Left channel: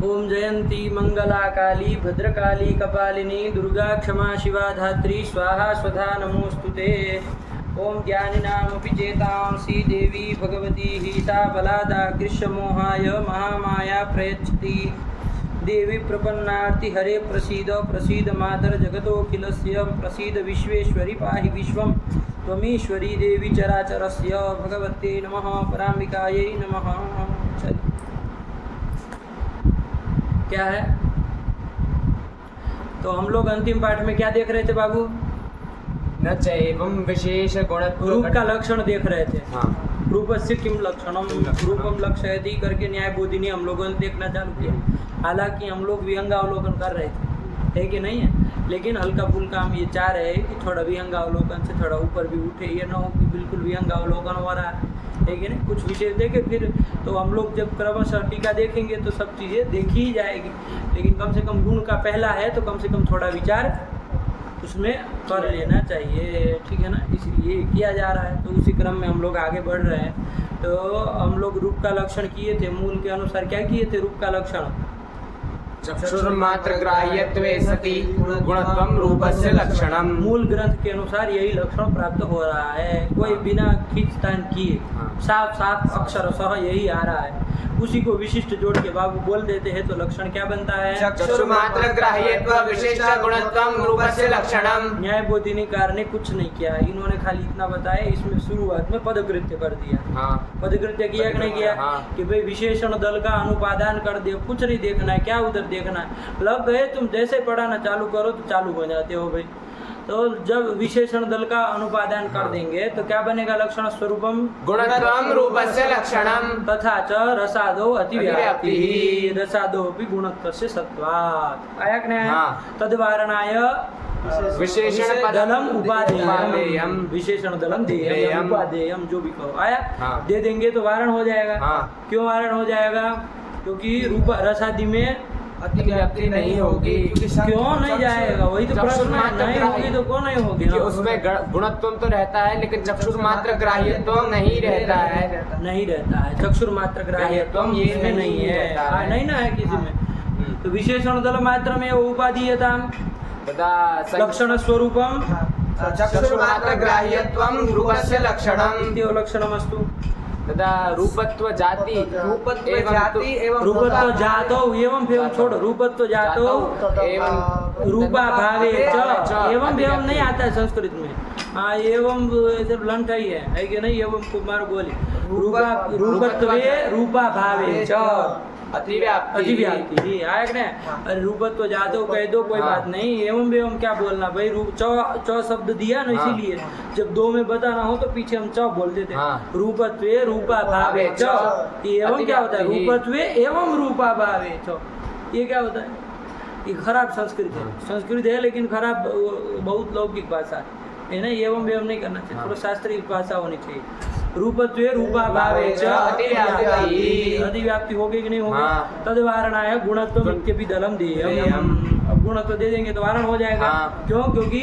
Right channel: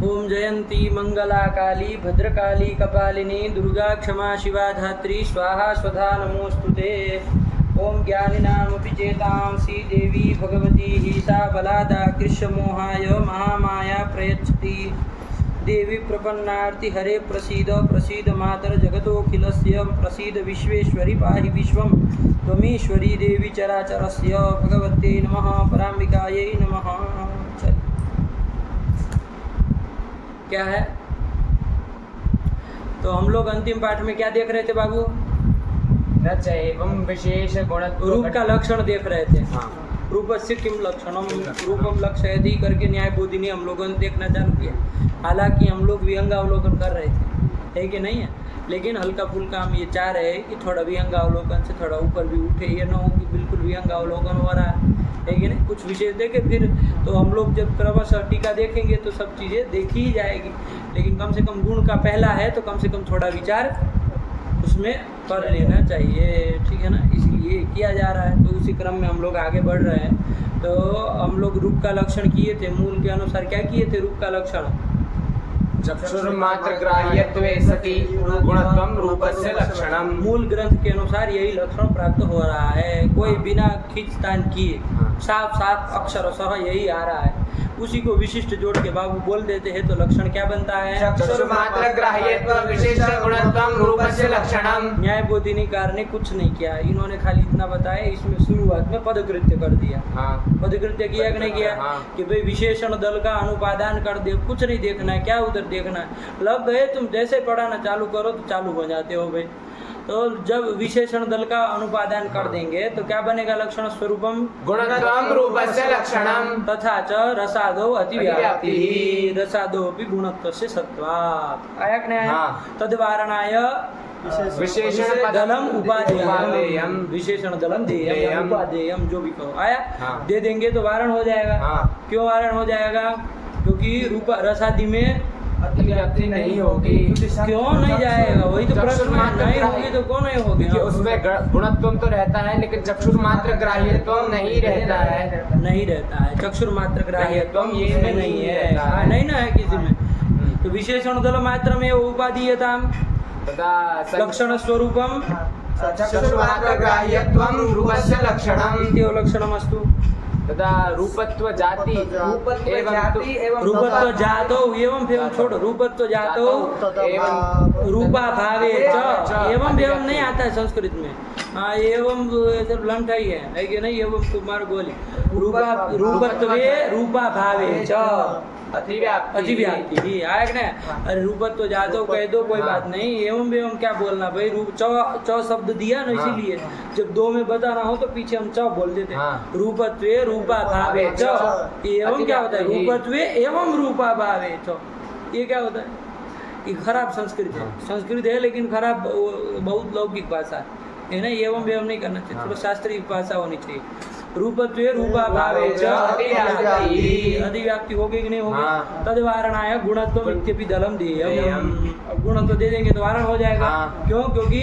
ओम जयंती मंगला काली भद्रकाली कपालिनी दुर्गा क्षमा शिवा धात्री स्वाहा स्वधा नमोस्तुते। ओम ज्ञानिनामपि चेतांसि देवी भगवती सा बलादा कृष्णमोहाय महामाया प्रयच्छति। देवी प्रपन्नार्ति हरे प्रसीद प्रसीद मातर जगतोऽखिलस्य प्रसीद विश्वेश्वरी पाहि विश्वं त्वमीश्वरी देवी चराचरस्य भगवत्यै नमः पराम्बिकायै नमः। क्या है तो हम लोग अंतिम पाठ में क्या देख रहे थे बाबू? रच एवं विशेष गुण रूप का लक्षण देख रहे थे। हाँ। रूपस्य किम लक्षणम रूपम लक्षयति करके न्याय बोधिनी हम लोगों ने देखना चालू किया। हालांकि हम लोग विहंगावलोकन कर रहे थे, है कि नहीं है, लेकिन हल्का फुल्का हम ये चाह रहे हैं कि थोड़ा विहंगावलोकन से थोड़ा ऊपर भी उठे, ये ना हो कि बिल्कुल विहंगावलोकन हो रहा है कि नहीं। कुछ विशेष देखे फिर तो हम लोग जब क्रमशः टीका देखेंगे तो सब चीज़ें देखी ही जाएगी, लेकिन कम से कम गुण का पहला है तो कम से कम थोड़ा विचार उसमें कर लेना चाहिए, ठीक है ना। इसलिए किया जा रहा है, तो उसी क्रम में हम लोग आगे बढ़ रहे हैं। तो हम लोग रूप का लक्षण किए थे, मूल के अनुसार क्या किए थे? रूप का लक्षण चक्षुर्मात्र ग्राह्यत्वे सति गुणत्वं रूपस्य लक्षणम। मूल ग्रंथ के अनुसार यही लक्षण प्राप्त हो रहा है, कोई बिना खींचतान किए साफ साफ अक्षर सह यही आ रहा है। उसी को विशिष्ट जोड़ के बाबू बोल देते हैं तो लक्षण क्या बनता है? चक्षुर्मात्र ग्राह्यत्व विशेष गुणत्वं रूपस्य लक्षणम। न्याय बोधिनीकार ने कुछ नहीं किया, इन्होंने खाली इतना बताया, इसमें शुरुआत में पदकृत्य कर दिया। पदकृत्य किया कि नहीं किया? कि भाई विशेषण दल का अनुपादान कर दे, कुछ नहीं देखना है, क्या उधर देखना है, लग गए तुम जैसे पढ़ाना चालू करो तो चालू हो जाते हो भाई। तो जब विशेषण दल का अनुपादान कर देंगे तो क्या बनेगा? लक्षण स्वरूपम गुणत्वं रूपस्य लक्षणम तथा च रसादो अतिव्याप्ति रसादोऽपि गुणत्वस्य सत्वात्। आया कि नहीं आया? तद्वारणाय विशेषण दलम उपादेयम विशेषण दलम देयम उपादेयम जो भी कहो आया। दे देंगे तो वारण हो जाएगा। क्यों वारण हो जाएगा? क्योंकि रूप रसादि में अतिव्याप्ति नहीं होगी। क्यों नहीं जाएगा? वही तो प्रश्न है, नहीं होगी तो क्यों नहीं होगी? उसमें गुणत्व तो रहता है लेकिन चक्षुर्मात्र ग्राह्यत्व नहीं रहता है। नहीं रहता है, चक्षुर्मात्र ग्राह्यत्व इसमें नहीं है, नहीं ना है किसी में। तो विशेषण दल मात्र में उपादीयता लक्षण स्वरूपम चक्षुर्मात्र ग्राह्यत्वं रूपस्य लक्षणम इति लक्षणमस्तु। तदा रूपत्व जाति रूपत्व जातो एवं एवं छोड़ो, रूपत्व जातो रूपा भावे च एवं एवं नहीं आता है संस्कृत में। हाँ, एवं सिर्फ लंठ ही है कि नहीं? एवं कुमार बोली रूपत्वे रूपा भावे च अतिव्याप्ति आया कि नहीं? अरे रूपत्व जातो कह दो कोई बात नहीं, एवं एवं क्या बोलना भाई? रूप च शब्द दिया ना, इसीलिए जब दो में बताना हो तो पीछे हम च बोल देते। रूपत्वे रूपा भावे च, एवं क्या होता है? रूपत्वे एवं रूपा भावे च, ये क्या होता है? ये खराब संस्कृत है, संस्कृत है लेकिन खराब, बहुत लौकिक भाषा है ना। एवं एवं नहीं करना चाहिए, थोड़ा शास्त्रीय भाषा होनी चाहिए। रूपत्वे रूपा भावे च अतिव्याप्ति होगी कि नहीं होगी? तद्वारणाय गुणत्व इत्यपि दलम देयम। अब गुणत्व दे देंगे तो वारण हो जाएगा। क्यों? क्योंकि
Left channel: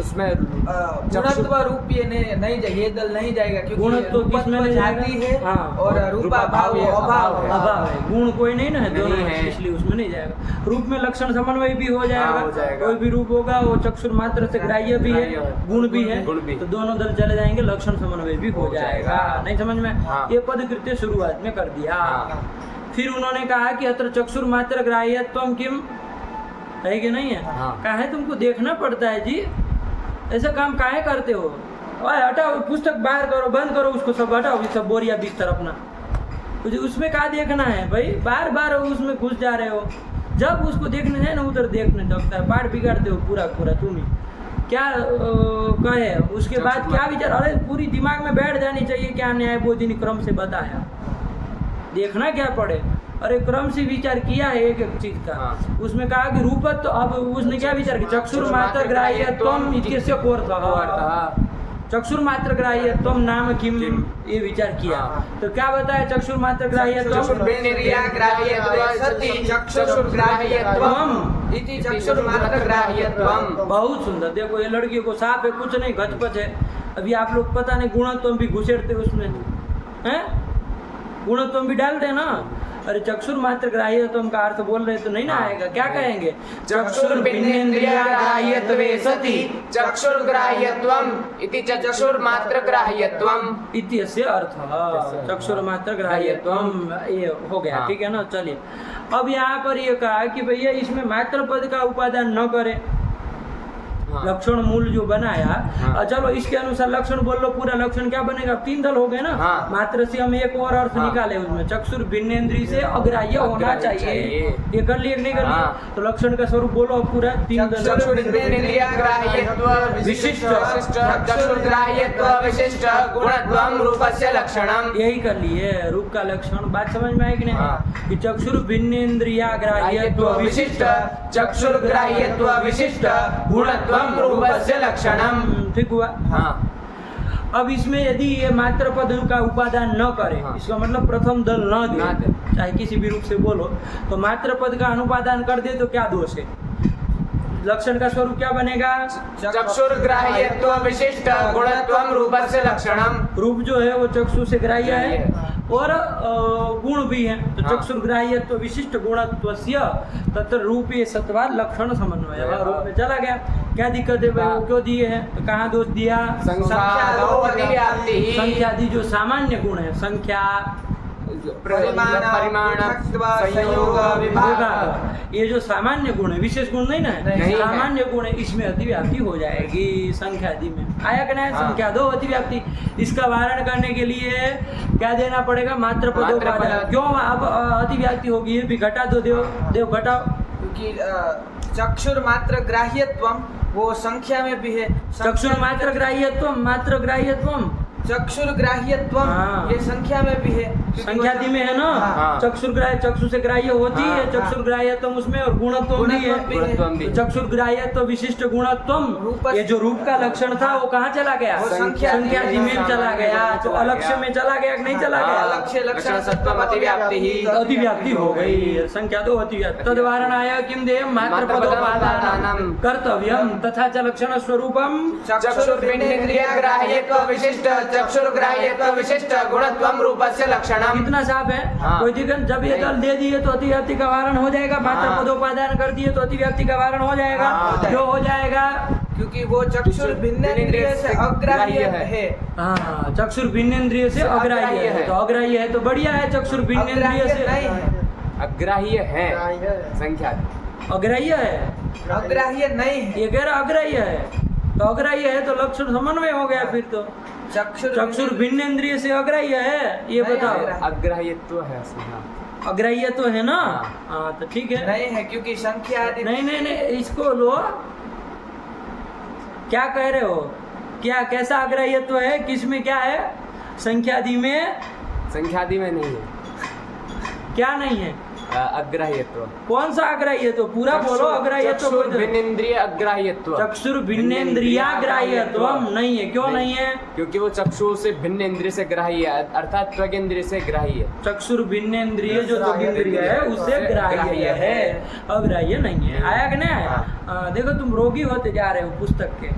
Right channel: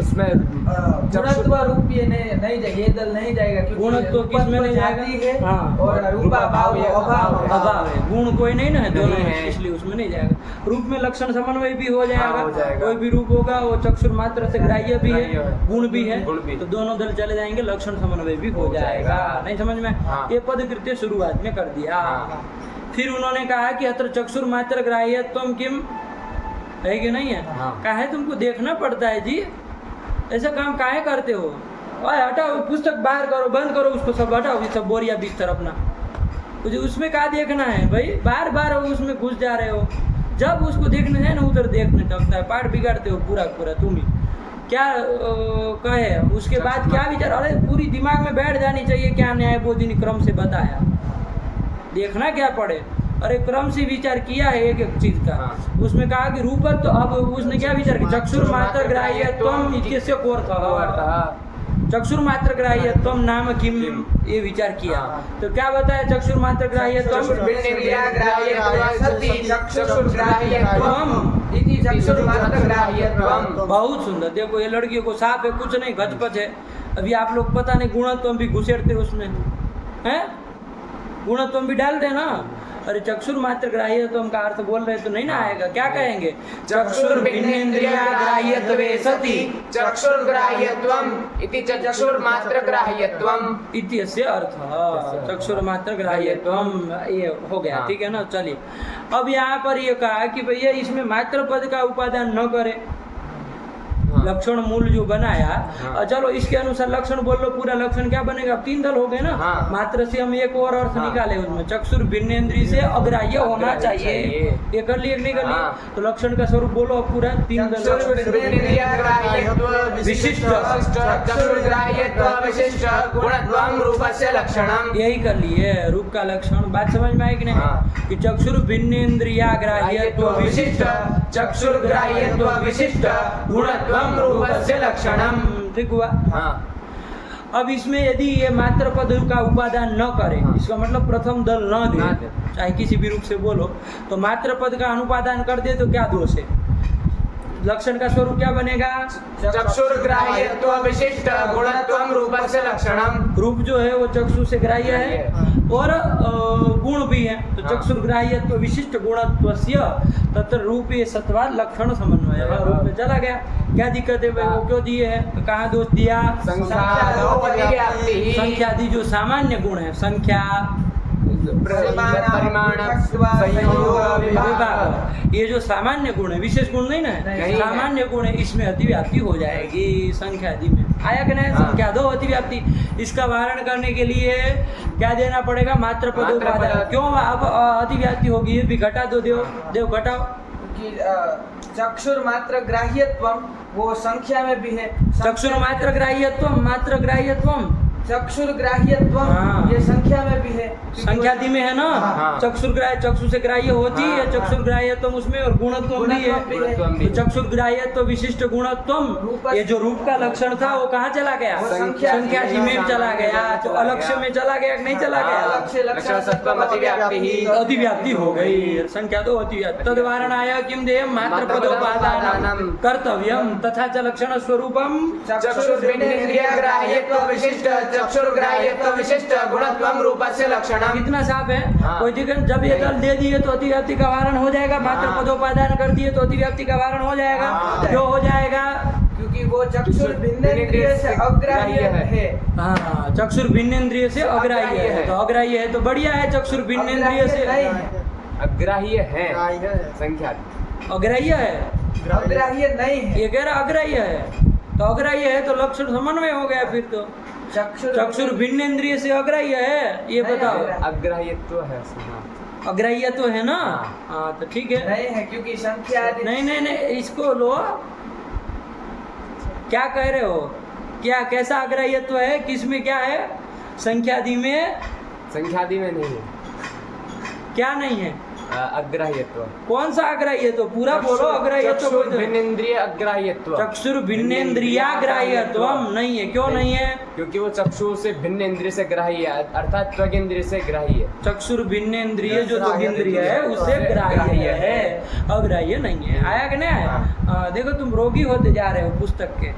उसमें गुणत्व रूप ये नहीं जाएगा, ये दल नहीं जाएगा क्योंकि गुणत्व किस में नहीं जाएगा? हाँ, और रूपा भाव अभाव है, गुण कोई नहीं ना है दोनों में, इसलिए उसमें नहीं जाएगा। रूप में लक्षण समन्वय भी हो जाएगा, कोई भी रूप होगा वो चक्षुर मात्र से ग्राह्य भी है, गुण भी है, तो दोनों दल चले जाएंगे, लक्षण समन्वय भी हो जाएगा। नहीं समझ में? ये पदकृत्य शुरुआत में कर दिया। फिर उन्होंने कहा कि अत्र चक्षुर मात्र ग्राह्यत्वम किम, है कि नहीं है? काहे तुमको देखना पड़ता है जी, ऐसा काम काहे करते हो? और हटाओ पुस्तक बाहर करो, बंद करो उसको, सब हटाओ, ये सब बोरिया बिस्तर अपना, मुझे उसमें क्या देखना है भाई? बार बार उसमें घुस जा रहे हो। जब उसको देखना है ना उधर देखने लगता है, पाठ बिगाड़ते हो पूरा पूरा तुम ही। क्या कहे उसके बाद क्या विचार? अरे पूरी दिमाग में बैठ जानी चाहिए क्या न्याय बोधिनी क्रम से बताया, देखना क्या पड़े। अरे क्रम से विचार किया है एक एक चीज का। उसमें कहा कि रूपत्व, अब उसने क्या विचार किया? चक्षुर मात्र ग्राह्यत्वम इत्यस्य कोऽर्थः, चक्षुर मात्र ग्राह्यत्वम नाम किम, ये विचार किया। तो क्या बताया? चक्षुर मात्र ग्राह्यत्वम बहुत सुंदर। देखो ये लड़कियों को साफ है, कुछ नहीं, घचपच है। अभी आप लोग पता नहीं गुणत्व भी घुसेड़ते उसमें हैं, गुणत्व भी डाल देना। अरे चक्षुर मात्र ग्राह्यत्वम का अर्थ बोल रहे तो नहीं ना आएगा, क्या कहेंगे? चक्षुर्भिन्नेन्द्रिया ग्राह्यत्वे सति चक्षुर्ग्राह्यत्वम इति चक्षुर्मात्र ग्राह्यत्वम इत्यस्य अर्थ चक्षुर मात्र ग्राह्यत्वम, ये हो गया। ठीक है ना। चलिए अब यहाँ पर ये कहा कि भैया इसमें मात्र पद का उपादान न करे, लक्षण मूल जो बनाया। चलो इसके अनुसार लक्षण बोल लो, पूरा लक्षण क्या बनेगा? 3 दल हो गए ना। मात्र से हम एक और अर्थ निकाले उसमें, चक्षुर भिन्नेन्द्रिय से अग्राह्य होना चाहिए। ये कर लिए नहीं कर लिए? तो लक्षण का स्वरूप बोलो अब पूरा 3 दल। विशिष्ट यही कर लिए, रूप का लक्षण। बात समझ में आई कि नहीं? कि चक्षुर भिन्नेन्द्रिया ग्राह्यत्व विशिष्ट, चक्षुर ग्राह्यत्व विशिष्ट, गुणत्व रूपस्य लक्षणम। ठीक हुआ। अब इसमें यदि ये मात्र पद का उपादान न करे, इसका मतलब प्रथम दल न दे, चाहे किसी भी रूप से बोलो, तो मात्र पद का अनुपादान कर दे तो क्या दोष है? लक्षण का स्वरूप क्या बनेगा? चक्षुर्ग्राह्यत्व विशिष्ट गुणत्वम रूपस्य लक्षणम। रूप जो है वो चक्षु से ग्राह्य है और गुण भी है, तो चक्षुर्ग्राह्यत्व विशिष्ट गुणत्वस्य तत्र रूपे सत्वा लक्षण समन्वय। रूप में चला गया, क्या दिक्कत है भाई? वो क्यों दिए हैं? तो कहाँ दोष दिया? संख्यादि जो सामान्य गुण है, संख्या परिमाण विभाग, ये जो सामान्य गुण है, विशेष गुण नहीं ना है, सामान्य गुण है, इसमें अतिव्याप्ति हो जाएगी संख्यादि में। आया कि नहीं? संख्या दो अतिव्याप्ति, इसका वारण करने के लिए क्या देना पड़ेगा? मात्र पदोपादान। क्यों अब अतिव्याप्ति होगी? ये भी घटा दो, देव घटाओ। क्योंकि चक्षुर मात्र ग्राह्यत्वम वो संख्या में भी है। चक्षुर मात्र ग्राह्यत्वम, मात्र ग्राह्यत्वम चक्षुर ग्राह्यत्वम ये संख्या में भी है, संख्यादि में है ना। चक्षुर ग्राह्य, चक्षु से ग्राह्य होती है चक्षुर ग्राह्यत्वम उसमें, और गुणत्वम भी है। तो चक्षुर ग्राह्यत्व विशिष्ट गुणत्वम, ये जो रूप का लक्षण था वो कहाँ चला गया? संख्यादि में चला गया। तो अलक्ष्य में चला गया कि नहीं चला गया? अतिव्याप्ति हो गई, संख्या दो अतिव्याप्ति। तद्वारणाय किम देयम मात्र पदोपादानम कर्तव्यम तथा च लक्षण स्वरूपम चक्षुर्भिन्नेन्द्रियग्राह्यत्व विशिष्ट चक्षुर्ग्राह्यत्व विशिष्ट गुणत्वम रूपस्य लक्षणम। कितना साफ है? कोई दिक्कत? जब ये दल दे दिए तो अतिव्याप्ति का वारण हो जाएगा, मात्र पदोपादान कर दिए तो अतिव्याप्ति का वारण हो जाएगा। क्यों हो जाएगा? क्योंकि वो चक्षुर भिन्नेन्द्रिय से अग्राह्य है। हाँ, चक्षुर भिन्नेन्द्रिय से अग्राह्य है, तो अग्राह्य है तो बढ़िया है। चक्षुर भिन्नेन्द्रिय से अग्राह्य है, संख्या अग्राह्य है, अग्राह्य नहीं है। ये कह रहा अग्राह्य है, तो अग्राह्य है तो लक्षण समन्वय हो गया। फिर तो चक्षुर भिन्नेन्द्रिय से अग्राह्य है, ये बताओ। अग्राह्यत्व है, अग्राह्य तो है ना। हाँ तो ठीक है। नहीं है क्योंकि संख्या आदि नहीं, इसको लो। क्या कह रहे हो? क्या कैसा अग्राह्यत्व है? किसमें क्या है? संख्यादि में। संख्यादि में नहीं है। क्या नहीं है? अग्राह्यत्व। कौन सा अग्राह्यत्व? पूरा बोलो। अग्राह्यत्व भिन्नेन्द्रिय अग्राह्यत्व। चक्षुर भिन्नेन्द्रियाग्राह्यत्व नहीं है। क्यों नहीं है? क्योंकि वो चक्षु से भिन्न इंद्रिय से ग्राह्य है, अर्थात त्वगिंद्रिय से ग्राह्य है। चक्षुर भिन्नेन्द्रिय जो त्वगिंद्रिय है उससे ग्राह्य है, अग्राह्य नहीं है। आया कि नहीं आया? देखो तुम रोगी होते जा रहे हो पुस्तक के,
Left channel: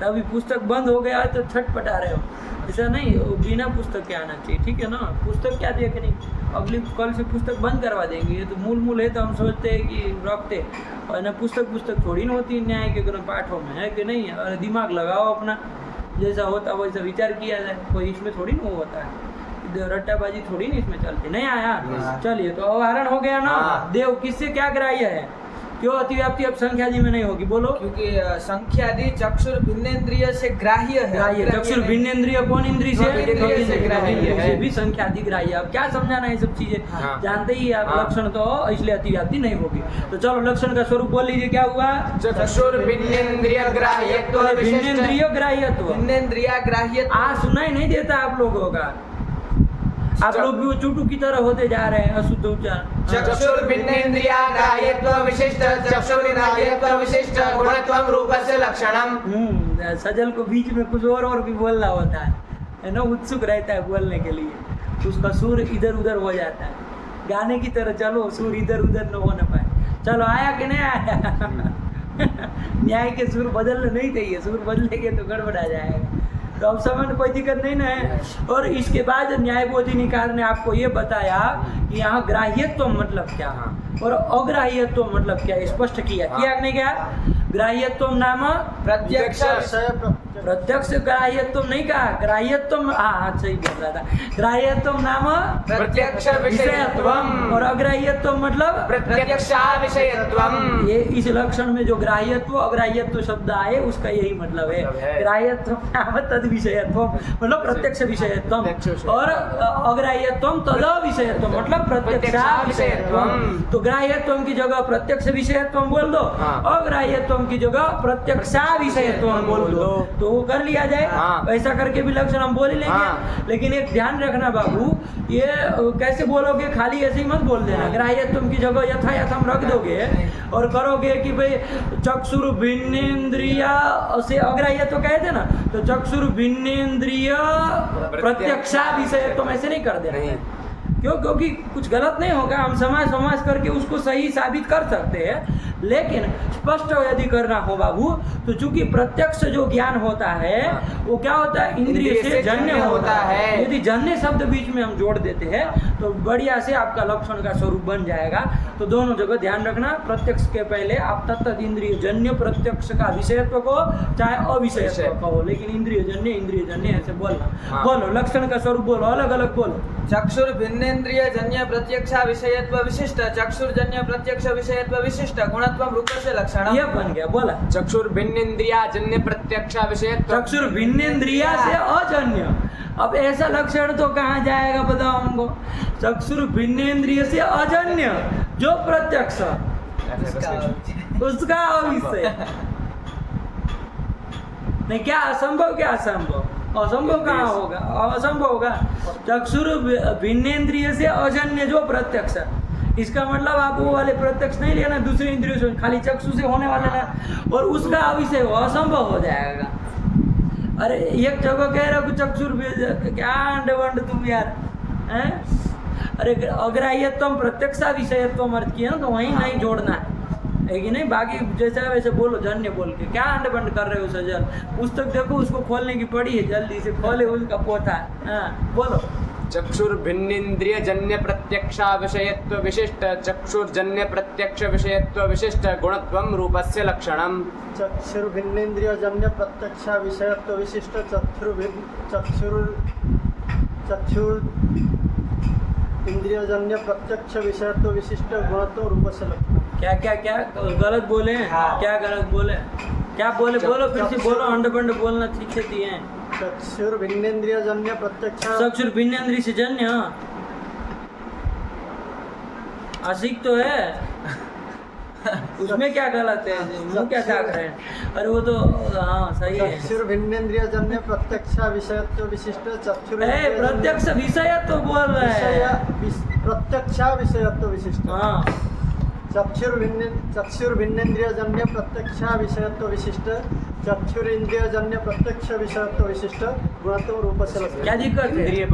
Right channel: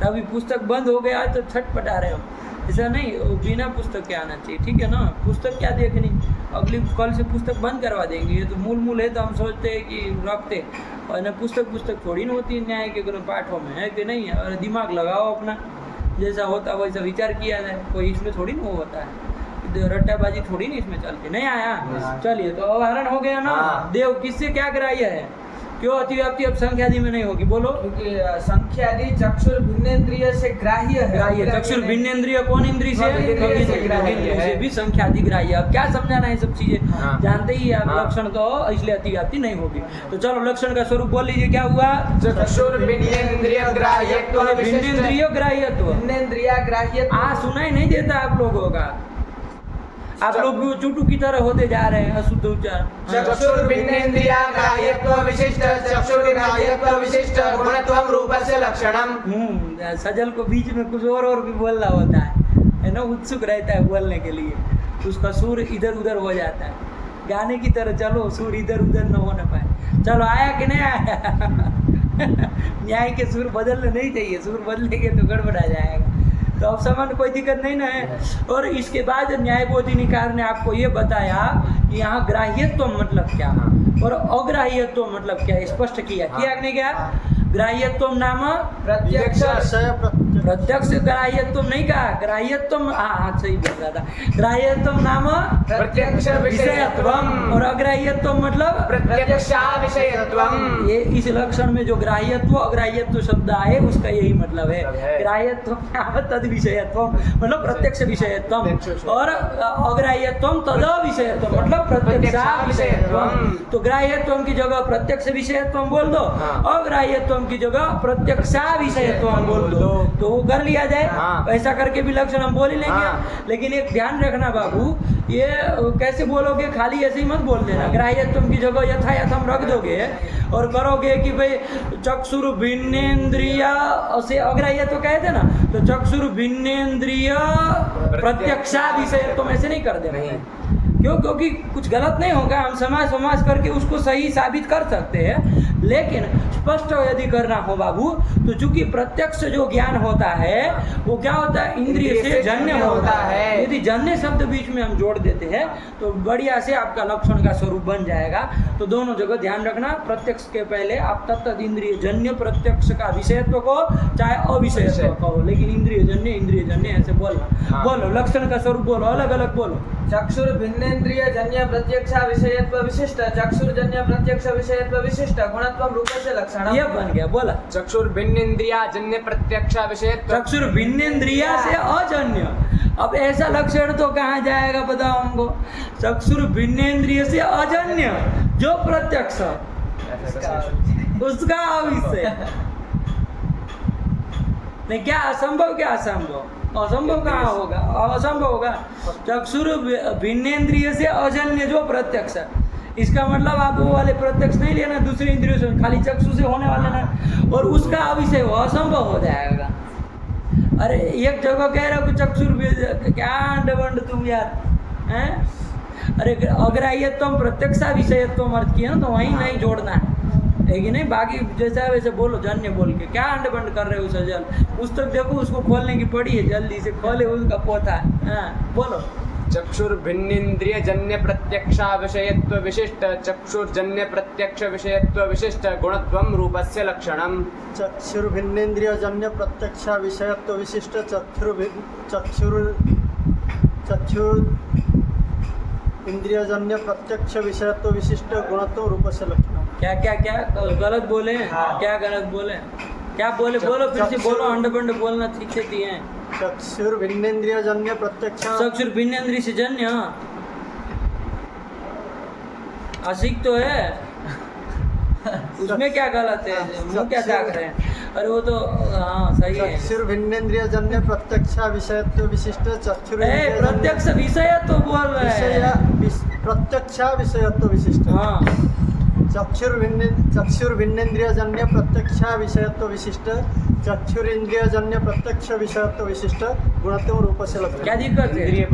तभी पुस्तक बंद हो गया तो छटपटा रहे हो। ऐसा नहीं, बिना पुस्तक के आना चाहिए। ठीक है ना? पुस्तक क्या देखनी, अगली कल से पुस्तक बंद करवा देंगे। ये तो मूल है, तो हम सोचते हैं कि रखते, और ना पुस्तक थोड़ी ना होती है न्याय के पाठों में, है कि नहीं? और दिमाग लगाओ अपना, जैसा होता वैसा विचार किया जाए। कोई इसमें थोड़ी ना वो होता है, रट्टाबाजी थोड़ी ना इसमें चलती। नहीं आया? चलिए, तो अवधारण हो गया ना। देव किससे क्या ग्राह्य है? क्यों अतिव्याप्ति अब संख्यादि में नहीं होगी? बोलो। क्योंकि संख्यादि चक्षुर भिन्नेन्द्रिय से ग्राह्य है। ग्राह्य चक्षुर भिन्नेन्द्रिय कौन इंद्रिय से? से भी संख्यादि ग्राह्य। अब क्या समझाना है सब चीजें? जानते ही आप लक्षण, तो इसलिए अतिव्याप्ति नहीं होगी। तो चलो लक्षण का स्वरूप बोल लीजिए, क्या हुआ? चक्षुर भिन्नेन्द्रिय ग्राह्यत्व। भिन्नेन्द्रिय ग्राह्यत्व। भिन्नेन्द्रिय ग्राह्यत्व सुनाई नहीं देता आप लोगों का। आप लोग भी चुटू की तरह होते जा रहे हैं, अशुद्ध उच्चारण। चक्षुर भिन्नेन्द्रिय ग्राह्यत्व विशिष्ट चक्षुर ग्राह्यत्व विशिष्ट गुणत्वम रूपस्य लक्षणम। सजल को बीच में कुछ और भी बोलना होता है ना, उत्सुक रहता है बोलने के लिए, उसका सुर इधर उधर हो जाता है। गाने की तरह चलो, सुर इधर उधर न हो न पाए। चलो, आया कि नहीं आया? न्याय के सुर बदलने नहीं चाहिए, सुर बदलेंगे तो गड़बड़ा जाएगा। तो अब समझ कोई दिक्कत नहीं ना है। और इसके बाद न्याय बोधिनिकार ने आपको ये बताया कि यहाँ ग्राह्यत्व मतलब क्या और अग्राह्यत्व मतलब क्या, स्पष्ट किया नहीं क्या? ग्राह्यत्व नाम प्रत्यक्ष ग्राह्यत्व नहीं कहा, ग्राह्यत्व हाँ सही बोल रहा था, ग्राह्यत्व नाम प्रत्यक्ष विषयत्वम और अग्राह्यत्व मतलब प्रत्यक्षाविषयत्वम। ये इस लक्षण में जो ग्राह्यत्व अग्राह्यत्व शब्द आए उसका यही मतलब है। ग्राह्यत्व नाम तद विषयत्वम मतलब प्रत्यक्ष विषयत्वम और अग्राह्यत्वम तद विषयत्वम मतलब प्रत्यक्षा विषयत्वम। तो ग्राह्यत्वम की जगह प्रत्यक्ष विषयत्वम बोल दो, अग्राह्यत्वम की जगह प्रत्यक्षा विषयत्वम बोल दो, तो वो कर लिया जाए। ऐसा करके भी लक्षण हम बोल ही लेंगे। लेकिन एक ध्यान रखना बाबू, ये कैसे बोलोगे, खाली ऐसे ही मत बोल देना। ग्राह्यत्वम की जगह यथायथ हम रख दोगे और करोगे कि भाई चक्षुर भिन्नेन्द्रिय से अग्राह्यत्व कहते ना, तो चक्षुर भिन्नेन्द्रिय प्रत्यक्षा विषयत्वम ऐसे नहीं कर देना। क्यों? क्योंकि कुछ गलत नहीं होगा, हम समाज करके उसको सही साबित कर सकते हैं। लेकिन स्पष्ट यदि करना हो बाबू, तो चूंकि प्रत्यक्ष जो ज्ञान होता है वो क्या होता है, इंद्रिय से जन्य होता है। यदि जन्य शब्द बीच में हम जोड़ देते हैं तो बढ़िया से आपका लक्षण का स्वरूप बन जाएगा। तो दोनों जगह ध्यान रखना, प्रत्यक्ष के पहले आप तत्त इंद्रिय जन्य प्रत्यक्ष का विषयत्व को चाहे अविषयत्व कहो, लेकिन इंद्रिय जन्य ऐसे बोलना। बोलो लक्षण का स्वरूप बोलो, अलग अलग बोलो। चक्षुर भिन्नेन्द्रिय जन्य प्रत्यक्ष विषयत्व विशिष्ट, चक्षुर्जन्य प्रत्यक्ष विषयत्व विशिष्ट, गुणत्वम रूपस्य लक्षणम। ये बन गया, बोला चक्षुर भिन्नेन्द्रिया जन्य प्रत्यक्ष विषयत्व। चक्षुर भिन्नेन्द्रिया से अजन्य। अब ऐसा लक्षण तो कहाँ जाएगा बताओ हमको? चक्षुर भिन्नेन्द्रिय से अजन्य जो प्रत्यक्ष उसका अविषय नहीं। क्या असंभव, क्या असंभव? असंभव कहाँ होगा, असंभव होगा। चक्षुर भिन्नेन्द्रिय से अजन्य जो प्रत्यक्ष, इसका मतलब आप वो वाले प्रत्यक्ष नहीं लेना दूसरे इंद्रियों से, खाली चक्षु से होने वाले ना, और उसका अविषय हो, असंभव हो जाएगा। अरे एक जगह कह रहा हूँ चक्षुर, क्या अंडवंड तुम यार हैं? अरे अग्राह्यत्वम प्रत्यक्षा विषयत्वम अर्थ किया ना, तो वहीं नहीं जोड़ना है कि नहीं? बाकी जैसा वैसे बोलो, जन्य बोल के क्या अंड बंड कर रहे हो सजल? पुस्तक देखो, उसको खोलने की पड़ी है, जल्दी से खोले, उसका पोथा। हाँ बोलो। चक्षुर भिन्नेन्द्रिय जन्य प्रत्यक्षा विषयत्व विशिष्ट, चक्षुर्जन्य प्रत्यक्ष विषयत्व विशिष्ट, गुणत्वम रूपस्य लक्षणम। चक्षुर भिन्नेन्द्रिय जन्य प्रत्यक्ष विषयत्व विशिष्ट, चक्षुर इंद्रिय जन्य प्रत्यक्ष विषयत्व विशिष्ट, गुणत्व रूपस्य लक्षणम। क्या क्या क्या गलत बोले? क्या गलत बोले? क्या बोले? बोलो फिर से बोलो, अंड बंड बोलना ठीक से दिए हैं। चक्षुर भिन्नेन्द्रिय जन्य प्रत्यक्ष, चक्षुर भिन्नेन्द्रिय से जन्य आशिक तो है, उसमें क्या गलत है? मुँह क्या ताक रहे हैं? अरे वो तो हाँ सही है। चक्षुर भिन्नेन्द्रिय जन्य प्रत्यक्ष विषयत्व विशिष्ट, चक्षुर प्रत्यक्ष विषय तो बोल रहे हैं, प्रत्यक्ष विषयत्व विशिष्ट। हाँ चक्षुर भिन्नेन्द्रिय जन्य प्रत्यक्ष विषयत्व विशिष्ट, चक्षुर इंद्रिय जन्य प्रत्यक्ष विषयत्व विशिष्ट, गुणत्व रूपस्य लक्षणम। क्या दिक्कत है?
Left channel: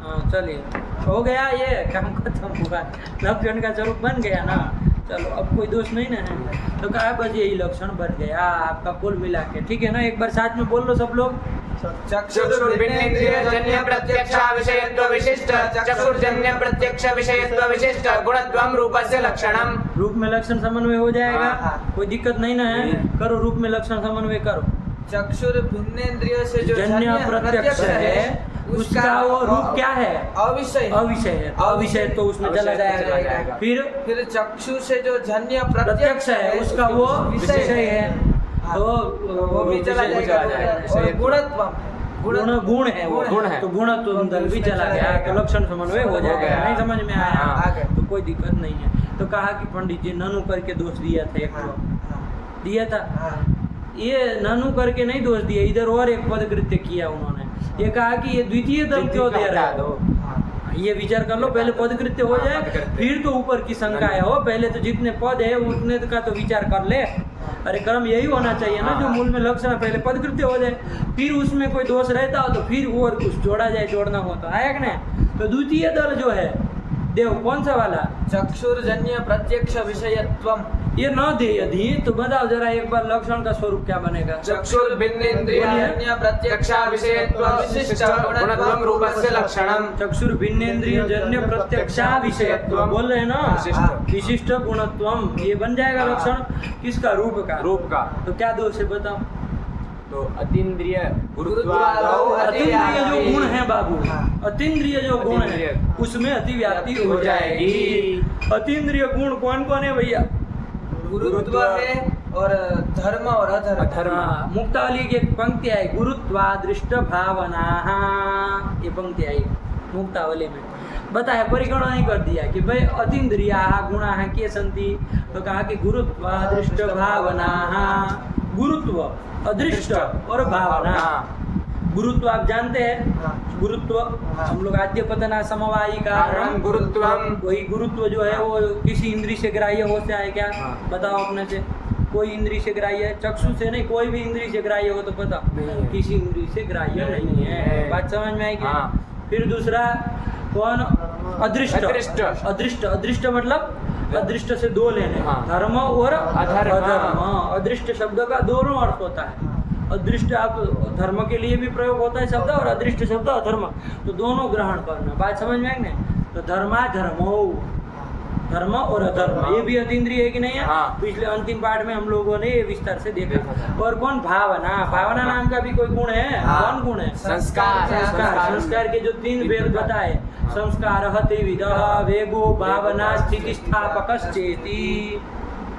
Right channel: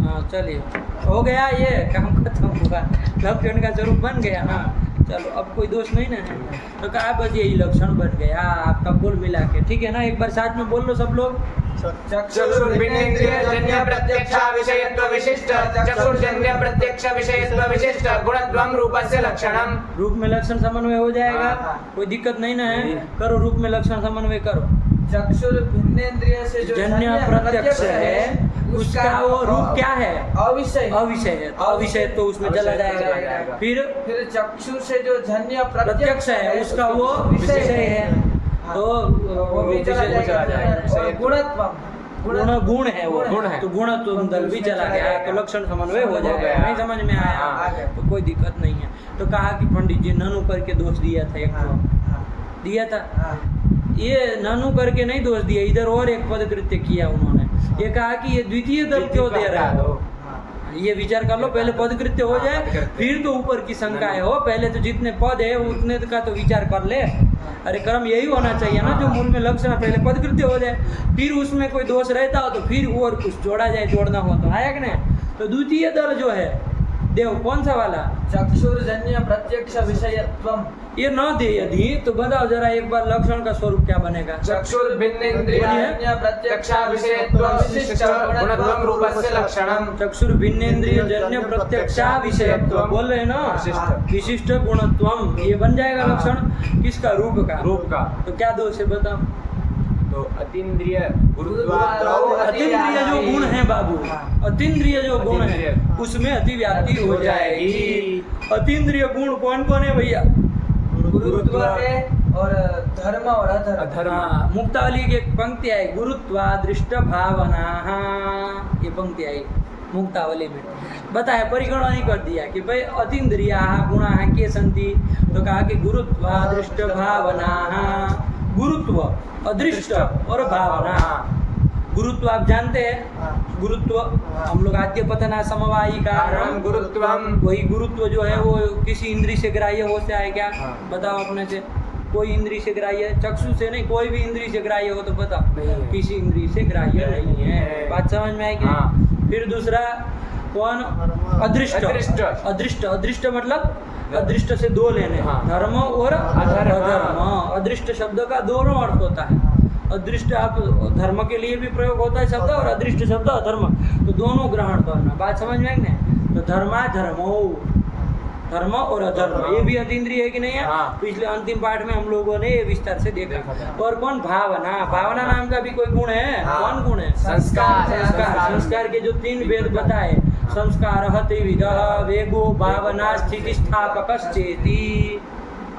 हाँ चलिए, हो गया, ये काम खत्म हुआ, लक्षण का स्वरूप बन गया ना। चलो अब कोई दोष नहीं ना है, तो कहा बस यही लक्षण बन गया आपका कुल मिला के, ठीक है ना? एक बार साथ में बोल लो सब लोग। चक्षुर्भिन्नेन्द्रिय जन्य प्रत्यक्ष विषयत्व विशिष्ट, चक्षुर्जन्य प्रत्यक्ष विषयत्व विशिष्ट, गुणत्वम रूपस्य लक्षणम। रूप में लक्षण समन्वय हो जाएगा, कोई दिक्कत नहीं ना है? करो, रूप में लक्षण समन्वय करो। चक्षुर भिन्नेन्द्रिय से जो जन्य प्रत्यक्ष है उसका वो रूप क्या है? अविषय। अविषय है, तो अविषय तो उसमें चला जाएगा। फिर चक्षु से जो जन्य प्रत्यक्ष है उसका वो विषय है, तो वो भी चला जाएगा। गुण है वो, तो गुण तो अंदर भी चला गया, तो लक्षण समन्वय हो जाएगा। नहीं समझ में आया तो कोई दिक्कत नहीं है। तो कहा कि पंडित जी ननु करके दोष दिया था, एक तो दिया था, ये ननु करके नहीं दोष दिया, इधर और एक पद कृत्य किया उन्होंने। ये कहा कि ये द्वितीय दल क्यों दे रहे हो? ये विचार कर लो, पहले पद कृत्य हो जाए फिर तो ऊपर की शंकाएं हो। पहले तो जितने पद है उतने का तो विचार कर ले। अरे कर्म यही होना चाहिए ना, जो मूल में लक्षण है, पहले पद कृत्य हो जाए, फिर उसमें कोई दोष रहता हो तो फिर और कुछ जोड़ा जाए, जोड़ना हो तो आया कि नहीं? तो द्वितीय दल जो है देव कौन सा वाला? चक्षुर्जन्य प्रत्यक्ष विषयत्वम। ये न दे यदि तो बताओ जरा एक बार लक्षण का स्वरूप क्या बनेगा? चक्षुर्भिन्नेन्द्रिय प्रत्यक्ष विषयत्व विशिष्ट गुणत्वम रूपस्य लक्षणम। चक्षुर्भिन्नेन्द्रिय जन्य प्रत्यक्षा विषयत्व बोल रहे हैं ना, विशिष्ट गुणत्वम, ये बन जाएगा लक्षण किसका? रूप का। रूप का। तो क्या दोष है बताओ? तो अतीन्द्रिय अतीन्द्रिय जो गुण है बाबू, अतीन्द्रिय जो गुण है उसमें अतिव्याप्ति हो जाएगी। अतीन्द्रिय गुण कौन कौन है भैया? गुरुत्व है और धर्म और अधर्म। हाँ, मुक्तावली की एक पंक्ति आई, गुरुत्वादृष्ट भावना, ये पंक्ति आई मुक्तावली में। बताया परिगणना नहीं कर दिया कि भाई अतीन्द्रिया गुणा के संति, तो कहा कि गुरुत्वादृष्ट भावना, गुरुत्व अदृष्ट और भावना। गुरुत्व आप जानते हैं, गुरुत्व हम लोग आद्य पतना समवायी कारण गुरुत्वम, वही गुरुत्व जो है वो किसी इंद्री से ग्राह्य हो से है क्या? बताओ अपने से, कोई इंद्री से ग्राह्य है? चक्षु से नहीं, कोई भी इंद्री से ग्राह्य हो तो बताओ, किसी इंद्री से ग्राह्य नहीं है। बात समझ में आएगी? फिर दूसरा कौन? अदृष्ट। अदृष्ट, अदृष्ट मतलब अदृष्ट से दो लेने, धर्म और अधर्म। अदृष्ट शब्द का दोनों अर्थ होता है। अदृष्ट आप धर्म के लिए भी प्रयोग होता है शब्द, और अदृष्ट शब्द अधर्म, तो दोनों ग्रहण करना। बात समझ में आएगी ना? तो धर्माधर्मो, धर्म और अधर्म, ये भी अतीन्द्रिय है कि नहीं है? पिछले अंतिम पाठ में हम लोगों ने ये विस्तार से देखा। और कौन? भावना। भावना नाम का भी कोई गुण है? कौन गुण है? संस्कार। संस्कार। संस्कार के जो 3 वेद बताए, संस्कार त्रिविध, वेगो भावना स्थितिस्थापकश्चेति,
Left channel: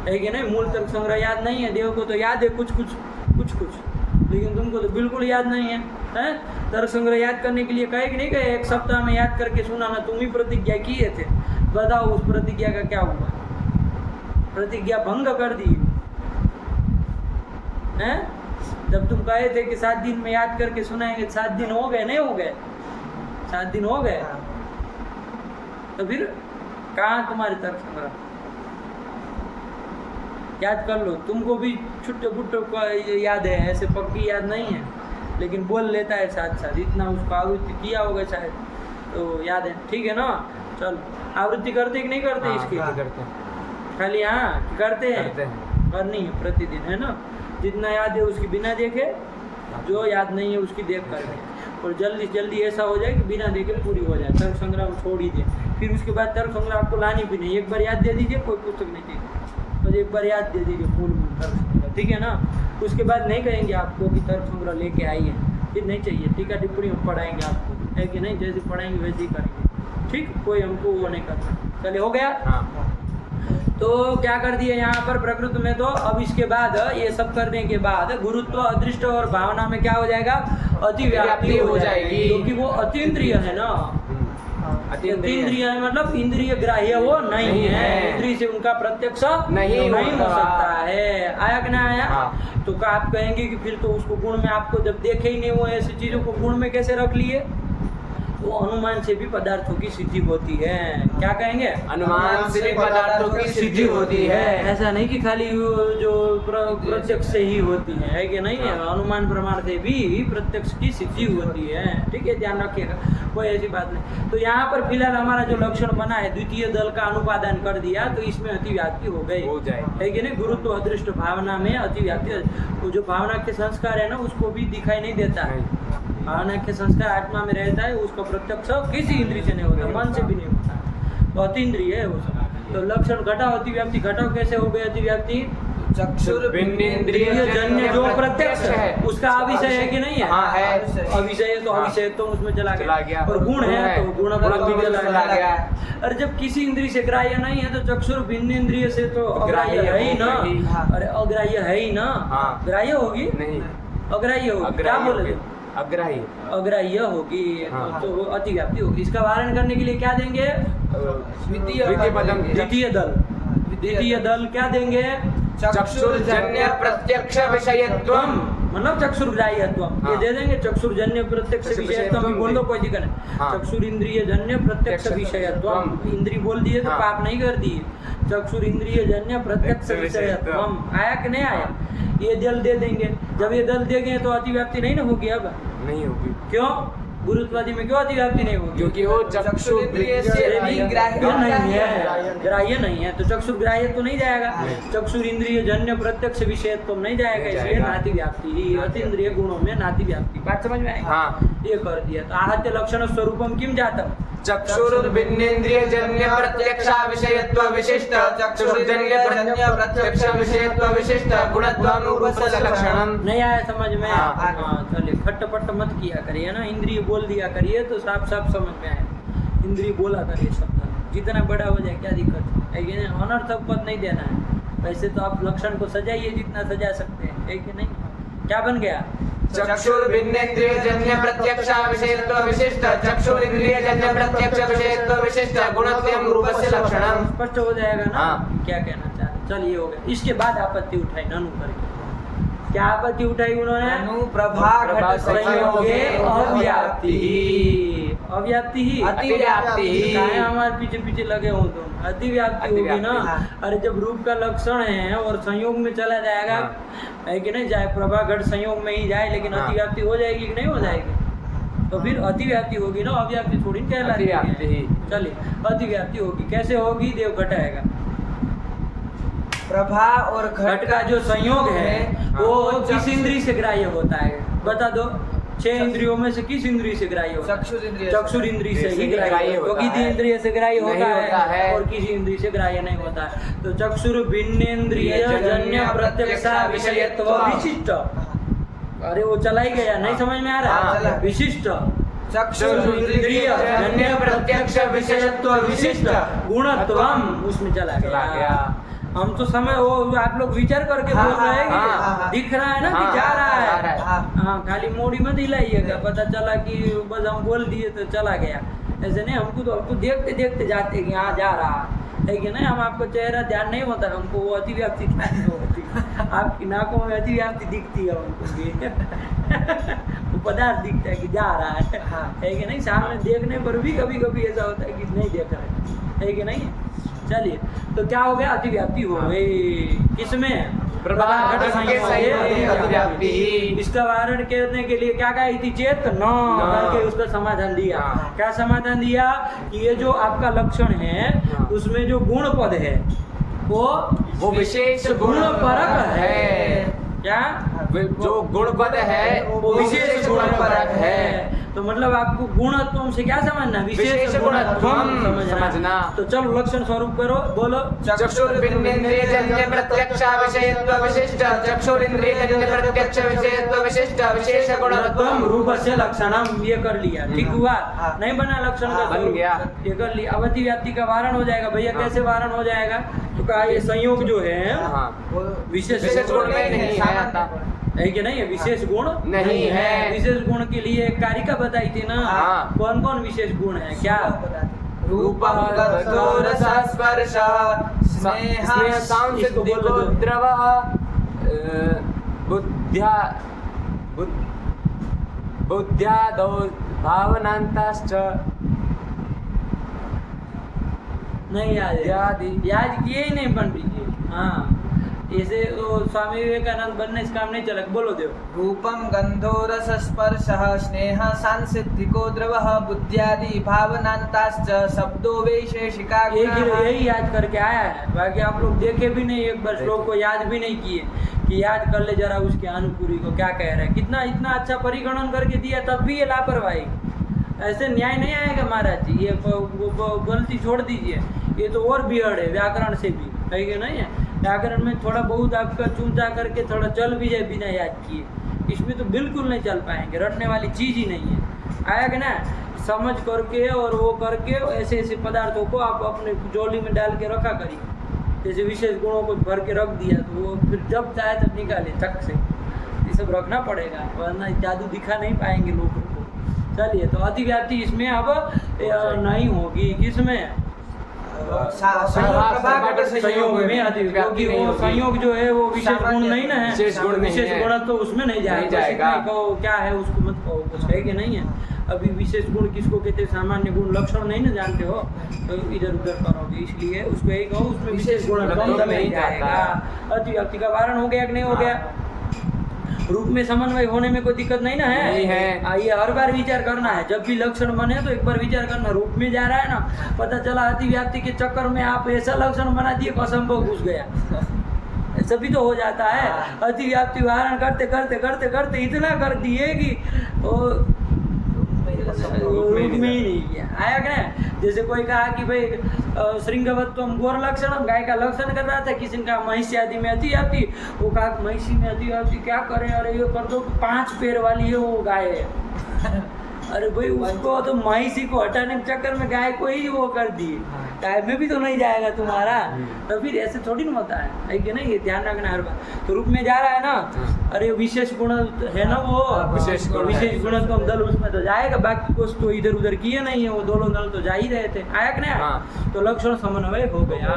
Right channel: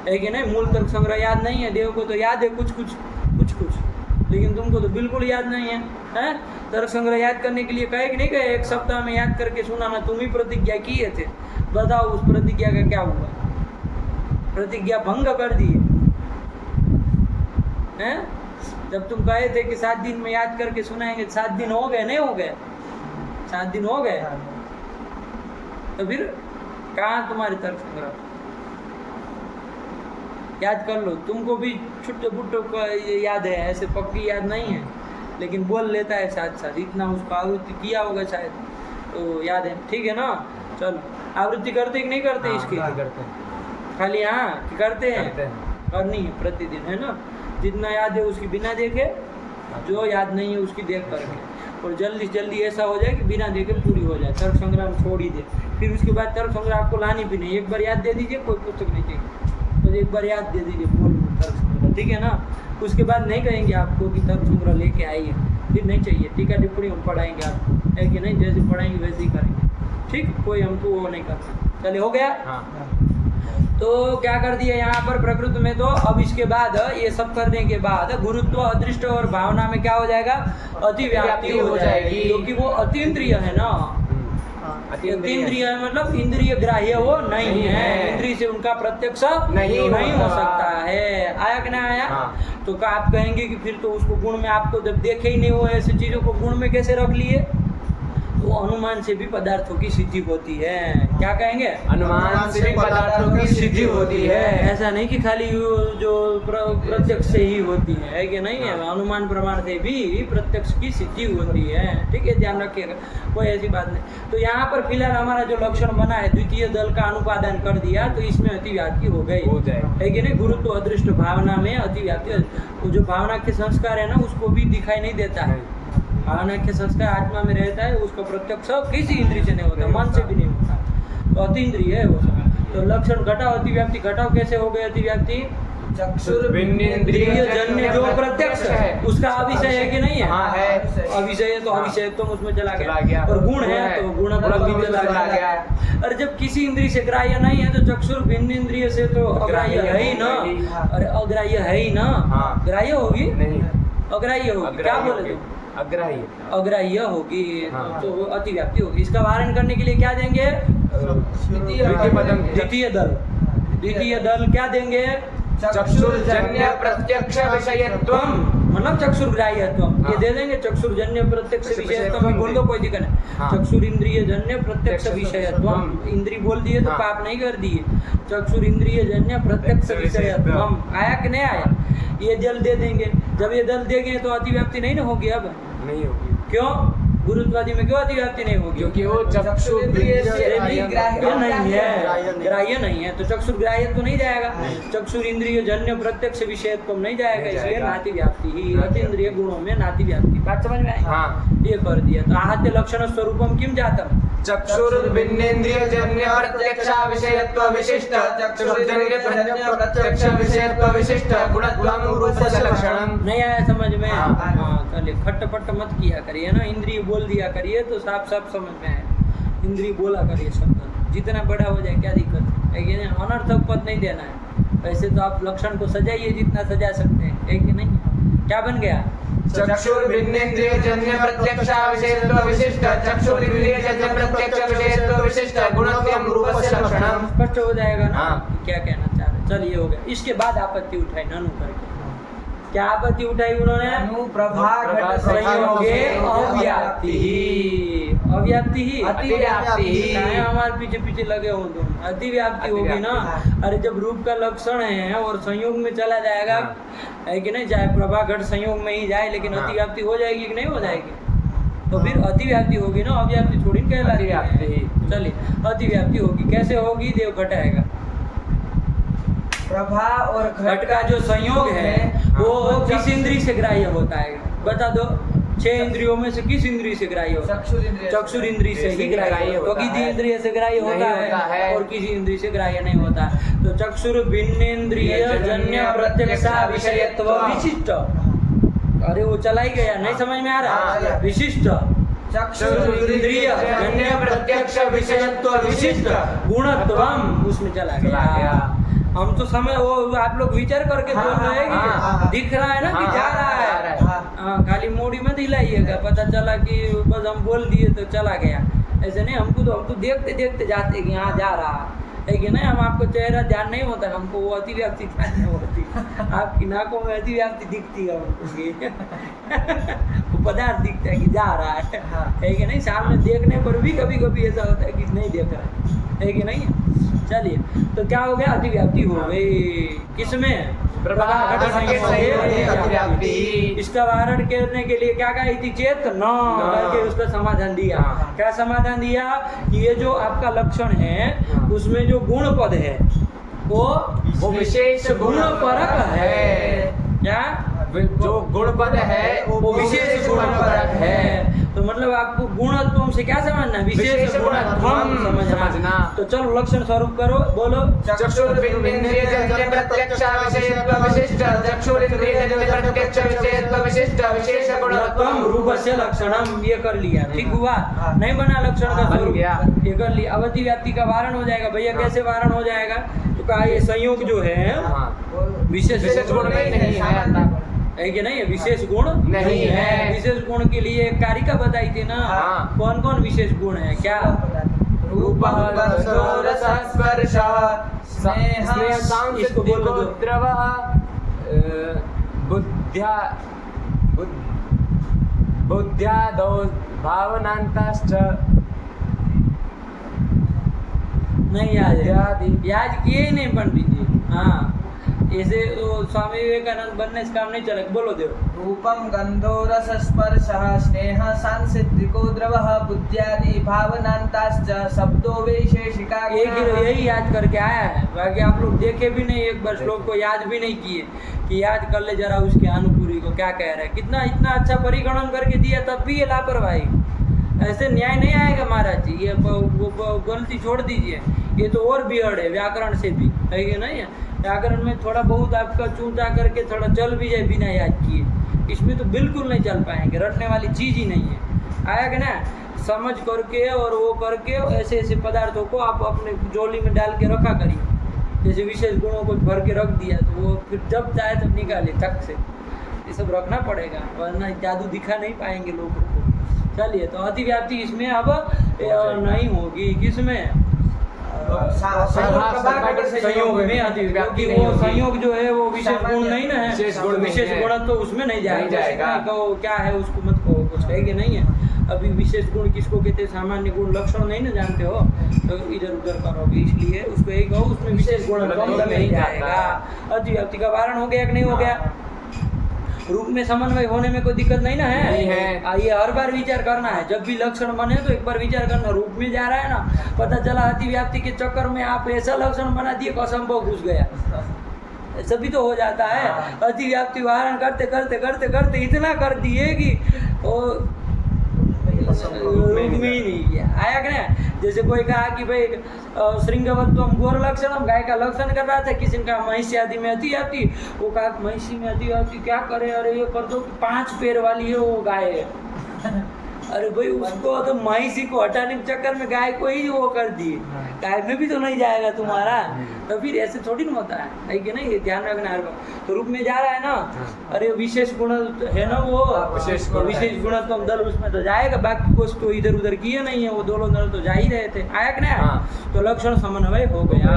है कि नहीं? मूल तर्क संग्रह याद नहीं है? देव को तो याद है कुछ कुछ, लेकिन तुमको तो बिल्कुल याद नहीं है, हैं? तर्क संग्रह याद करने के लिए कहे कि नहीं कहे? एक सप्ताह में याद करके सुनाना, तुम ही प्रतिज्ञा किए थे। बताओ उस प्रतिज्ञा का क्या हुआ? प्रतिज्ञा भंग कर दी हैं? जब तुम कहे थे कि 7 दिन में याद करके सुनाएंगे, 7 दिन हो गए? नहीं हो गए? 7 दिन हो गए, तो फिर कहाँ तुम्हारे तर्क संग्रह? याद कर लो। तुमको भी छुट्टे बुट्टो का याद है, ऐसे पक्की याद नहीं है, लेकिन बोल लेता है साथ साथ, इतना उसको आवृत्ति किया होगा शायद, तो याद है। ठीक है ना? चलो, आवृत्ति करते कि नहीं करते इसकी? खाली हाँ करते हैं, करनी है प्रतिदिन, है ना? जितना याद है उसकी बिना देखे, जो याद नहीं है उसकी देख करके, और जल्दी से जल्दी ऐसा हो जाए कि बिना देखे पूरी हो जाए। तर्क संग्रह हम छोड़ ही दे, फिर उसके बाद तर्क संग्रह आपको लानी भी नहीं। एक बार याद दे दीजिए, कोई पुस्तक नहीं चाहिए, बस एक बार याद दे दीजिए बोल तर्क संग्रह, ठीक है ना? उसके बाद नहीं कहेंगे आपको कि तर्क संग्रह लेके आइए, फिर नहीं चाहिए। टीका टिप्पणी हम पढ़ाएंगे आपको, है कि नहीं? जैसे पढ़ाएंगे वैसे ही करेंगे, ठीक? कोई हमको वो नहीं करना। चलिए, हो गया? तो क्या कर दिया यहाँ पर प्रकृति में? तो अब इसके बाद ये सब करने के बाद गुरुत्व, अदृष्ट और भावना में क्या हो जाएगा? अतिव्याप्ति हो जाएगी, क्योंकि वो अतीन्द्रिय है ना। अतीन्द्रिय है मतलब इंद्रिय ग्राह्य वो नहीं है, इंद्रिय से उनका प्रत्यक्ष नहीं हो सकता है। आया कि नहीं आया? तो आप कहेंगे कि फिर तो उसको गुण में, आपको जब देखे ही नहीं वो ऐसी चीजों को गुण में कैसे रख लिए? तो अनुमान से भी पदार्थों की सिद्धि होती है। क्या कहेंगे? अनुमान से भी पदार्थों की सिद्धि होती है। ऐसा नहीं कि खाली जो प्रत्यक्ष से ही होती है कि नहीं है? अनुमान प्रमाण से भी प्रत्यक्ष की सिद्धि होती है। ठीक है, ध्यान रखिएगा, कोई ऐसी बात नहीं। तो यहाँ पर फिलहाल हमारा जो लक्षण बना है, द्वितीय दल का अनुपादान कर दिया, तो इसमें अतिव्याप्ति हो गई, है कि नहीं? गुरुत्व अदृष्ट भावना में अतिव्याप्ति, तो जो भावना के संस्कार है ना, उसको भी दिखाई नहीं देता है। भावना के संस्कार आत्मा में रहता है, उसका प्रत्यक्ष किसी इंद्रिय से नहीं होता, मन से भी नहीं होता, तो अतीन्द्रिय है वो सब। तो लक्षण घटाओ, अतिव्याप्ति घटाओ, कैसे हो गई अतिव्याप्ति? चक्षुर्भिन्नेन्द्रिय जन्य जो प्रत्यक्ष है उसका अविषय है कि नहीं है? है। अविषय है तो अविषय तो उसमें चला गया, और गुण है तो गुण भी चला गया। और जब किसी इंद्रिय से ग्राह्य नहीं है तो चक्षुर्भिन्नेन्द्रिय से तो अग्राह्य है ही ना। अरे अग्राह्य है ही ना, ग्राह्य होगी? अग्राह्य होगी। क्या बोले? अग्राह्य होगी, तो अतिव्याप्ति होगी। इसका वारण करने के लिए क्या देंगे? द्वितीय दल क्या देंगे? चक्षुर्जन्य प्रत्यक्ष विषयत्वम, मतलब चक्षुर्ग्राह्यत्वम, ये दे देंगे। चक्षुर्जन्य प्रत्यक्ष विषयत्वम भी बोल दो, कोई दिक्कत नहीं। चक्षुरिंद्रिय जन्य प्रत्यक्ष विषयत्वम, इंद्रिय बोल दिए तो पाप नहीं कर दिए। चक्षुरिंद्रिय जन्य प्रत्यक्ष विषयत्वम, आया कि नहीं आया? ये दल दे देंगे। जब ये दल देंगे तो अतिव्याप्ति नहीं ना होगी? अब नहीं होगी। क्यों? गुरुत्वादी में क्यों अतिव्याप्ति नहीं होगी? क्योंकि वो चक्षुरिंद्रिय से ये भी ग्राह्य नहीं है, ग्राह्य नहीं है, तो चक्षुर ग्राह्य तो नहीं जाएगा, चक्षुर इंद्रिय जन्य प्रत्यक्ष विषयत्व नहीं जाएगा, इसलिए नाति व्याप्ति ही अतीन्द्रिय गुणों में नाति व्याप्ति। बात समझ में आई? हाँ। ये कर दिया। तो आहत्य लक्षण स्वरूपम किम जातम? चक्षुर्भिन्नेन्द्रिय जन्य प्रत्यक्ष विषयत्व विशिष्ट चक्षुर्जन्य प्रत्यक्ष विषयत्व विशिष्ट गुणत्वं रूपस्य लक्षणम। नहीं आया समझ में? हाँ। हाँ, चलिए खट्ट-पट्ट मत किया करिए ना, इंद्रिय बोल दिया करिए तो साफ साफ समझ में आए। इंद्रिय बोला करिए शब्द, जितना बड़ा हो जाए क्या दिक्कत है कि नहीं? अनर्थक पद नहीं देना है। वैसे तो आप लक्षण को सजाइए जितना सजा सकते हैं, है कि नहीं? क्या बन गया? चक्षुर्भिन्नेन्द्रिय जन्य प्रत्यक्ष विषयत्व विशिष्ट चक्षुरिंद्रिय जन्य प्रत्यक्ष विषयत्व विशिष्ट गुणत्वं रूपस्य लक्षणम। स्पष्ट हो जाएगा ना? हाँ। क्या कहना चाह रहे? चलिए हो गया। इसके बाद आपत्ति उठाई ननु करके। क्या आपत्ति उठाई उन्होंने? अनुप्रभा घट संयोगे अव्याप्ति ही, अव्याप्ति ही, अतिव्याप्ति ही। काहे हमारे पीछे पीछे लगे हो तुम? अतिव्याप्ति होगी ना। अरे जब रूप का लक्षण है और संयोग में चला जाएगा, है कि नहीं? चाहे प्रभा घट संयोग में ही जाए, लेकिन अतिव्याप्ति हो जाएगी कि नहीं हो जाएगी? तो फिर अतिव्याप्ति होगी ना, अव्याप्ति थोड़ी कहला रही है। चलिए अतिव्याप्ति होगी, कैसे होगी? देव घटाएगा। प्रभा और घट का जो संयोग है वो किस इंद्रिय से ग्राह्य होता है? बता दो। 6 इंद्रियों में से किस इंद्रिय से ग्राह्य होता है? चक्षुर इंद्रिय से ही ग्राह्य होता है। तो किसी इंद्रिय से ग्राह्य होता है और किसी इंद्रिय से ग्राह्य नहीं होता है। तो चक्षुर भिन्नेन्द्रिय जन्य प्रत्यक्ष विषयत्व विशिष्ट। अरे वो चला ही गया, नहीं समझ में आ रहा? विशिष्ट चक्षुर इंद्रिय जन्य प्रत्यक्ष विषयत्व विशिष्ट गुणत्वम, उसमें चला गया। हम तो समय वो आप लोग विचार करके बोल रहे हैं कि दिख रहा है ना कि जा रहा है। हाँ, खाली मोड़ी मत हिलाइएगा, पता चला कि बस हम बोल दिए तो चला गया। ऐसे नहीं, हम तो देखते देखते जाते हैं कि हाँ जा रहा है कि नहीं? हम आपको चेहरा ध्यान नहीं होता, हमको वो अतिव्याप्ति ध्यान नहीं होती। आपकी नाकों में अतिव्याप्ति दिखती है हमको, वो पदार्थ दिखता है कि जा रहा है कि नहीं? सामने देखने पर भी कभी कभी ऐसा होता है कि नहीं देख रहा है कि नहीं? चलिए, तो क्या हो गया? अतिव्याप्ति हो गई। किसमें? प्रभा घट संयोगे अतिव्याप्ति। इसका वारण करने के लिए क्या कही थी? चेत न करके उसका समाधान दिया। क्या समाधान दिया? कि ये जो आपका लक्षण है उसमें जो गुण पद है वो विशेष गुण परक है। क्या? जो गुण पद है वो विशेष गुण परक है। तो मतलब आपको गुणत्वम से क्या समझना? विशेष गुणत्वम समझना। तो चलो लक्षण स्वरूप करो, बोलो। चक्षुर्भिन्नेन्द्रिय जन्य प्रत्यक्ष विषयत्व विशिष्ट चक्षुरिंद्रिय जन्य प्रत्यक्ष विषयत्व विशिष्ट विशेष गुणत्वम रूपस्य लक्षणम। ये कर लिया, ठीक हुआ? नहीं बना लक्षण का स्वरूप, ये कर लिया। अब अतिव्याप्ति का वारण हो जाएगा। भैया कैसे वारण हो जाएगा? तो कहा ये संयोग जो है विशेष गुण नहीं है कि नहीं? विशेष गुण नहीं है। विशेष गुण के लिए एक कारिका बताई थी ना। कौन कौन विशेष गुण है? क्या? रूप रस स्पर्श स्नेह इसको बोल दो। द्रव बुद्ध्यादौ भावनांताश्च। नहीं याद किए ही नहीं पंडित जी। हाँ, ऐसे स्वामी विवेकानंद बनने से काम नहीं चला। बोलो देव। रूपम गंधो रस स्पर्श स्नेह सांसिद्धिको द्रवः बुद्ध्यादि भावनांताश्च शब्दो वैशेषिका। यही याद करके आया है, बाकी आप लोग देखे भी नहीं, एक बार श्लोक को याद भी नहीं किए कि याद कर ले जरा उसके अनुपूरी को क्या कह रहा है। कितना इतना अच्छा परिगणन करके दिया, तब भी ये लापरवाही। ऐसे न्याय नहीं आएगा महाराज जी। ये गलती छोड़ दीजिए, ये तो और बिगड़ है व्याकरण से भी, है कि नहीं? व्याकरण में थोड़ा बहुत आपका चूंचा करके थोड़ा चल भी जाए बिना याद किए, इसमें तो बिल्कुल नहीं चल पाएंगे। रटने वाली चीज़ ही नहीं है। आया कि ना? समझ करके और वो करके ऐसे ऐसे पदार्थों को आप अपने जोली में डाल के रखा करिए। जैसे विशेष गुणों को भर के रख दिया तो वो फिर जब चाहे तब निकाले चक से। ये सब रखना पड़ेगा, वरना जादू दिखा नहीं पाएंगे लोगों को। चलिए, तो अतिव्याप्ति इसमें अब नहीं होगी। किसमें? संयोग में अति, क्योंकि वो संयोग जो है वो विशेष गुण नहीं ना है। विशेष गुण तो उसमें नहीं जाएगा। कहो क्या है उसको मत कहो, कुछ है कि नहीं है? अभी विशेष गुण किसको कहते हैं? सामान्य गुण लक्षण नहीं ना जानते हो तो इधर उधर करोगे, इसलिए उसको यही कहो उसमें विशेष गुण नहीं जाएगा। अतिव्याप्ति का वारण हो गया कि नहीं हो गया? रूप में समन्वय होने में कोई दिक्कत नहीं ना है? नहीं है। ये हर बार विचार करना है, जब भी लक्षण बने तो एक बार विचार करना। रूप में जा रहा है ना, पता चला अतिव्याप्ति के चक्कर में आप ऐसा लक्षण बना दिए कि असंभव घुस गया, ऐसा भी तो हो जाता है। अतिव्याप्ति वारण करते करते करते करते इतना कर दिए कि वो रूप में ही नहीं किया। आया कि नहीं? जैसे कोई कहा कि भाई श्रृंगवत्वम गोर लक्षणम, गाय का लक्षण कर रहा था, किसी ने कहा महिषी आदि में अतिव्याप्ति, वो कहा महिषी में अतिव्याप्ति क्या करे, अरे ये कर दो 5 पैर वाली है वो गाय है। अरे भाई उसको तो महिषी को हटाने के चक्कर में गाय को ही वो कर दिए, गाय में भी तो नहीं जाएगा तुम्हारा। तो फिर ऐसे थोड़ी ना होता है कि नहीं, ये ध्यान रखना हर बार। तो रूप में जा रहा है ना, अरे विशेष गुण है ना वो, विशेष गुणत्वम दल उसमें तो जाएगा, बाकी कुछ तो इधर उधर किए नहीं है, वो दोनों दल तो जा ही रहे थे। आया कि नहीं? तो लक्षण समन्वय हो गया,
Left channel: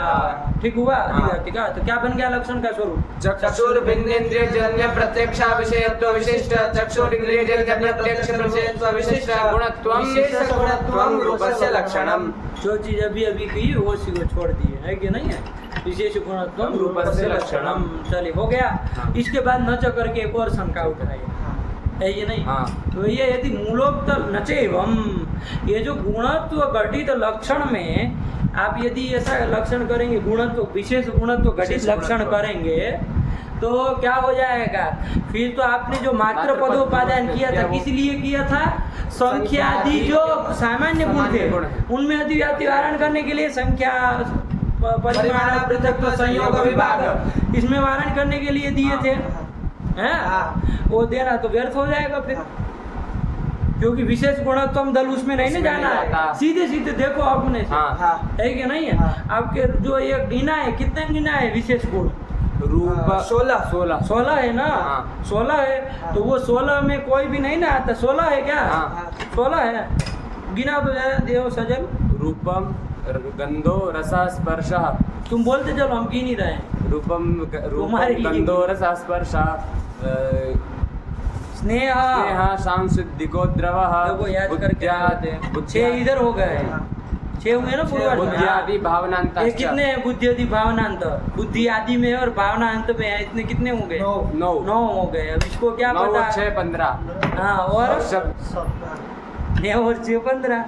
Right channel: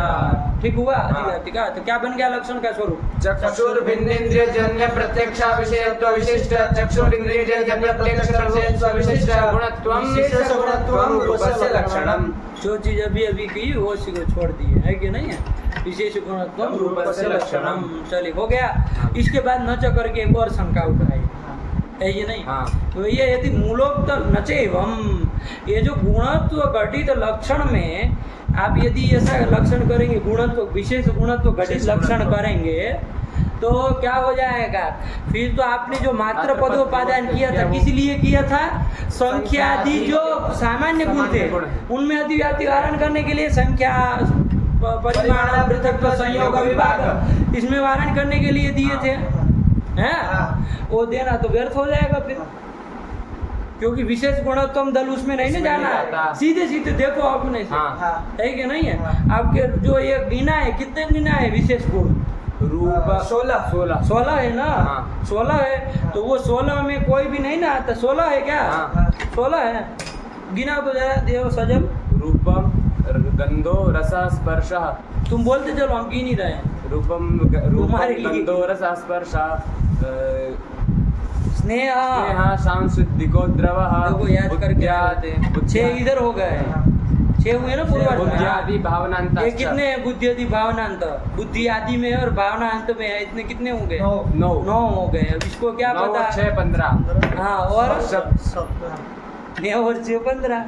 ठीक हुआ अतिव्याप्ति का। तो क्या बन गया लक्षण का स्वरूप? चक्षुर्भिन्नेन्द्रिय जन्य प्रत्यक्ष विषयत्व विशिष्ट चक्षुरिंद्रिय जन्य प्रत्यक्ष विषयत्व विशिष्ट गुणत्वम रूपस्य लक्षणम। जो चीज अभी अभी की वो उसी को छोड़ दिए, है कि नहीं है? विशेष गुणत्वम रूपस्य लक्षणम। चलिए हो गया। इसके बाद न च करके एक और शंका उठाई, है ये नहीं? तो ये यदि मूलोक्त नचेवम, ये जो गुणत्व घटित लक्षण में आप यदि ऐसा लक्षण करेंगे, गुणत्व विशेष गुणत्व घटित लक्षण करेंगे तो क्या हो जाएगा? फिर तो आपने जो मात्र पदोपादान किया था, किस लिए किया था? संख्यादि जो सामान्य गुण थे उनमें अतिव्याप्ति वारण करने के लिए संख्या परिमाण पृथक संयोग विभाग इसमें वारण करने के लिए दिए थे, हैं? वो देना तो व्यर्थ हो जाएगा फिर, क्योंकि विशेष गुणत्वम दल उसमें नहीं ना जाना है। सीधे सीधे देखो अपने से, है कि नहीं है? आपके जो ये गिना है, कितने गिना है विशेष गुण? रूप 16 है ना? 16 है। तो वो 16 में कोई भी नहीं ना आता, 16 है क्या? 16 है। गिना तो जरा देव सजल। रूपम गंधो रसा स्पर्श। तुम बोलते चलो, हम गिन ही रहे हैं। रूपम तुम्हारे लिए गंधो रसा स्पर्श स्नेह सांसिद्धिको द्रव। देखो याद करके आते हैं। 6 इधर हो गए, 6 हुए ना पूर्वार्ध में। बुद्धियादि भावनांत। ये कितने है? बुद्धि आदि भावनांत, बुद्धि आदि में है और भावनांत में है। इतने कितने हो गए? 9 हो गए। अब इसको क्या पता? 6 15। हाँ, और शब्द और 6 15।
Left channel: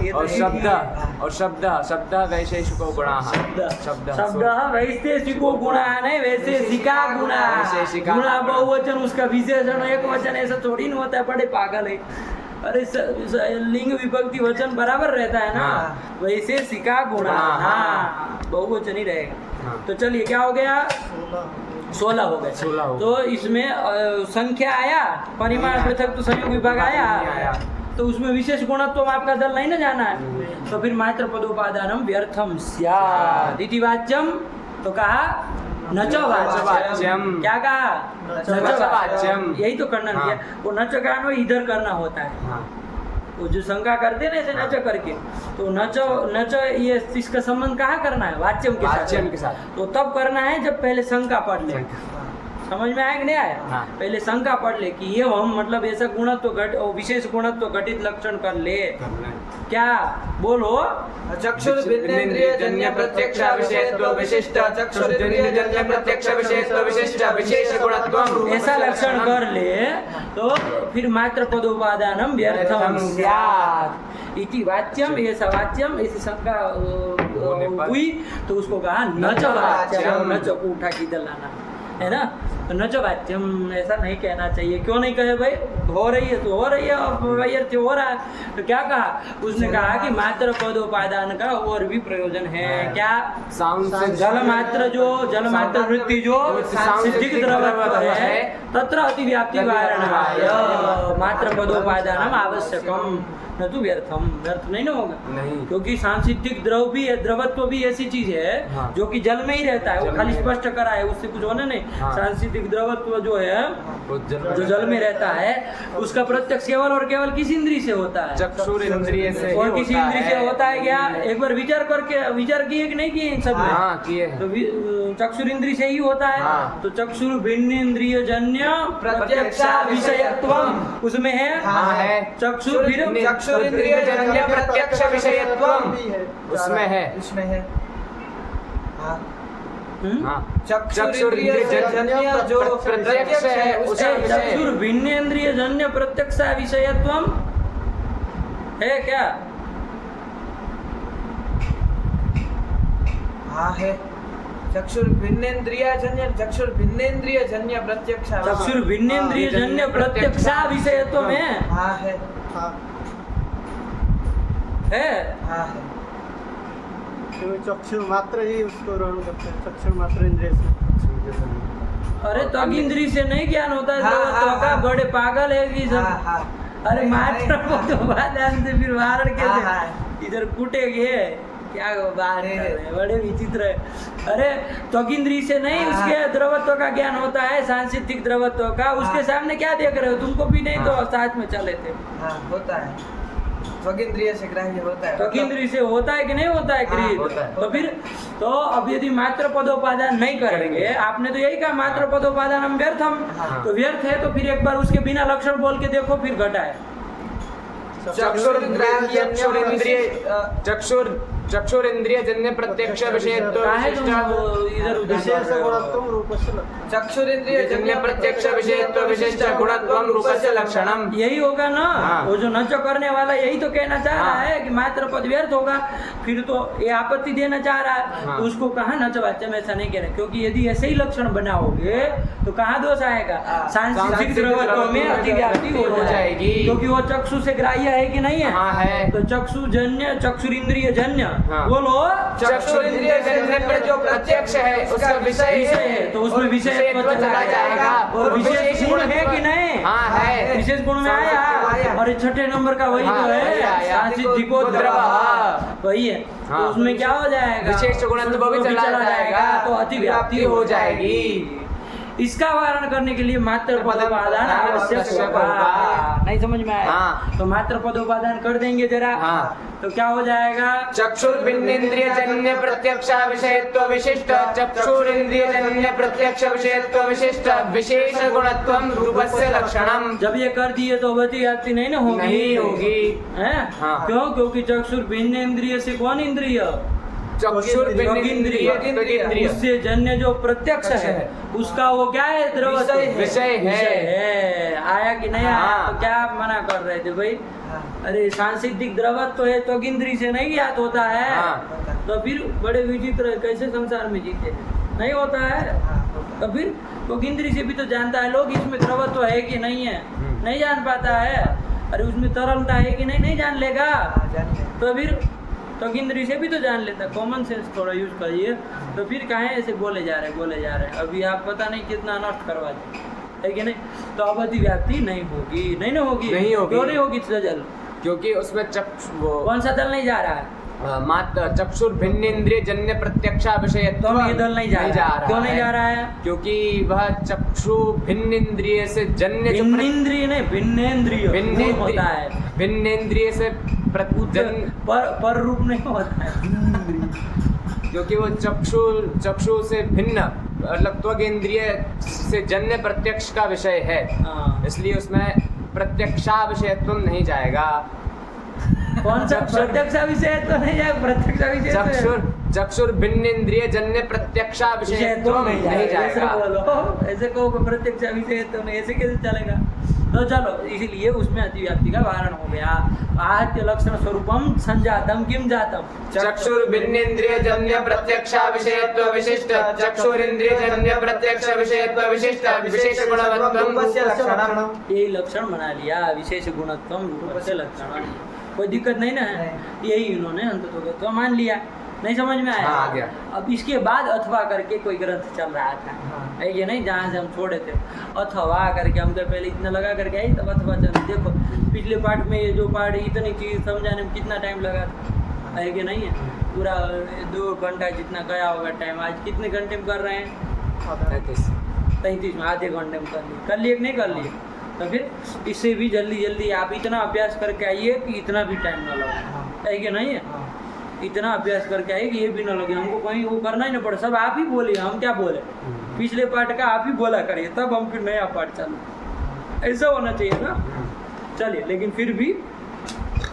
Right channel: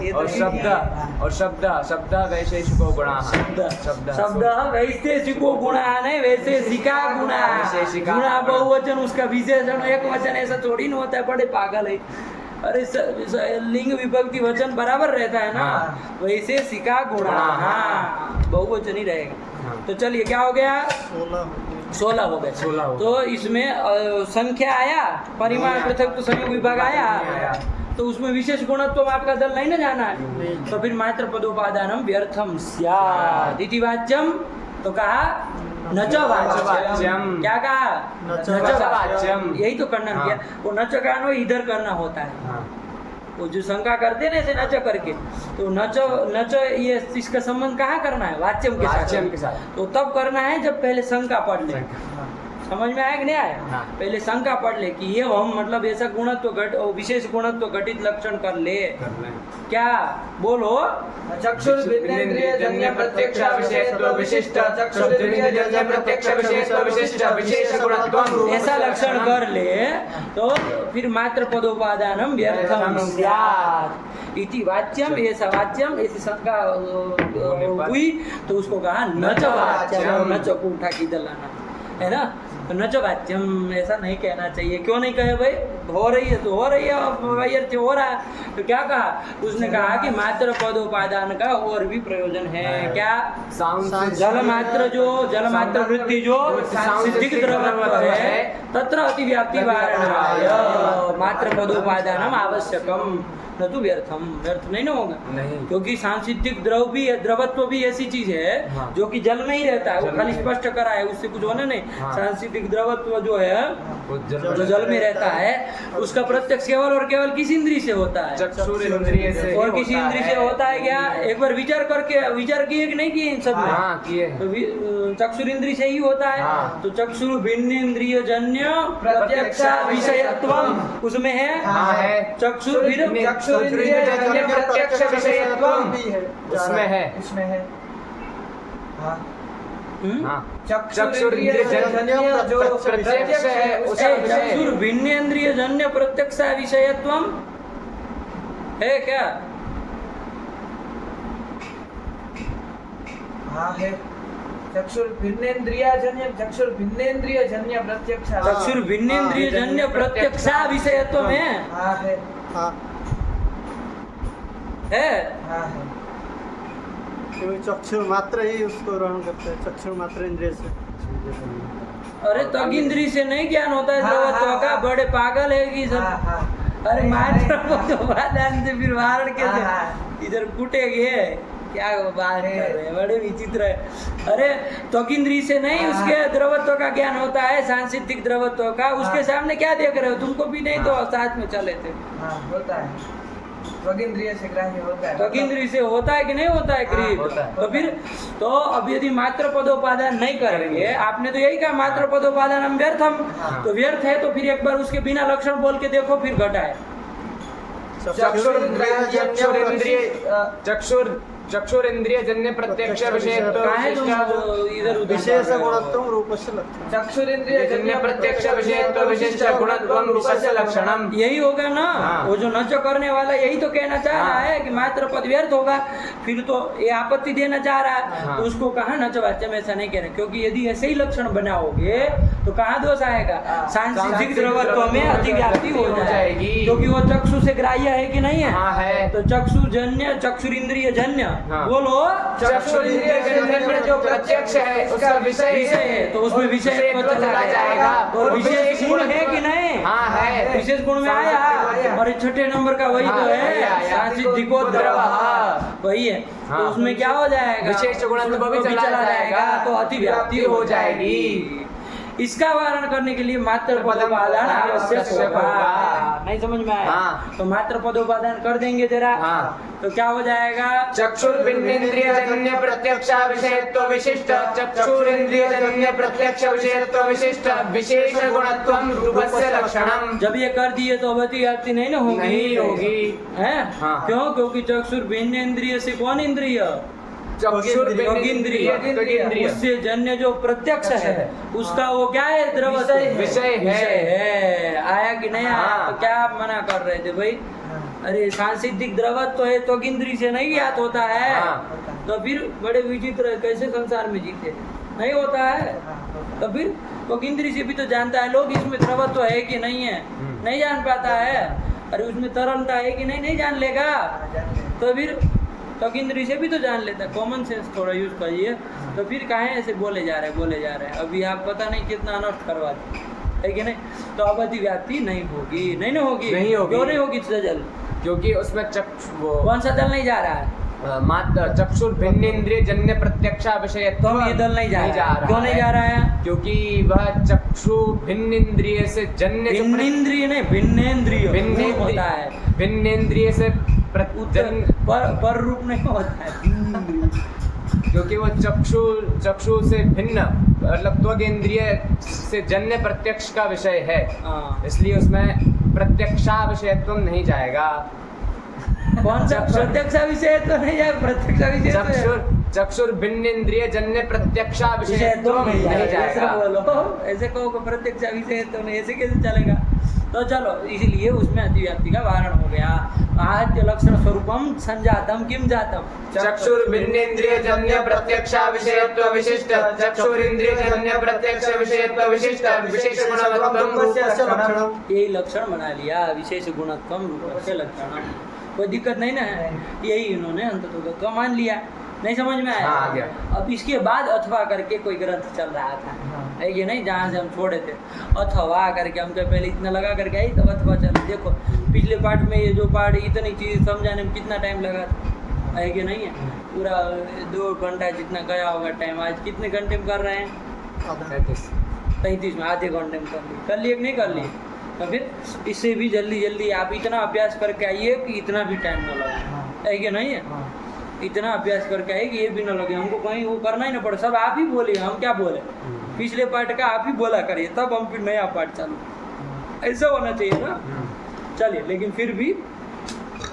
ये तो और शब्द वैशेषिको गुणा। शब्द वैशेषिको गुणा नहीं, वैशेषिका गुणा। गुणा बहुवचन, उसका विशेषण एक वचन, ऐसा थोड़ी ना होता है, बड़े पागल है। अरे लिंग विभक्ति वचन बराबर रहता है ना, वैसे सिका गुणा। हाँ, बहुवचन ही रहेगा। तो चलिए क्या हो गया? 16 हो गए। तो इसमें संख्या आया, परिमाण पृथक तो संयोग विभाग आया, तो उसमें विशेष गुणत्व आपका दल नहीं ना जाना है। तो फिर मात्र पदोपादानम व्यर्थम स्यात् इति वाच्यम। तो कहा न च वाच्यम। क्या कहा? न च वाच्यम। यही तो करना किया। वो न च का अन्वय इधर करना होता है। वो जो शंका करते ना ऐसे न च करके, तो न च ये इसका संबंध कहाँ करना है? वाच्यम के साथ। तो तब करना है जब पहले शंका पढ़ ले। समझ में आया कि नहीं आया? पहले शंका पढ़ ले कि ये हम मतलब ऐसा गुणत्व विशेष गुणत्व घटित लक्षण कर ले। क्या बोलो? चक्षुर्भिन्नेन्द्रिय जन्य प्रत्यक्ष विषयत्व विशिष्ट चक्षुरिंद्रिय जन्य प्रत्यक्ष विषयत्व विशिष्ट विशेष गुणत्वम। ऐसा लक्षण कर ले तो फिर मात्र पदोपादानम व्यर्थम स्यात् इति वाच्यम। ऐसा वाच्यम, ऐसी शंका हुई तो उसको कहा न च वाच्यम। न च को उठा के इधर लाना है ना। तो न च वाच्यम ऐसा नहीं कहना चाहिए। क्यों नहीं कहे भाई? हो रही है तो हो रही है, वैयर्थ हो रहा है। तो क्या कहा? उसने कहा कि मात्र पदोपादान का और भी प्रयोजन है। क्या? जल मात्र वृत्ति जो सिद्धिक द्रवत्व है तत्र अतिव्याप्ति वारणाय मात्र पदोपादानम आवश्यकम न तो व्यर्थम। व्यर्थ नहीं ना होगा, क्योंकि सांसिद्धिक द्रव भी है, द्रवत्व भी ऐसी चीज है जो कि जल में ही रहता है। वो खाली स्पष्ट करा है, उससे कुछ होना नहीं। सांसिद्धिक द्रवत्व जो है जो जल में रहता है उसका प्रत्यक्ष केवल और केवल किस इंद्रिय से होता है? चक्षुर इंद्रिय से। और किसी इंद्रिय से होता है क्या? एक बार विचार किए कि नहीं किए इन सब में? किए। तो चक्षुर इंद्रिय से ही होता है। तो चक्षुर भिन्न इंद्रिय जन्य प्रत्यक्ष विषयत्वम उसमें है। चक्षुर चक्षुरिंद्रिय जन्य प्रत्यक्ष विषयत्वम उसमें है। उसमें है। हाँ चक्षुरिंद्रिय जन्य जो प्रत्यक्ष है उसका विषय है। चक्षुर भिन्नेन्द्रिय जन्य प्रत्यक्ष विषयत्वम है क्या? हाँ है। चक्षुर भिन्नेन्द्रिय जन्य प्रत्यक्ष चक्षुर भिन्नेन्द्रिय जन्य प्रत्यक्ष विषयत्वम है। हाँ है। हाँ है हाँ है। तो चक्षु मात्र ही उसको ग्रहण करते हैं, चक्षु मात्र इंद्रिय से। अरे त्वग इंद्री से नहीं ज्ञान होता है द्रवत्व का, बड़े पागल है कि सब। हाँ, हाँ। अरे मात्र पदोपादान से फिर वारण कैसे? हाँ। इधर कूटेगे क्या बात कर रहे हैं, बड़े विचित्र है। अरे त्वग इंद्री से नहीं उसके द्रवत्व का ज्ञान होता है, सांसिधिक द्रवत्व का। उसके सामने क्या देख रहे हो? तुमको भी नहीं तो साथ में चले थे। हाँ होता है, त्वगिंद्रिय से ग्राह्य होता है। त्वग इंद्री से होता है कि नहीं होता है क्रिया? होता है। तो फिर तो अब यदि मात्र पदोपादान नहीं करेंगे, आपने तो यही कहा मात्र पदोपादान हम व्यर्थ हम, तो व्यर्थ है तो फिर एक बार उसके बिना लक्षण बोल के देखो, फिर घटाए। चक्षुरिंद्रिय जन्य प्रत्यक्ष विषयत्व काहे तुम इधर उधर विशेष कर रहे हो? गुणत्वं रूपस्य लक्षणम्। चक्षुरिंद्रिय जन्य प्रत्यक्ष विषयत्व विशिष्ट गुणत्वं रूपस्य लक्षणम्। यही होगा ना। हाँ। वो जो नच करने वाला यही तो कहना चाह रहा हाँ। है कि मात्र पद व्यर्थ होगा, फिर तो ये आपत्ति देना चाह रहा है। हाँ। तो उसको कहा नच वाच्य में ऐसा नहीं कहना, क्योंकि यदि ऐसे ही लक्षण बनाओगे तो कहाँ दोष आएगा? सांसिधिक द्रवत्व में अतिव्याप्ति हो जाएगी, क्योंकि वो चक्षु से ग्राह्य है कि नहीं है? हाँ है। तो चक्षुजन्य चक्षुरिंद्रिय जन्य हाँ। बोलो चक्षुरिंद्रिय जन्य में जो प्रत्यक्ष है उसका विषय विषय है, तो उसमें विषय चला जाएगा। और विशेष गुण है कि नहीं? हाँ है। विशेष गुण में आया। और छठे नंबर का वही हाँ, तो वही है आया। सांसिधिको द्रव, वही है। हाँ। तो उसमें क्या हो जाएगा? विशेष गुणत्व भी चला जाएगा, तो अतिव्याप्ति हो जाएगी। इसका वारण करने के लिए मात्र पदोपादान आवश्यक होगा। नहीं समझ में आया? हाँ। तो मात्र पदोपादान कर देंगे जरा, हाँ। तो क्या हो जाएगा? चक्षुर्भिन्नेन्द्रिय जन्य प्रत्यक्ष विषयत्व विशिष्ट चक्षुरिंद्रिय जन्य प्रत्यक्ष विषयत्व विशिष्ट विशेष गुणत्वं रूपस्य लक्षणम्। जब ये कर दिए तो अतिव्याप्ति नहीं ना होगी? नहीं होगी। है? हाँ। क्यों? क्योंकि चक्षुर भिन्न इंद्रिय से कौन इंद्रिय? चक्षुर्भिन्नेन्द्रिय उससे जन्य जो प्रत्यक्ष है उसका वो क्या है? द्रवत्व विषय है। आया कि नहीं आया? हाँ। तो क्या आप मना कर रहे थे भाई? अरे सांसिधिक द्रवत्व है तो इंद्रिय से नहीं ज्ञात होता है। हाँ। तो फिर बड़े विचित्र है, कैसे संसार में जीते हैं? नहीं होता है। तो फिर तो इंद्रिय से भी तो जानता है लोग इसमें द्रवत्व है कि नहीं है, नहीं जान पाता है। अरे उसमें तरलता है कि नहीं, नहीं जान लेगा। तो फिर तो इंद्रिय से भी तो जान लेता। कॉमन सेंस थोड़ा यूज करिए। तो फिर काहे ऐसे बोले जा रहे हैं? अभी आप पता नहीं कितना अनर्थ करवा दें, है कि नहीं? तो अब अतिव्याप्ति नहीं होगी। नहीं ना होगी? नहीं होगी। क्यों नहीं होगी? जल क्योंकि उसमें कौन सा दल नहीं जा रहा है? मात्र चक्षुर्भिन्नेन्द्रिय जन्य प्रत्यक्ष विषय तो हम ये दल नहीं जा रहा है। क्यों नहीं जा रहा है? क्योंकि वह चक्षु भिन्न इंद्रिय से जन्य भिन्न इंद्रिय नहीं, भिन्नेन्द्रिय भिन्न होता है। भिन्नेन्द्रिय से पर रूप नहीं होता है, भिन्नेन्द्रिय। क्योंकि वो चक्षु से भिन्न मतलब त्वगेन्द्रिय से जन्य प्रत्यक्ष का विषय है। हाँ। इसलिए उसमें प्रत्यक्षा विषयत्व नहीं जाएगा। कौन सा प्रत्यक्ष विषय तो नहीं जाएगा? प्रत्यक्ष विषय चक्षुर्भिन्नेन्द्रिय जन्य प्रत्यक्ष विषयत्व नहीं नहीं जाएगा। ऐसे जाएगा। बोलो, ऐसे कहो कि प्रत्यक्ष विषय तो नहीं, ऐसे कैसे चलेगा? तो चलो, इसलिए उसमें अतिव्याप्ति का वारण हो गया। आहत्य लक्षण स्वरूपम संजातम किम जातम? चक्षुर्भिन्नेन्द्रिय जन्य प्रत्यक्ष विषयत्व विशिष्ट चक्षुरिंद्रिय जन्य प्रत्यक्ष विषयत्व विशिष्ट विशेष गुणत्वं रूपस्य लक्षणम्। यही लक्षण बना लिया, विशेष गुणत्वम रूपस्य लक्षणम। कोई दिक्कत नहीं ना है? यही इन्होंने अंततोगत्व मान लिया। नहीं समझ में आया? हाँ, आ गया। अब इसके बाद अथवा करके कोई ग्रंथ चल रहा था, है ये नहीं, जहाँ से हम छोड़े थे अथवा करके। हम तो पहले इतना लगा करके आई, तब अथवा चल। देखो पिछले पार्ट में ये जो पार्ट इतनी चीज़ समझाने में कितना टाइम लगा था, है कि नहीं है? पूरा 2 घंटा जितना गया होगा टाइम। आज कितने घंटे में कर रहे हैं? 33 में आधे घंटे में कर लिए कि नहीं कर लिए? तो फिर इससे भी जल्दी जल्दी आप इतना अभ्यास करके आइए कि इतना भी टाइम ना लगे, है कि नहीं है? इतना अभ्यास करके आइए कि ये भी ना लगे हमको, कहीं वो करना ही ना पड़े। सब आप ही बोले, हम क्या बोले? पिछले पार्ट का आप ही बोला करिए, तब हम फिर नया पार्ट चालू। ऐसा होना चाहिए ना? चलिए, लेकिन फिर भी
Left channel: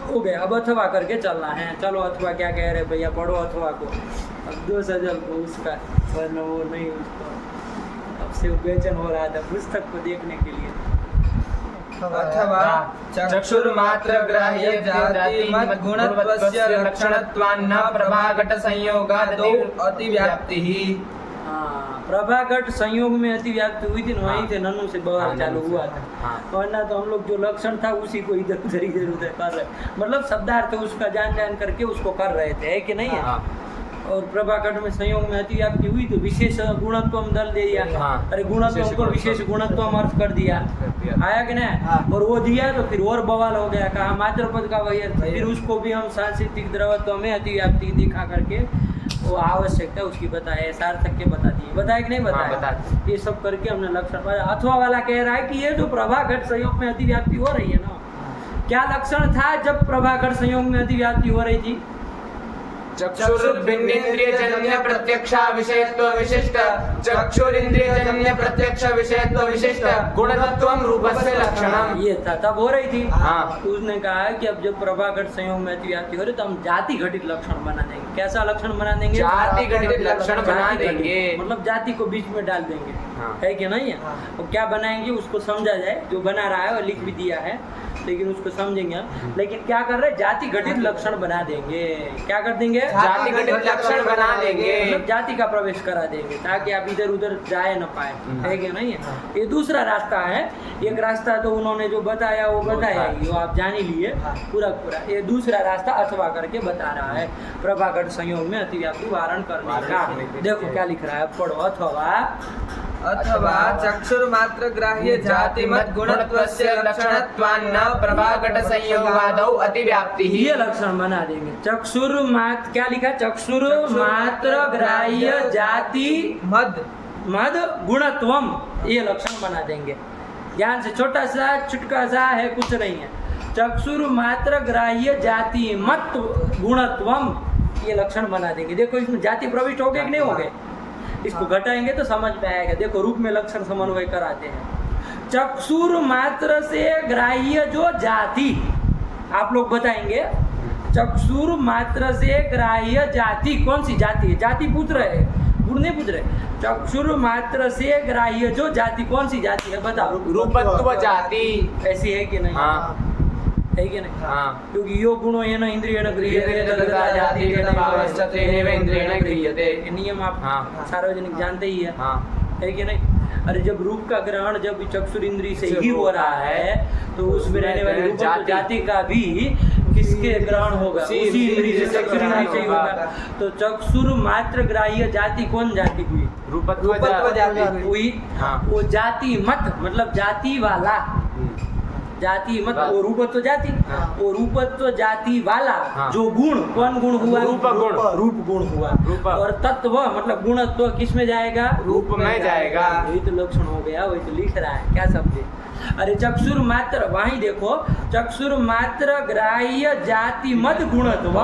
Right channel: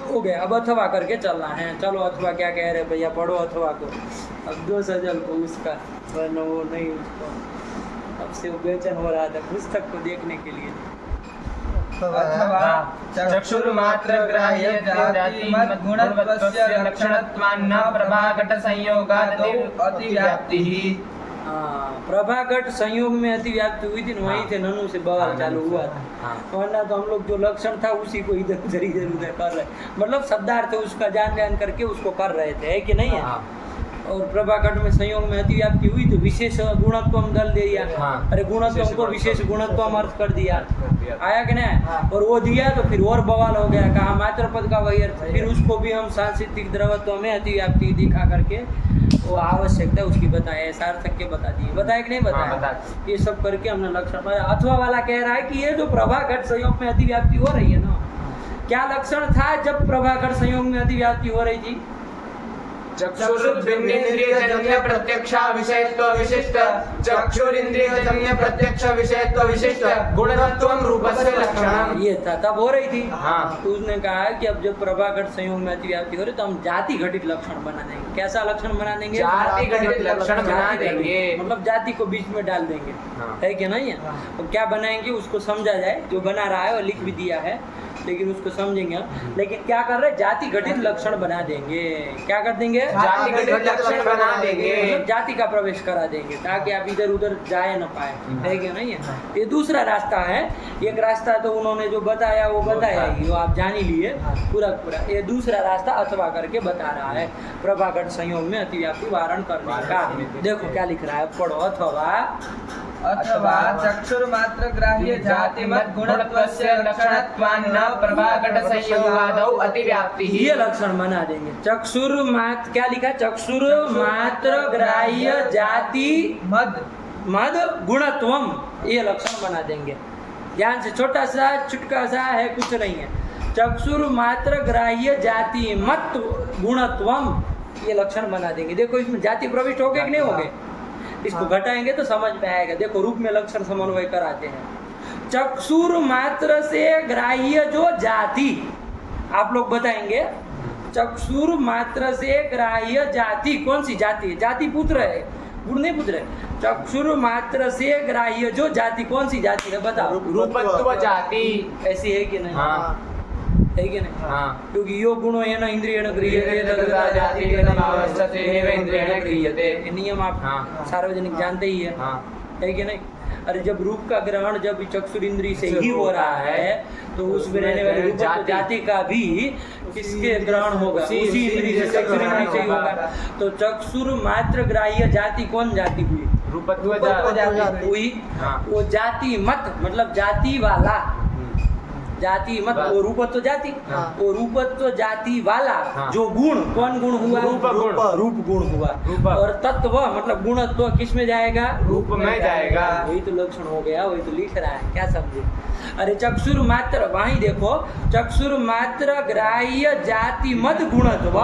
हो गया। अब अथवा करके चलना है। चलो अथवा क्या कह रहे भैया, पढ़ो अथवा को। अब 2 सजल को उसका, वरना वो नहीं, उसको अब से वो बेचैन हो रहा था पुस्तक को देखने के लिए। अथवा चक्षुर्मात्र ग्राह्य जाति गुणत्वस्य लक्षणत्वान्न प्रभाघट संयोगादौ अतिव्याप्तिः। हाँ, प्रभाघट संयोग में अतिव्याप्ति हुई थी, वहीं से नन्नू से बवाल चालू हुआ था। वरना तो हम लोग जो लक्षण था उसी को इधर उधर कर रहे, मतलब शब्दार्थ उसका जान करके उसको कर रहे थे, है कि नहीं है। और प्रभाघट में संयोग में अतिव्याप्ति हुई तो विशेष गुणत्व दल दे दिया। अरे गुणत्व को विशेष गुणत्व अर्थ कर दिया, आया कि नहीं। और वो दिया तो फिर और बवाल हो गया, कहा मात्र पद का वही अर्थ। फिर उसको भी हम सांस्कृतिक द्रवत्व में अतिव्याप्ति दिखा करके वो आवश्यकता उसकी बताए, सार्थक के बता दिए, बताए कि नहीं बताए। ये सब करके हमने लक्षण। अथवा वाला कह रहा है कि ये जो प्रभाघट संयोग में अतिव्याप्ति हो रही है ना, क्या लक्षण था जब प्रभाघट संयोग में अतिव्याप्ति हो रही थी। चक्षुर्बिन्नेन्द्रियजन्य प्रत्यक्षा विषयत्व विशिष्ट चक्षुरिन्द्रियजन्य प्रत्यक्ष विषयत्व विशिष्ट गुणत्वं रूपस्य लक्षणम्। ये था तब हो रही थी। हाँ। तो उसने कहा कि अब जब प्रभाघट संयोग में अतिव्याप्ति हो रही तो हम जाति घटित लक्षण बना देंगे। कैसा लक्षण बना देंगे। जाति घटित लक्षण बना देंगे, मतलब जाति को बीच में डाल देंगे। हाँ। है कि नहीं है। अब क्या बनाएंगे उसको समझा जाए, जो बना रहा है वो लिख भी दिया है लेकिन उसको समझेंगे हम। लेकिन क्या कर रहे हैं, जाति घटित लक्षण बना देंगे। क्या कर देंगे, जाति घटित लक्षण बना देंगे, मतलब जाति का प्रवेश करा देंगे ताकि आप इधर उधर जाए न पाए, है कि नहीं है। ये दूसरा रास्ता है। एक रास्ता तो उन्होंने जो बताया वो बताया ही, वो आप जान ही लिए पूरा पूरा। ये दूसरा रास्ता अथवा करके बता रहा है प्रभाघट संयोग में अतिव्याप्ति वारण करने का। देखो क्या लिख रहा है, पढ़ो। अथवा चक्षुर्मात्र ग्राह्य जाति मत गुणत्वस्य लक्षणत्वान्न प्रभाघट संयोगादौ अतिव्याप्तिः। ये लक्षण बना देंगे। चक्षुर मात्र, क्या लिखा, चक्षुर मात्र ग्राह्य जाति मद गुणत्वम, ये लक्षण बना देंगे। ध्यान से, छोटा सा चुटका सा है, कुछ नहीं है। चक्षुर मात्र ग्राह्य जाति मत गुणत्वम, ये लक्षण बना देंगे। देखो इसमें जाति प्रविष्ट हो गए कि नहीं हो गए, इसको घटाएंगे तो समझ में आएगा। देखो रूप में लक्षण समन्वय कराते हैं। चक्षुर मात्र से ग्राह्य जो जाति, आप लोग बताएंगे। चक्षुर मात्र से ग्राह्य जाति, कौन सी जाति है, जाति पूछ रहे, गुण नहीं पूछ रहे। चक्षुर मात्र से ग्राह्य जो जाति, कौन सी जाति है बताओ। रूपत्व जाति। ऐसी है कि नहीं। हाँ। है कि नहीं। हाँ। क्योंकि यो गुणो येन इंद्रियेण गृह्यते तद्गता जाति तेन भावस्थते एव इंद्रियेण गृह्यते। ये नियम आप सार्वजनिक जानते ही है। है कि नहीं। अरे जब रूप का ग्रहण जब चक्षुर इंद्रिय से ही हो रहा है तो उसमें रहने वाली रूपत्व जाति का भी किसके ग्रहण होगा, उसी इंद्रिय से, चक्षुर इंद्रिय से ही होगा। तो चक्षुर मात्र ग्राह्य जाति कौन जाति हुई, रूपत्व जाति हुई। वो जाति मत मतलब जाति वाला, जाति मत वो रूपत्व जाति, वो रूपत्व जाति वाला जो गुण, कौन गुण हुआ, रूप गुण हुआ। और तत्व मतलब गुणत्व किस में जाएगा, रूप में जाएगा। यही तो लक्षण हो गया, वही तो लिख रहा है, क्या समझे। अरे चक्षुर मात्र, वहीं देखो, चक्षुर मात्र ग्राह्य जाति मत गुणत्व,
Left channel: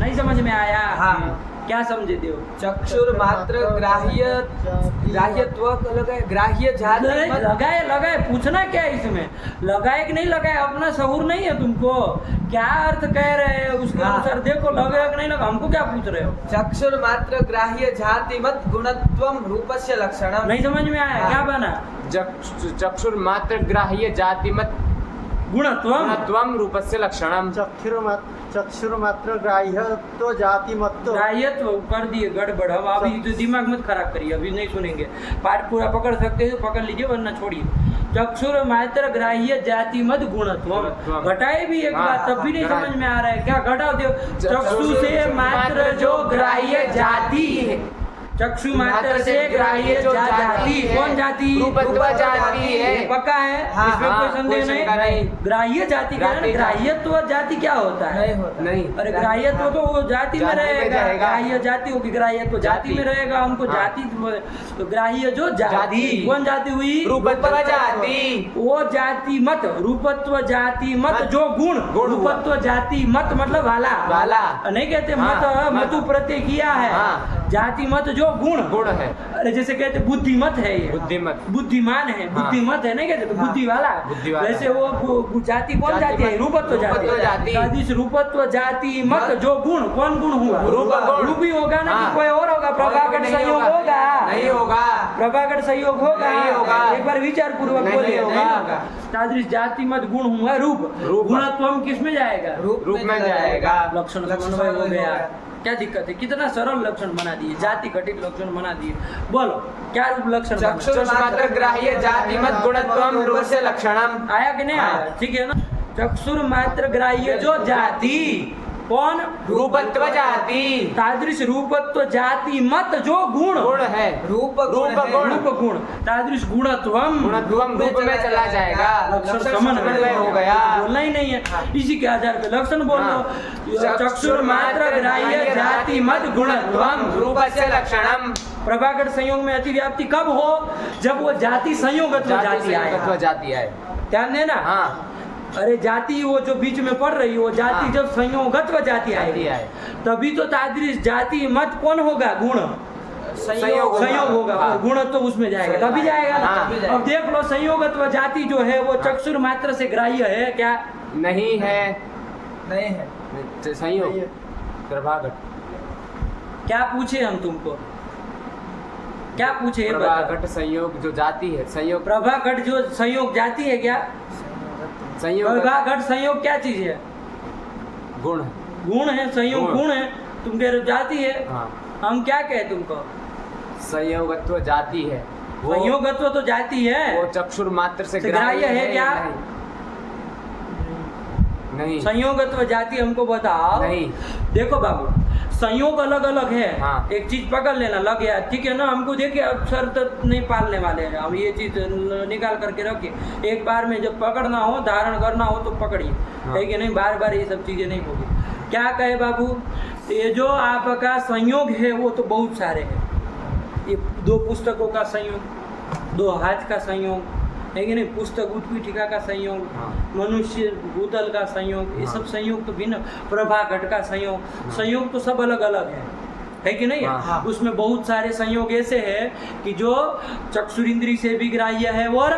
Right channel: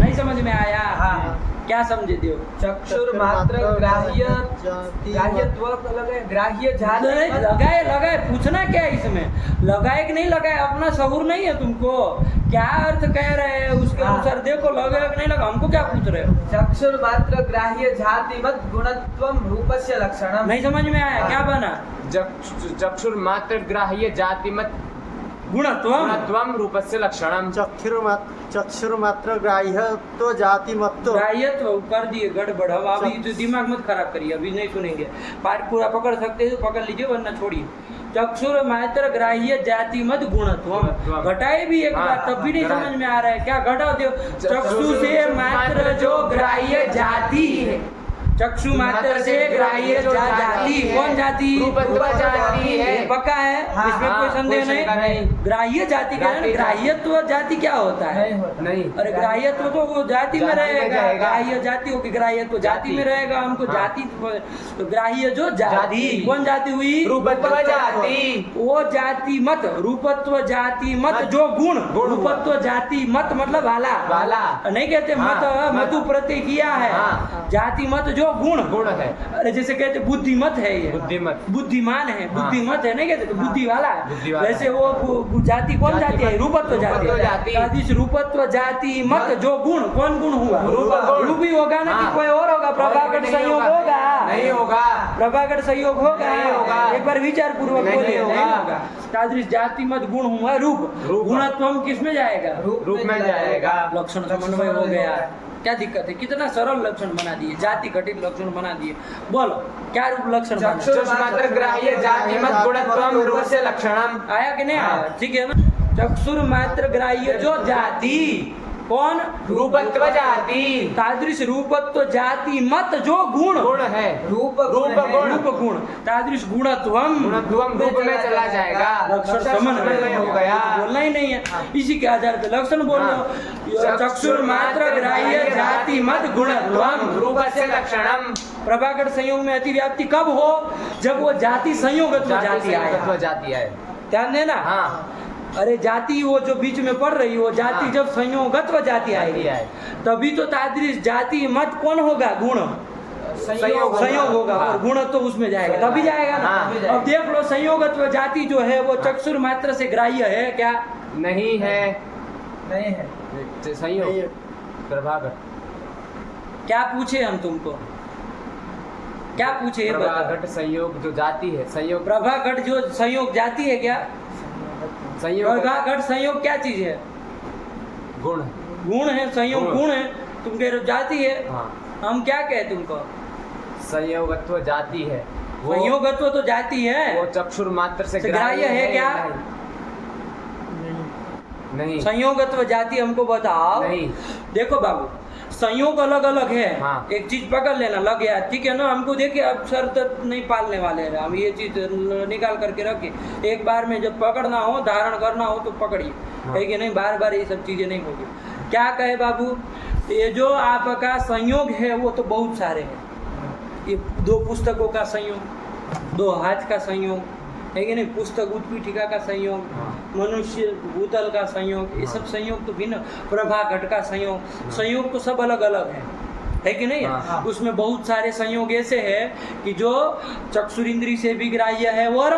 नहीं समझ में आया। क्या समझे देव, चक्षुर मात्र ग्राह्यत्व लगाए, ग्राह्य जाति लगाए लगाए, पूछना क्या है इसमें, लगाए कि नहीं लगाए, अपना शहूर नहीं है तुमको, क्या अर्थ कह रहे हैं उसके अनुसार देखो, लगा कि नहीं लगा, हमको क्या पूछ रहे हो। चक्षुर मात्र ग्राह्य जाति मत गुणत्वम रूपस्य लक्षणम, नहीं समझ में आया, क्या बना, चक्षुर मात्र ग्राह्य जाति मत गुणत्वम रूपस्य लक्षणम। चक्षुर मात्र ग्राह्य तो जाति मत, ग्राह्यत्व कर दिए गड़बड़। अब अभी तो दिमाग मत खराब करिए, अभी नहीं सुनेंगे, पाठ पूरा पकड़ सकते हो पकड़ लीजिए वरना छोड़िए। चक्षुर मात्र ग्राह्य जाति मत गुणत्व, घटाए भी एक बार तब भी नहीं समझ में आ रहा है, क्या घटाओ दो, चक्षु से मात्र जो ग्राह्य जाति, चक्षु मात्र से ग्राह्य जाति, कौन जाति, रूपत्व जाति है, पक्का है, इसमें कोई संदेह नहीं। ग्राह्य जाति का है, ग्राह्यत्व जाति क्या होता है, नहीं। अरे ग्राह्यत्व तो वो जाति में रहेगा, ग्राह्य जाति होगी, ग्राह्यत्व जाति में रहेगा, हमको जाति तो ग्राह्य जो जाति, कौन जाति हुई, रूपत्व जाति, वो जाति मत, रूपत्व जाति मत जो गुण, रूपत्व जाति मत मतलब वाला, वाला नहीं कहते मत, मधु प्रत्यय किया है, जाति मत जो गुण गुण है। अरे जैसे कहते बुद्धिमत है ये, बुद्धिमत, बुद्धिमान है, बुद्धिमत है नहीं कहते तो बुद्धि वाला है। बुद्धि वाला वैसे वो जाति कौन जाति है? रूपत्व जाति। जाति। इस रूपत्व जाति मत जो गुण, कौन गुण हुआ? रूप ही होगा ना कि कोई और होगा? प्रभाकर संयोग होगा? नहीं होगा। प्रभाकर संयोग होगा? नहीं होगा। एक बार विचार पूर्वक नहीं बोलिए। होगा। नहीं होगा। तादृश जाति मत गुण हुआ रूप। गुणत्वम किस में जाएगा? रूप में जाएगा। लक्षण समन्वय हो गया। क्या दिक्कत है? कितना सरल लक्षण बना दिए, जाति घटित लक्षण बना दिए। बोलो क्या रूप लक्षण बना? चक्षुर्मात्र ग्राह्य जाति मत गुणत्वम रूपस्य लक्षणम। आया कि नहीं आया? ठीक है ना। चक्षुर मात्र ग्राह्य जो जाति, कौन? रूपत्व जाति। तादृश रूपत्व जाति मत जो गुण, गुण है। रूप रूप गुण, तादृश गुणत्वम गुणत्वम रूप में चला जाएगा। लक्षण समन्वय हो गया। बोलना ही नहीं है, इसी के आधार पे लक्षण बोल लो। चक्षुर मात्र ग्राह्य जाति मत गुणत्वम रूपस्य लक्षणम। प्रभाकर संयोग में अतिव्याप्ति कब हो? जब वो जाति संयोगत्व जाति आए। जाति आए। ध्यान देना। हाँ। अरे जाति वो जो बीच में पड़ रही, वो जाति जब संयोगत्व जाति आएगी तभी तो तादृश जाति मत कौन होगा? गुण संयोग होगा और गुण तो उसमें जाएगा, तभी जाएगा ना। अब देख लो संयोगत्व जाति जो है वो चक्षुर मात्र से ग्राह्य है क्या? नहीं है। नहीं है। संयोग प्रभाकर। क्या पूछे हम तुमको? क्या पूछे ये बता। प्रभाघट संयोग जो जाति है, संयोग प्रभाघट जो संयोग जाति है क्या? संयोग प्रभाघट संयोग क्या चीज है? गुण। गुण है, संयोग गुण है। तुम कह रहे हो जाति है। हाँ। हम क्या कहे तुमको? संयोगत्व जाति है। संयोगत्व तो जाति है। वो चक्षुर मात्र से ग्राह्य है क्या? नहीं। संयोगत्व जाति हमको बताओ। नहीं। देखो बाबू, संयोग अलग अलग है। हाँ। एक चीज पकड़ लेना, लग गया, ठीक है ना। हमको देखिए अब शर्त नहीं पालने वाले हैं हम, ये चीज निकाल करके रखिए। एक बार में जब पकड़ना हो, धारण करना हो तो पकड़िए। हाँ। है कि नहीं? बार बार ये सब चीजें नहीं होगी। क्या कहे बाबू, ये जो आपका संयोग है वो तो बहुत सारे हैं। ये दो पुस्तकों का संयोग, दो हाथ का संयोग, है कि नहीं? पुस्तक उत्पीठिका का संयोग, मनुष्य भूतल का संयोग, ये सब संयोग तो भिन्न। प्रभाघट का संयोग, संयोग तो सब अलग अलग है कि नहीं? उसमें बहुत सारे संयोग ऐसे हैं कि जो चक्षुरिंद्री से भी ग्राह्य है और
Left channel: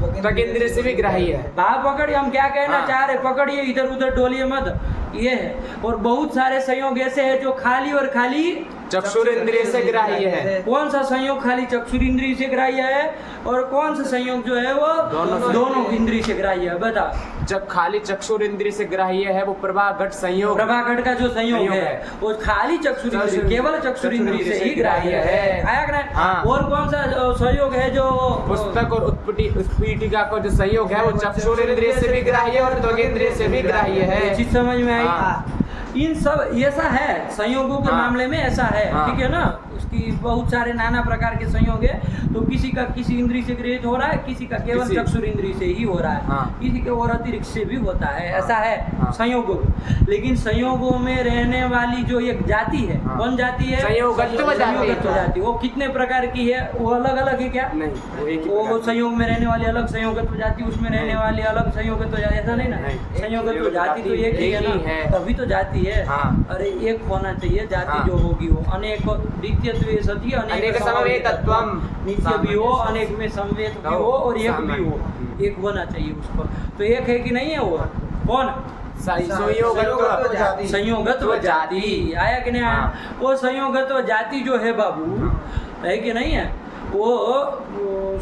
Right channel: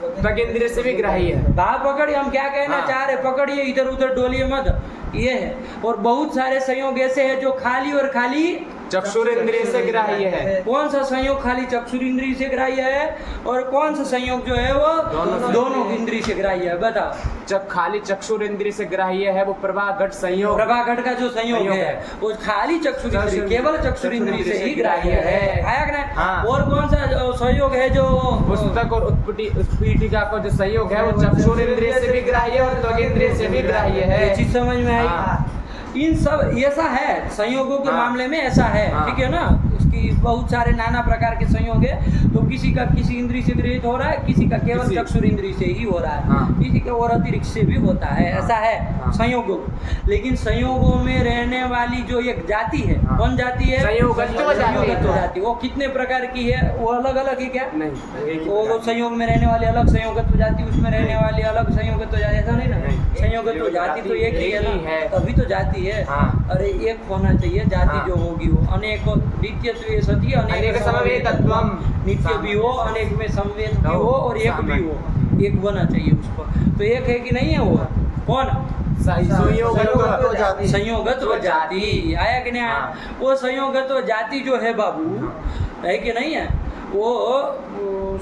त्वगिंद्रिय से भी ग्राह्य है। बात पकड़िए, हम क्या कहना चाह रहे, पकड़िए, इधर उधर डोलिए मत। ये है। और बहुत सारे संयोग ऐसे हैं जो खाली और खाली चक्षुरिंद्रिय से ग्राह्य है। कौन सा संयोग खाली चक्षुरिंद्रिय से ग्राह्य है और कौन सा संयोग जो है वो दोनों इंद्रिय से ग्राह्य है? बताओ। जब खाली चक्षुरिंद्रिय से ग्राह्य है वो प्रभाघट संयोग। प्रभाघट का जो संयोग है वो खाली चक्षुरिंद्रिय, केवल चक्षुरिंद्रिय से ही ग्राह्य है। आया कि नहीं? हाँ। और कौन सा संयोग है जो पुस्तक और उत्पीठिका का जो संयोग है वो चक्षुरिंद्रिय से भी ग्राह्य है और त्वगिंद्रिय से भी ग्राह्य है। ये चीज समझ में आई? हाँ। इन सब ऐसा है संयोगों के मामले में, ऐसा है। ठीक है ना? इसकी बहुत सारे नाना प्रकार के संयोग है। तो किसी का किसी इंद्रिय से गृहित हो रहा है, किसी का केवल चक्षुर इंद्रिय से ही हो रहा है, किसी के और अतिरिक्त से भी होता है। ऐसा है संयोगों। लेकिन संयोगों में रहने वाली जो एक जाति है, कौन जाति है? संयोगत्व जाति। वो कितने प्रकार की है? वो अलग अलग है क्या? नहीं। वो संयोग में रहने वाली अलग संयोगत्व जाति, उसमें रहने वाली अलग संयोगत्व जाति, ऐसा नहीं ना? संयोगत्व जाति तो एक ही है ना, तभी तो जाति है। अरे एक होना चाहिए जाति जो होगी वो अनेक नित्यत्व सती अनेक समवेतत्वम, नित्य भी हो, अनेक में समवेत भी हो और एक भी हो, एक होना चाहिए उसको। तो एक है कि नहीं है? वो कौन? संयोगत्व जाति। आया कि नहीं आया? वो संयोगत्व जाति जो है बाबू, है कि नहीं है? वो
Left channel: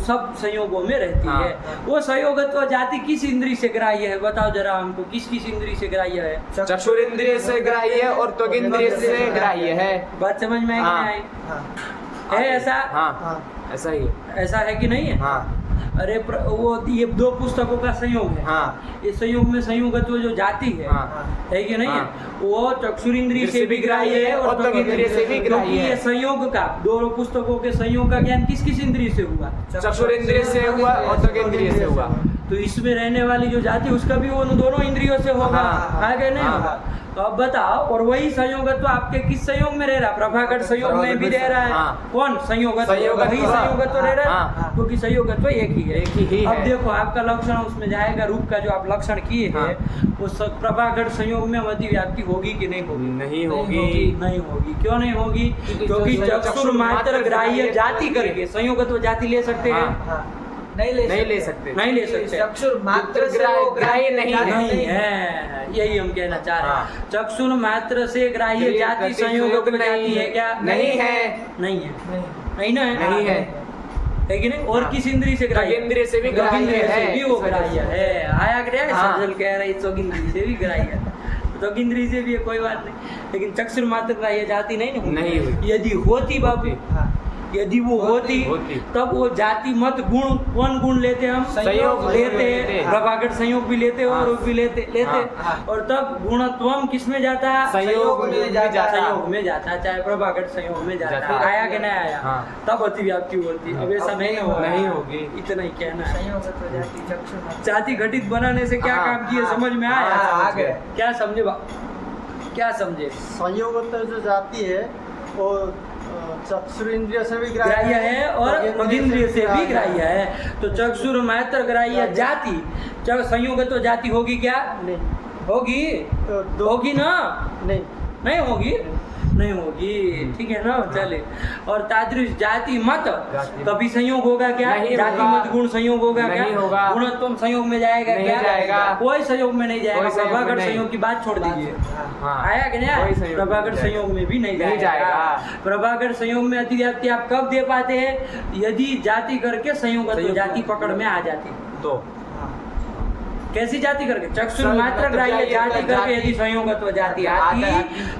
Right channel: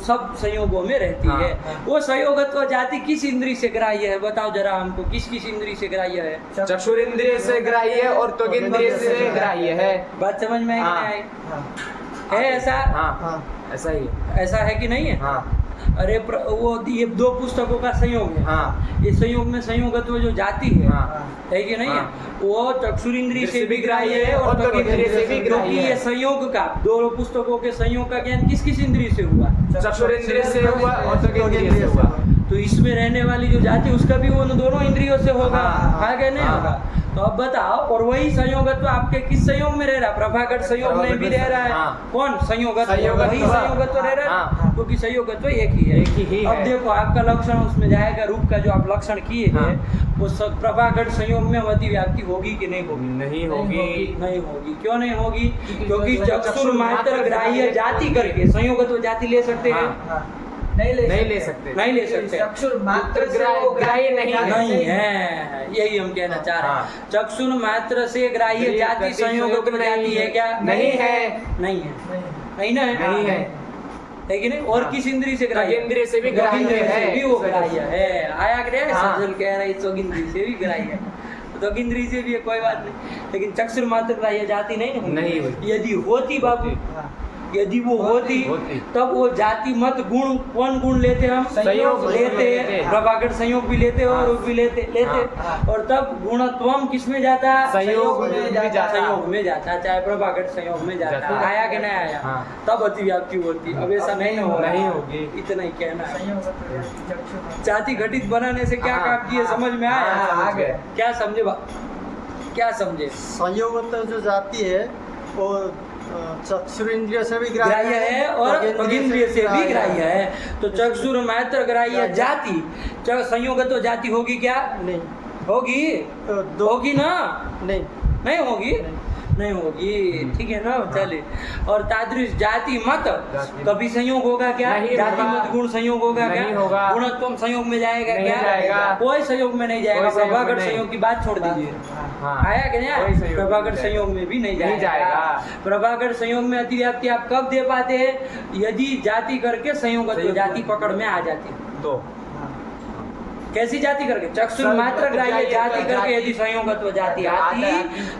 सब संयोगों में रहती है। वो संयोगत्व जाति किस इंद्रिय से ग्राह्य है? बताओ जरा हमको, किस किस इंद्रिय से ग्राह्य है? चक्षुरिंद्रिय से ग्राह्य है और त्वगिंद्रिय से ग्राह्य है। बात समझ में आई कि नहीं आई? है ऐसा? ऐसा ही है। ऐसा है कि नहीं है? अरे वो ये दो पुस्तकों का संयोग है। ये संयोग में संयोगत्व जो जाति है कि नहीं है? वो चक्षुरिंद्रिय से भी ग्राह्य है और त्वगिंद्रिय से भी, क्योंकि ये संयोग का, दोनों पुस्तकों के संयोग का ज्ञान किस किस इंद्रिय से हुआ? चक्षुरिंद्रिय से हुआ और त्वगिंद्रिय से हुआ। तो इसमें रहने वाली जो जाति उसका भी वो दोनों इंद्रियों से होगा, हाँ, आगे नहीं हाँ। होगा। तो अब बताओ, और वही संयोगत्व आपके किस संयोग में रह रहा है? प्रभाघट संयोग में भी रह रहा है। हाँ। कौन? संयोगत्व, संयोगत्व। वही संयोगत्व रह रहा है, हाँ। क्योंकि संयोगत्व एक ही है। एक ही अब है। देखो आपका लक्षण उसमें जाएगा, रूप का जो आप लक्षण किए हाँ। हैं वो प्रभाघट संयोग में अतिव्याप्ति होगी कि नहीं होगी? नहीं होगी। नहीं होगी। क्यों नहीं होगी? क्योंकि चक्षुर चक्षुर मात्र ग्राह्य जाति करके संयोगत्व जाति ले सकते हैं? हाँ। नहीं ले सकते। नहीं ले सकते। चक्षुर मात्र से वो ग्राह्य नहीं नहीं है, यही हम कहना चाह रहे हैं। हाँ। चक्षुर मात्र से ग्राह्य जाति संयोगत्व जाति है क्या? नहीं है। नहीं है, नहीं ना है, नहीं है। है कि नहीं? और हाँ। किस इंद्री से ग्राह्य? त्वगिंद्रिय से भी ग्राह्य त्वगिंद्रिय से है। भी वो ग्राह्य है। आया क्या? हाँ। सज्जन कह रहे हैं त्वगिंद्रिय से भी ग्राह्य है, त्वगिंद्रिय से भी है, कोई बात नहीं। लेकिन चक्षुर मात्र ग्राह्य जाति नहीं होगी। नहीं होगी। यदि होती बाबू, यदि वो होती तब वो जाति मत गुण, कौन गुण लेते हम? संयोग लेते हैं, लेते। प्रभाकर संयोग भी लेते हैं और हाँ। रूप भी लेते हाँ। और तब गुणत्वम किस में जाता? संयोग में जाता। संयोग में जाता, चाहे प्रभाकर संयोग में जाता। जाता। आया कि नहीं आया? हाँ। तब अतिव्याप्ति होती। अब ऐसा नहीं होगा, नहीं होगी। इतना ही कहना है। जाति घटित बनाने से क्या हाँ। काम किए, समझ में आया? हाँ, आ गया। क्या समझे क्या समझे? संयोगत्व जो जाति है वो चक्षुर इंद्रिय से भी ग्राह्य है और त्वगिंद्रिय से भी ग्राह्य है। तो चक्षुर मात्र ग्राह्य जाति संयोगत्व जाति होगी क्या? नहीं होगी, होगी ना? नहीं नहीं होगी, नहीं होगी, ठीक है ना? चले। और तादृश जाति मत जाति। कभी संयोग होगा क्या? नहीं जाति होगा। मत गुण संयोग होगा क्या? नहीं होगा। गुणत्वम संयोग में जाएगा नहीं क्या? जाएगा। कोई संयोग में नहीं जाएगा। कोई संयोग में प्रभाकर नहीं। संयोग की बात छोड़ दीजिए। हाँ। आया कि नहीं? कोई संयोग प्रभाकर नहीं संयोग में भी नहीं नहीं जाएगा। जाएगा। प्रभाकर संयोग में अतिव्याप्ति आप कब दे पाते हैं? यदि जाति करके संयोगत्व जाति पकड़ में आ जाती। तो कैसी जाति करके? चक्षुर मात्र ग्राह्य जाति करके यदि संयोगत्व जाति आती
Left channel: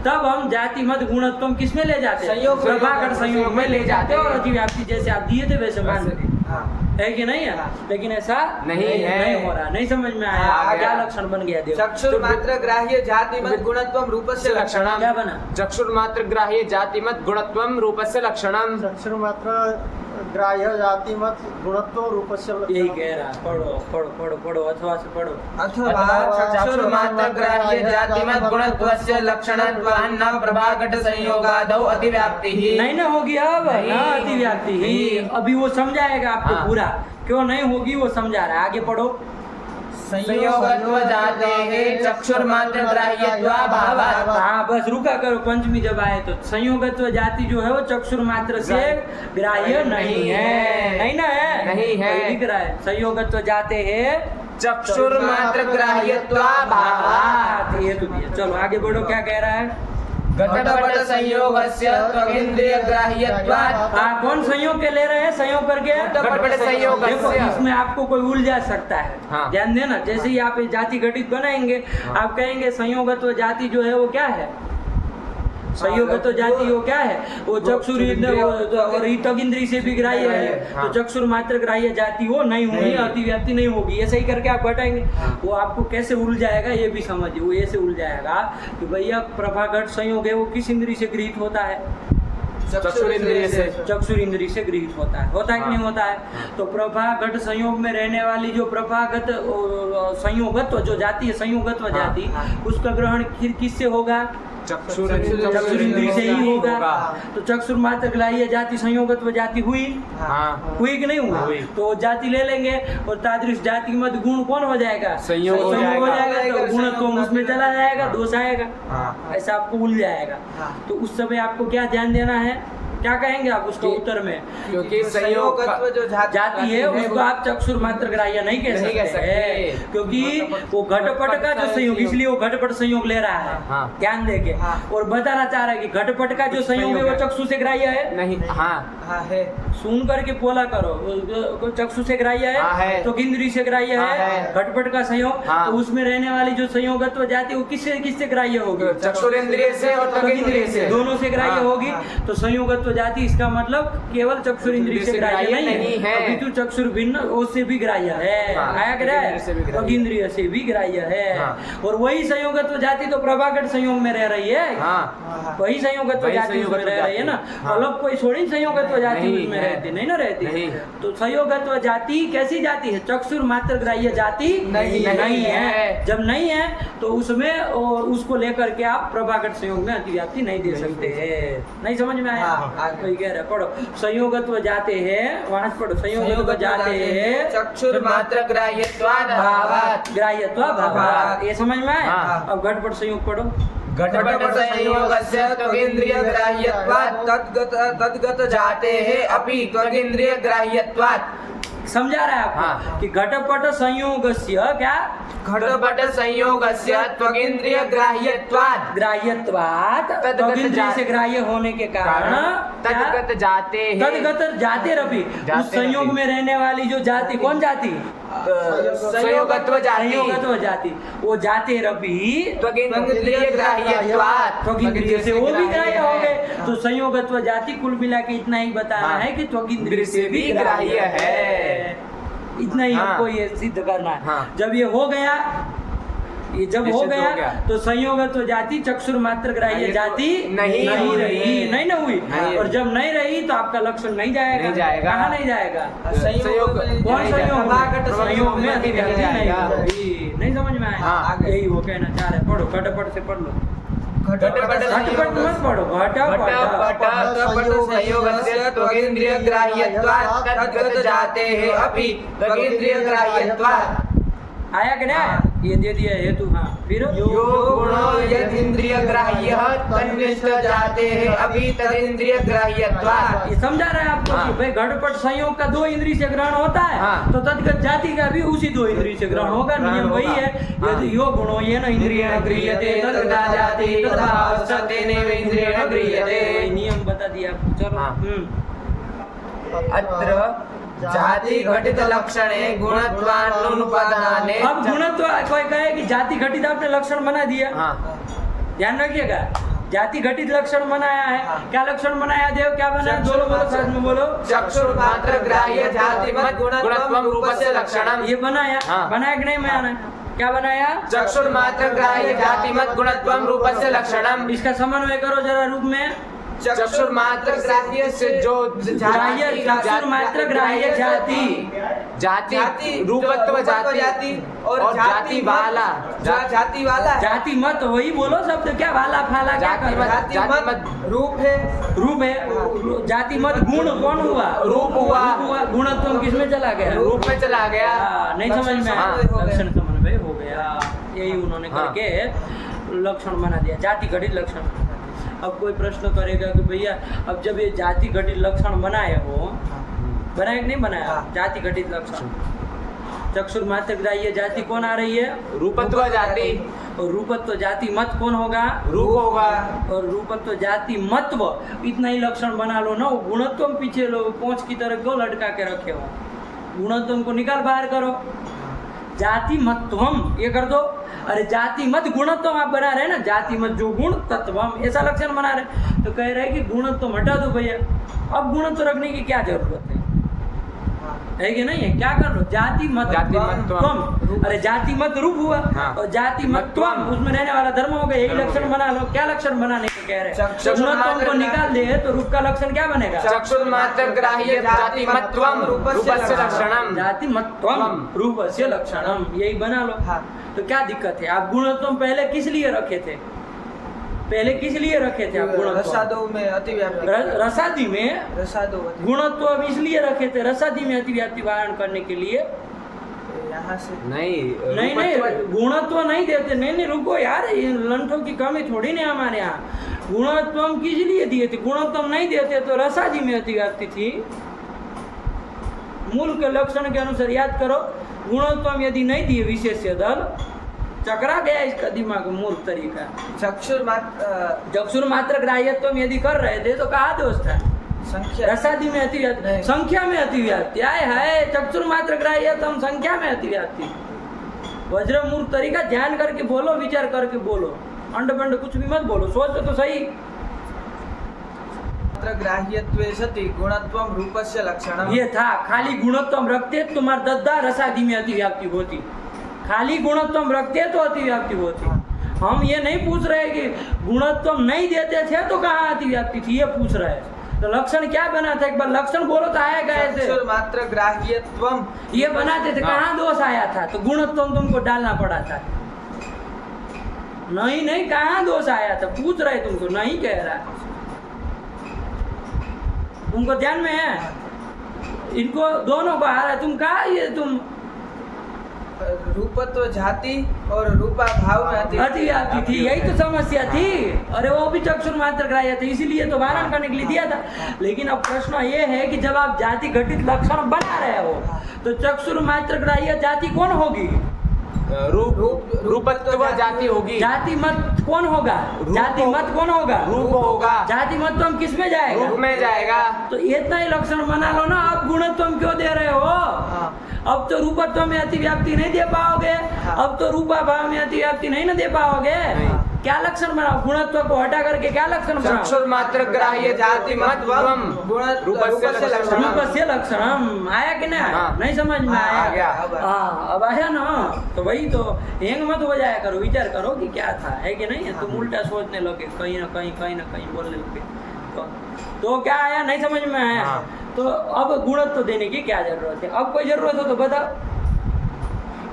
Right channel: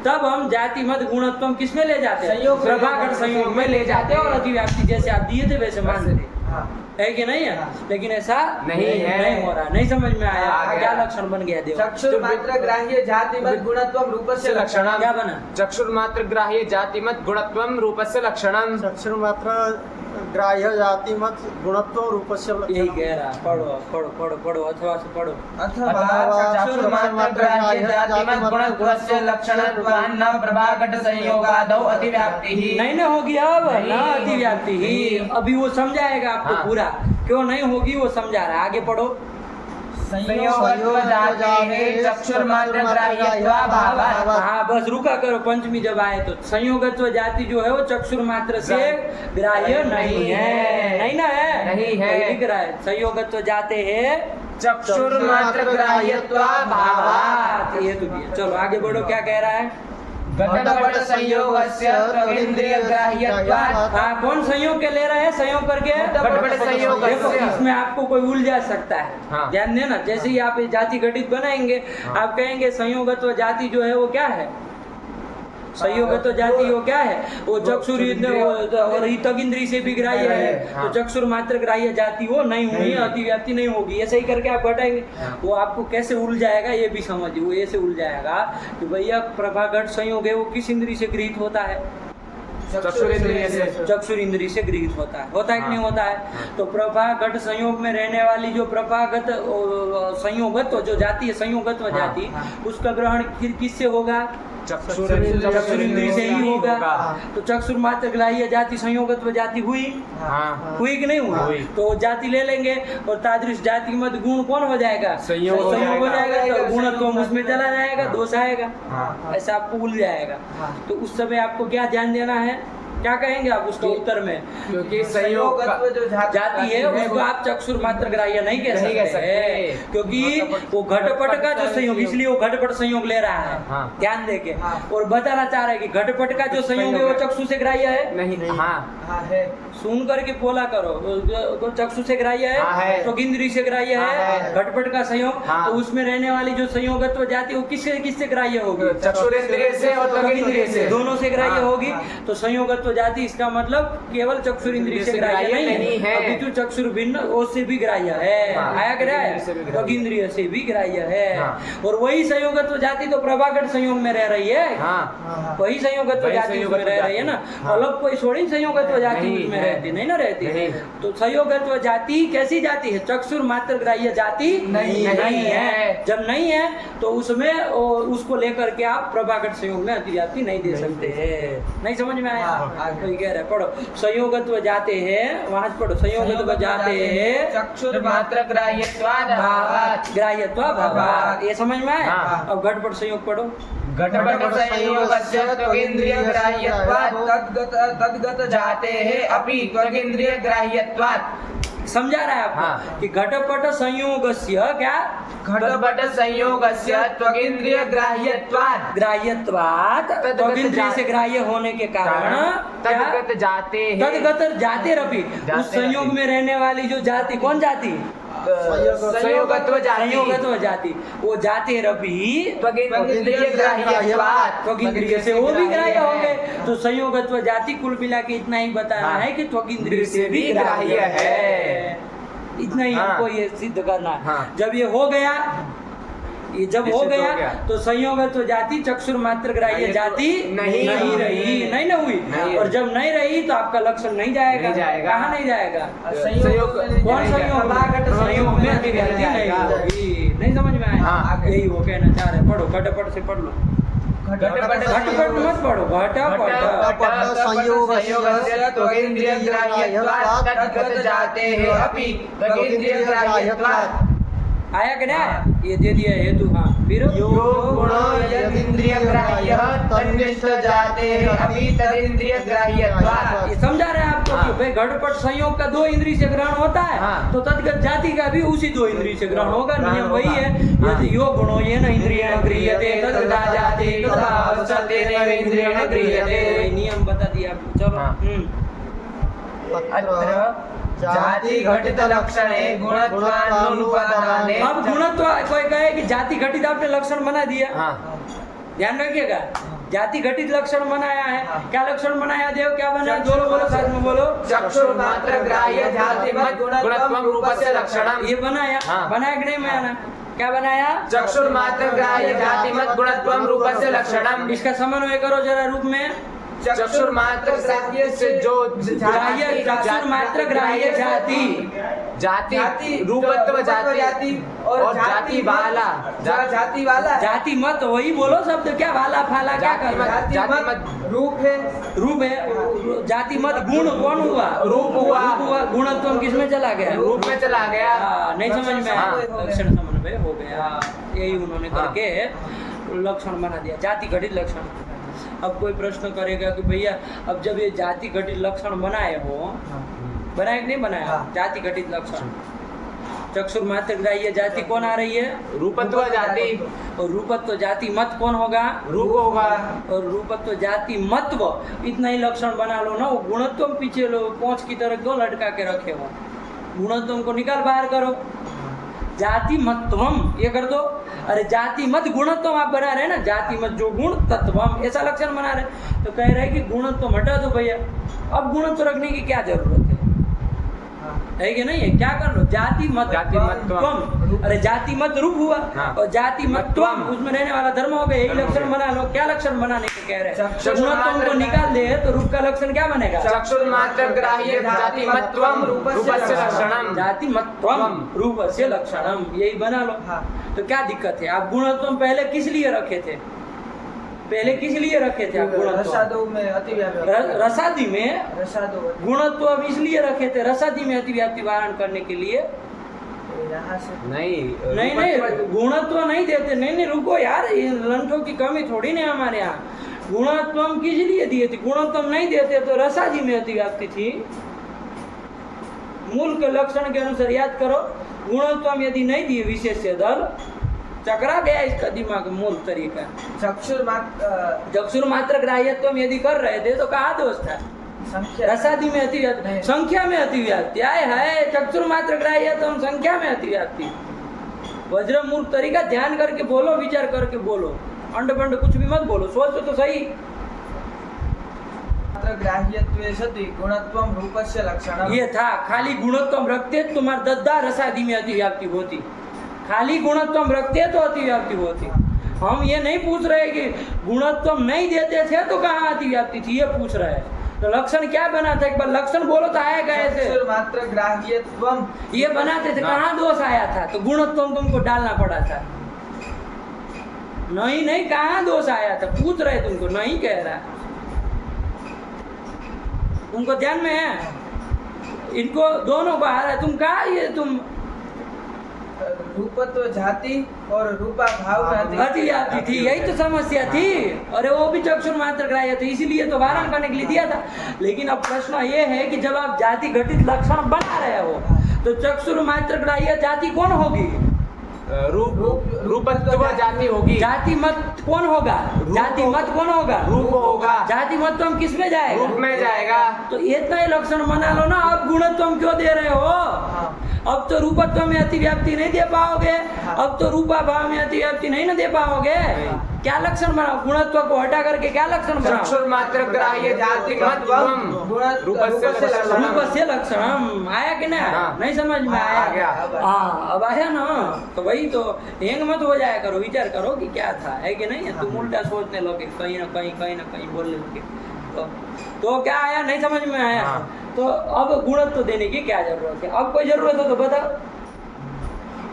तब हम जाति मत गुणत्व किस में ले जाते? संयोग प्रभाकर संयोग में ले जाते और अतिव्याप्ति जैसे आप दिए थे वैसे मानते। हाँ। है कि नहीं है? लेकिन ऐसा नहीं है। नहीं हो रहा। नहीं समझ में आया? आ गया। क्या लक्षण बन गया? देखो चक्षुर मात्र ग्राह्य जाति मत गुणत्वम रूपस्य लक्षणम। क्या बना? चक्षुर मात्र ग्राह्य जाति मत गुणत्वम रूपस्य लक्षणम। चक्षुर मात्र ग्राह्य जाति मत गुणत्व रूपस्य यही कह रहा। पढ़ो पढ़ो पढ़ो पढ़ो, अथवा से पढ़ो। अथवा चक्षुर मात्र ग्राह्य जाति मत गुणत्वस्य लक्षणत्वान्न प्रभाघट संयोगादौ अतिव्याप्तिः। नहीं ना होगी अब ना अतिव्याप्ति ही। अभी वो समझाएगा आपको हाँ। पूरा, क्यों नहीं होगी वो समझा रहा है। आगे पढ़ो। संयोगत्व जातेः चक्षुर मात्र ग्राह्यत्वाभावात्। हाँ बस रुका करो, पंचमी जब आए तो संयोगत्व जाति जो है वो चक्षुर मात्र से ग्राह्य नहीं है। नहीं ना है? नहीं है। वही लिख रहा है संयोगत्व जाते है चक्षुर मात्र भावात। ये तो दिया। चलो आगे बढ़ो, क्या कह रहा है? घटपट संयोगस्य त्वगिंद्रिय ग्राह्यत्वात्। हाँ कौन संयोग के ले रहे हैं? संयोग करके घटपट संयोग। देखो इसमें आपको कोई उलझा सकता है। हाँ। ध्यान देना, जैसे ही आप जाति घटित बनाएंगे आप कहेंगे संयोगत्व जाति जो है वो क्या है? संयोगत्व जाति वो क्या है? वो चक्षुर और त्वगिंद्रिय से भी ग्राह्य है। तो चक्षुर मात्र ग्राह्य जाति वो नहीं हुई, अतिव्याप्ति नहीं होगी। ऐसे ही करके आप घटाएंगे। वो आपको कैसे उलझाएगा ये भी समझिए। वो ऐसे उलझाएगा कि भैया प्रभाघट संयोग है वो किस इंद्रिय से गृहीत होता है? चक्षुर इंद्रिय से। चक्षुर इंद्रिय से गृहीत होता है। होता है कि नहीं होता है? तो प्रभाघट संयोग में रहने वाली जो प्रभाघट संयोगत्व जो जाति है, संयोगत्व जाति, उसका ग्रहण किससे होगा? चक्षुर चक्षुर इंद्रिय से ही होगा। तो चक्षुर मात्र ग्राह्य जाति संयोगत्व जाति हुई? हाँ। हुई कि नहीं हुई? हुई। तो जाति ले लेंगे और तादृश जाति मत गुण कौन हो जाएगा? संयोग हो संयोग हो जाएगा। जाएगा। तो गुणत्व उसमें चला जाएगा, दोष आएगा। हाँ। ऐसा आपको उल जाएगा। तो उस समय आपको क्या ध्यान देना है? क्या कहेंगे आप उसका उत्तर में? क्योंकि संयोग संयोगत्व जो जाति है उसको आप चक्षुर मात्र ग्राह्य नहीं कह नहीं कह सकते सकते। हैं, क्योंकि वो घटपट का जो संयोग, इसलिए वो घटपट संयोग ले रहा है। हाँ। ध्यान देके और बताना चाह रहा है कि घटपट का जो संयोग है वो चक्षु से ग्राह्य है। नहीं। हाँ। हाँ है। सुन करके बोला करो, वो चक्षु से ग्राह्य हाँ है, है। तो इंद्रिय से ग्राह्य हाँ है। है। घटपट का संयोग, हाँ। तो उसमें रहने वाली जो संयोगत्व जाति वो किससे किससे ग्राह्य होगी? चक्षुर इंद्रिय से और त्वगिंद्रिय से। दोनों से ग्राह्य हाँ। होगी। तो संयोगत्व संयोगत्व जाति, इसका मतलब केवल चक्षुर इंद्रिय से ग्राह्य नहीं है, अपितु चक्षुर भिन्न उससे भी ग्राह्य है। आया ग्राह्य त्वग इंद्रिय से भी ग्राह्य है। और वही संयोगत्व जाति तो प्रभाकर संयोग में रह रही है, वही संयोगत्व जाति उसमें रह रही है ना, अलग कोई थोड़ी संयोगत्व जाति उसमें रहती नहीं ना रहती। तो संयोगत्व जाति कैसी जाति है? चक्षुर मात्र ग्राह्य जाति नहीं है। जब नहीं है तो उसमें उसको लेकर के आप प्रभाकर संयोग में अतिव्याप्ति नहीं दे सकते हैं। नहीं समझ में आया? तो कह रहे पढ़ो, संयोगत्व जाते हैं, वहां से पढ़ो, संयोगत्व जाते हैं चक्षुर मात्र ग्राह्यत्वात् भावात्, ग्राह्यत्वा भावात्, ये समझ में आया? अब घटपट संयोग पढ़ो। घटपट संयोगस्य त्वगिन्द्रिय ग्राह्यत्वात् तद्गत जातेः अपि त्वगिन्द्रिय ग्राह्यत्वात्। समझा रहा है आपको कि घटपट संयोगस्य क्या? घटपट संयोगस्य त्वगिन्द्रिय ग्राह्यत्वात्, ग्राह्यत्वात् त्वगिन्द्रिय से ग्राह्य होने के कारण तद्गत जाते हैं, तद्गत जाते रवि, उस संयोग में रहने वाली जो जाति, कौन जाति? संयोगत्व जाति, संयोगत्व जाति, वो जाते रवि त्वगिन्द्रिय ग्राह्यत्वात्, त्वगिन्द्रिय से वो भी ग्राह्य हो गए। तो संयोगत्व जाति कुल मिला के इतना ही बताना है कि त्वगिन्द्रिय से भी ग्राह्य है, इतना ही हमको ये सिद्ध करना है। जब ये हो गया, ये जब हो गया तो संयोगत्व जाति चक्षुर मात्र ग्राह्य जाति नहीं रही, नहीं ना हुई। और जब नहीं रही तो आपका लक्षण नहीं जाएगा। कहाँ नहीं जाएगा? कौन संयोग? संयोग में अतिव्याप्ति नहीं होगी। नहीं समझ में आया? यही वो कहना चाह रहे। पढ़ो, घटपट से पढ़ लो। घटपट मत पढ़ो, घटपट संयोगस्य त्वगिन्द्रिय ग्राह्यत्वात् तद्गत जातेः अपि त्वगिन्द्रिय ग्राह्यत्वात्। आया कि नहीं? ये दे दिया हेतु। हाँ, फिर यो गुणो यदिन्द्रिय ग्राह्यः तन्निष्ठ जातेः अपि तदिन्द्रिय ग्राह्यत्वात्। ये समझा रहे हैं आपको कि भाई घटपट संयोग का 2 इंद्रिय से ग्रहण होता है, तो तद्गत जाति का भी उसी 2 इंद्रिय से ग्रहण होगा। नियम वही है, यदि यो गुणो येन इंद्रियेण गृह्यते तद्गता जाति तद्भावश्च तेनैव इंद्रियेण गृह्यते। वही नियम बता दिया आपको। चलो। अत्र जाति घटित लक्षणे गुणत्वानुपदाने। अब गुणत्व कोई कहे कि जाति घटित आपने लक्षण बना दिया, ध्यान रखिएगा, जाति घटित लक्षण बनाया है। क्या लक्षण बनाया देव? क्या बनाया? बोलो साथ में बोलो। चक्षुर मात्र ग्राह्य जातिमत् गुणत्वं रूपस्य लक्षणम्। ये बनाया, बनाया कि नहीं बनाया? क्या बनाया? चक्षुर मात्र ग्राह्य जातिमत् गुणत्वं रूपस्य लक्षणम्। इसका समन्वय करो जरा रूप में। चक्षुर मात्र ग्राह्य से जो ग्राह्य, चक्षुर मात्र ग्राह्य जाति, जाति रूपत्व जाति और जाति वाला, जाति वाला, जाति मत, वही बोलो शब्द। क्या वाला फाला क्या कर? जाति मत रूप है, रूप है। जाति मत गुण कौन हुआ? रूप हुआ। गुणत्व किस में चला गया? रूप में चला गया। नहीं समझ में आया? लक्षण समन्वय हो गया, यही उन्होंने करके लक्षण बना दिया, जाति घटित लक्षण। अब कोई प्रश्न करेगा कि भैया अब जब ये जाति घटित लक्षण बनाए हो, बनाए कि नहीं बनाया? जाति घटित लक्षण, चक्षुर मात्र ग्राह्य जाति कौन आ रही है? रूपत्व जाति। और रूपत्व जाति मत कौन होगा? रूप होगा। और रूपत्व जाति मतव, इतना ही लक्षण बना लो ना। वो गुणत्व पीछे लो, पोंछ की तरह क्यों लटका के रखे हो? गुणत्व को निकाल बाहर करो, जाति मत्वम ये कर दो। अरे जाति मत गुणत्व आप बना रहे हैं ना, जाति मत जो गुण तत्वम, ऐसा लक्षण बना रहे। तो कह रहे हैं कि गुणत्व हटा दो भैया, अब गुणत्व रखने की क्या जरूरत है कि नहीं है? क्या कर लो? जाति मत त्वम। अरे जाति मत रूप हुआ और जाति मत त्वम, उसमें रहने वाला धर्म हो गया। यही लक्षण बना लो। क्या लक्षण बनाने को कह रहे हैं? गुणत्व को निकाल दे तो रूप का लक्षण क्या बनेगा? चक्षुर मात्र ग्राह्य जाति मत्वम रूपस्य लक्षणम। जाति मत्वम रूपस्य लक्षणम, यही बना लो। तो क्या दिक्कत है? आप गुणत्व पहले किस लिए रखे थे? पहले किस लिए रखे थे आप गुणत्व? रसादी में गुणत्व अब इसलिए रखे थे, रसादी में अतिव्याप्ति वारण करने के लिए। नहीं गुणत्व नहीं देते। नहीं रुको यार, लंठों की कमी थोड़ी नहीं हमारे यहाँ। गुणत्व किस लिए दिए थे? गुणत्व नहीं देते तो रसादी में अतिव्याप्ति थी। मूल के लक्षण के अनुसार याद करो, गुणत्व यदि नहीं दिए विशेष दल, चकरा गया इसका दिमाग मूल तरीका। चक्षुर मात्र ग्राह्यत्व यदि कर रहे थे तो कहा दोष था? रसादी में अतिव्याप्ति, संख्या में अतिव्याप्ति। आए है चक्षुर मात्र ग्राह्यत्व, संख्या में अतिव्याप्ति। वज्र मूल तरीका ध्यान करके बोलो, विचार करके बोलो, अंड बंड कुछ भी मत बोलो, सोच तो सही। ग्राह्यत्वे सति गुणत्वं रूपस्य लक्षणं। ये था, खाली गुणत्व रखते तुम्हारे 10 रसादि में अतिव्याप्ति होती, खाली गुणत्व रखते तो अतिव्याप्ति होती। हम ये नहीं पूछ रहे कि गुणत्व नहीं देते थे तो कहाँ अतिव्याप्ति थी, ये पूछ रहे हैं। तो लक्षण क्या बना था, एक बार लक्षण बोलो तो आया कैसे? मात्र ग्राह्यत्वम ये बनाते थे, कहाँ दोष आया था? तो गुणत्व तुमको डालना पड़ा था। नहीं कहाँ दोष आया था, पूछ रहे तुमको, नहीं कह रहा, तुमको ध्यान में है? इनको दोनों को आ रहा है, तुम कहा ये तुम रूपत्व जाति और रूपा भाव में अतिव्याप्ति थी, यही तो समस्या थी। अरे वो भी चक्षुर मात्र ग्राह्य थे, इसीलिए तो वारण करने के लिए दिया था। लेकिन अब प्रश्न ये है कि जब आप जाति घटित लक्षण बना रहे हो तो चक्षुर मात्र ग्राह्य जाति कौन होगी? रूपत्व जाति होगी। जाति मत कौन होगा? जाति मत कौन होगा? रूप होगा। जाति मत तुम किस में जाएगा? रूप में जाएगा। तो इतना ही लक्षण बना लो ना। अब गुणत्व क्यों दे रहे हो? अब तो रूपत्व में अतिव्याप्ति नहीं दे पाओगे, अब तो रूपा भाव में अतिव्याप्ति नहीं ना दे पाओगे। क्या लक्षण बनाओ? गुणत्व को हटा करके क्या लक्षण बनाओ? चक्षुर मात्र ग्राह्य जाति मतत्वम रूपस्य लक्षणम। आया कि नहीं? नहीं समझ में आया? हाँ, अब आया ना। तो वही तो हेंग मत हो जाया करो, विचार करो कि क्या था, है कि नहीं? तुम उल्टा सोचने लगे, कहीं ना कहीं बोलने लगे। तो क्या आया? नहीं समझ में आया? तो अब गुणत्व देने की क्या जरूरत है? अब कोई जरूरत हो तो बताओ।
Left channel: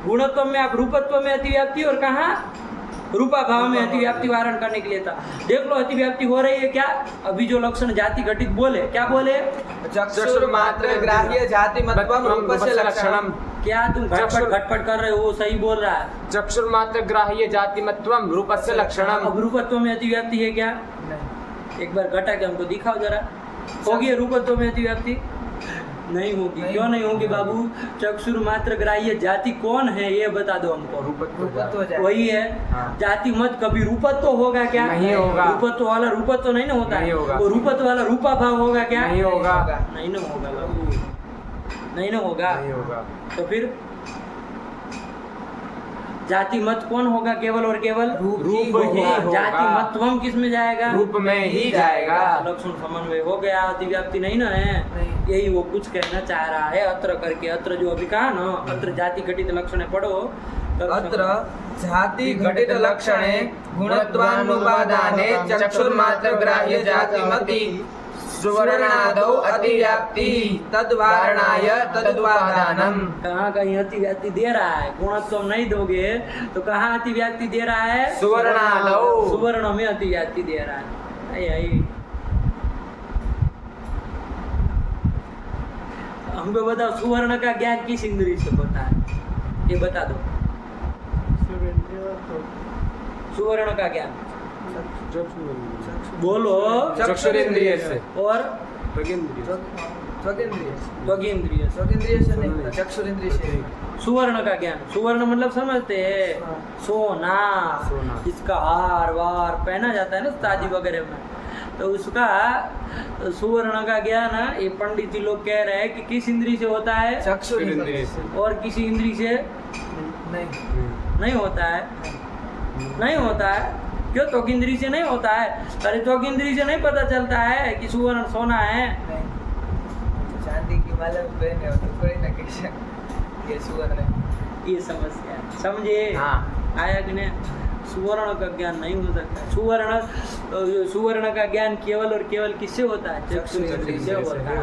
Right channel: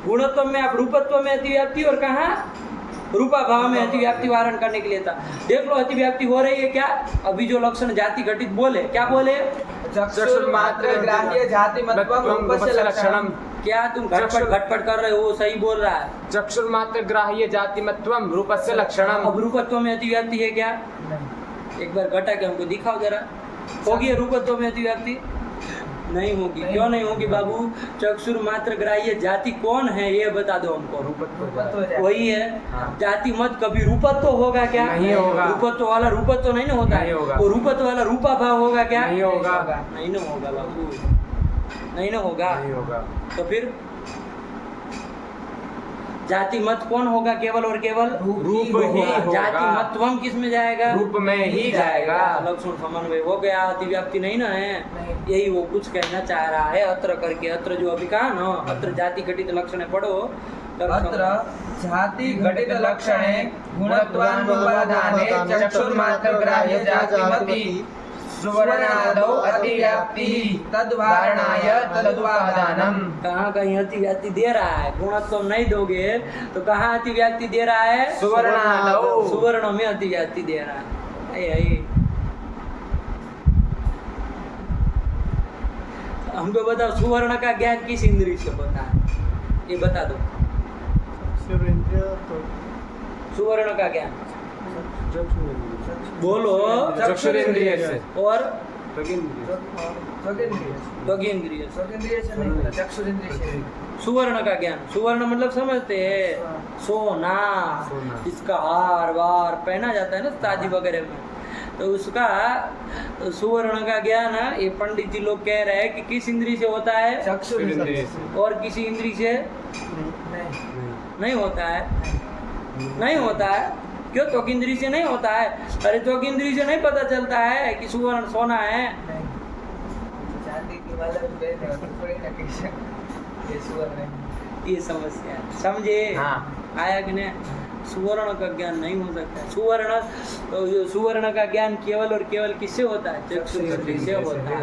गुणत्व में आप रूपत्व में अतिव्याप्ति और कहाँ रूपा भाव में अतिव्याप्ति वारण करने के लिए था। देख लो अतिव्याप्ति हो रही है क्या? अभी जो लक्षण जाति घटित बोले, क्या बोले? चक्षुर मात्र ग्राह्य जाति मतत्वम रूपस्य लक्षणम। क्या तुम घटपट कर रहे हो? सही बोल रहा है। चक्षुर मात्र ग्राह्य जाति मतत्वम रूपस्य लक्षणम। अब रूपत्व में अतिव्याप्ति है क्या? एक बार घटा के हमको दिखाओ जरा। होगी रूपत्व में अतिव्याप्ति? नहीं होगी। क्यों नहीं होगी बाबू? चक्षुर मात्र ग्राह्य जाति कौन है ये बता दो हमको। रूपत्व वही है। जाति मत कभी रूपत्व होगा क्या? नहीं होगा। रूपत्व वाला रूपत्व नहीं ना होता है। वो रूपत्व वाला रूपा भाव होगा क्या? नहीं होगा। नहीं ना होगा बाबू, नहीं ना होगा। तो फिर जाति मत कौन होगा? केवल और केवल रूप ही होगा। जाति मतत्वम किस में जाएगा? रूप में ही जाएगा। लक्षण समन्वय हो गया, अतिव्याप्ति नहीं ना है। यही वो कुछ कहना चाह रहा है। अत्र करके, अत्र जो अभी कहा ना, अत्र जाति घटित लक्षण पढ़ो। अत्र जाति घटित लक्षणे गुणत्वानुपादाने चक्षुर्मात्र ग्राह्य जातिमति सुवर्णादौ अतिव्याप्ति तद्वारणाय तदुपादानम। कहाँ कहीं अतिव्याप्ति दे रहा है, गुणत्व नहीं दोगे तो कहाँ अतिव्याप्ति दे रहा है? सुवर्णादौ, सुवर्ण में अतिव्याप्ति दे रहा है। यही हमको बताओ, सुवर्ण का ज्ञान किस इंद्रिय से होता है? ये बता दो। सुवर्ण का ज्ञान बोलो। चक्षुरेंद्रिय से और त्वगिंद्रिय से नहीं, चक्षुरेंद्रिय से। सुवर्ण का ज्ञान, सुवर्ण मतलब समझते हैं? सोना, इसका हार वार पहना जाता है ना ताजी वगैरह में, तो उसका सुवर्ण का ज्ञान ये पंडित जी लोग कह रहे हैं कि किस इंद्री से होता है? चक्षुरेंद्रिय से। और किसी इंद्री से नहीं होता है। नहीं होता है। क्यों? त्वक इंद्री से नहीं होता है। अरे त्वक इंद्री से नहीं पता चलता है कि सुवर्ण सोना है। चांदी की माला पहने हो तो थोड़ी ना कैसे ये सुवर्ण है। ये समस्या है, समझे? आया कि नहीं? सुवर्ण का ज्ञान नहीं हो सकता है। सुवर्ण का ज्ञान केवल और केवल किससे होता है? चक्षुरेंद्रिय से होता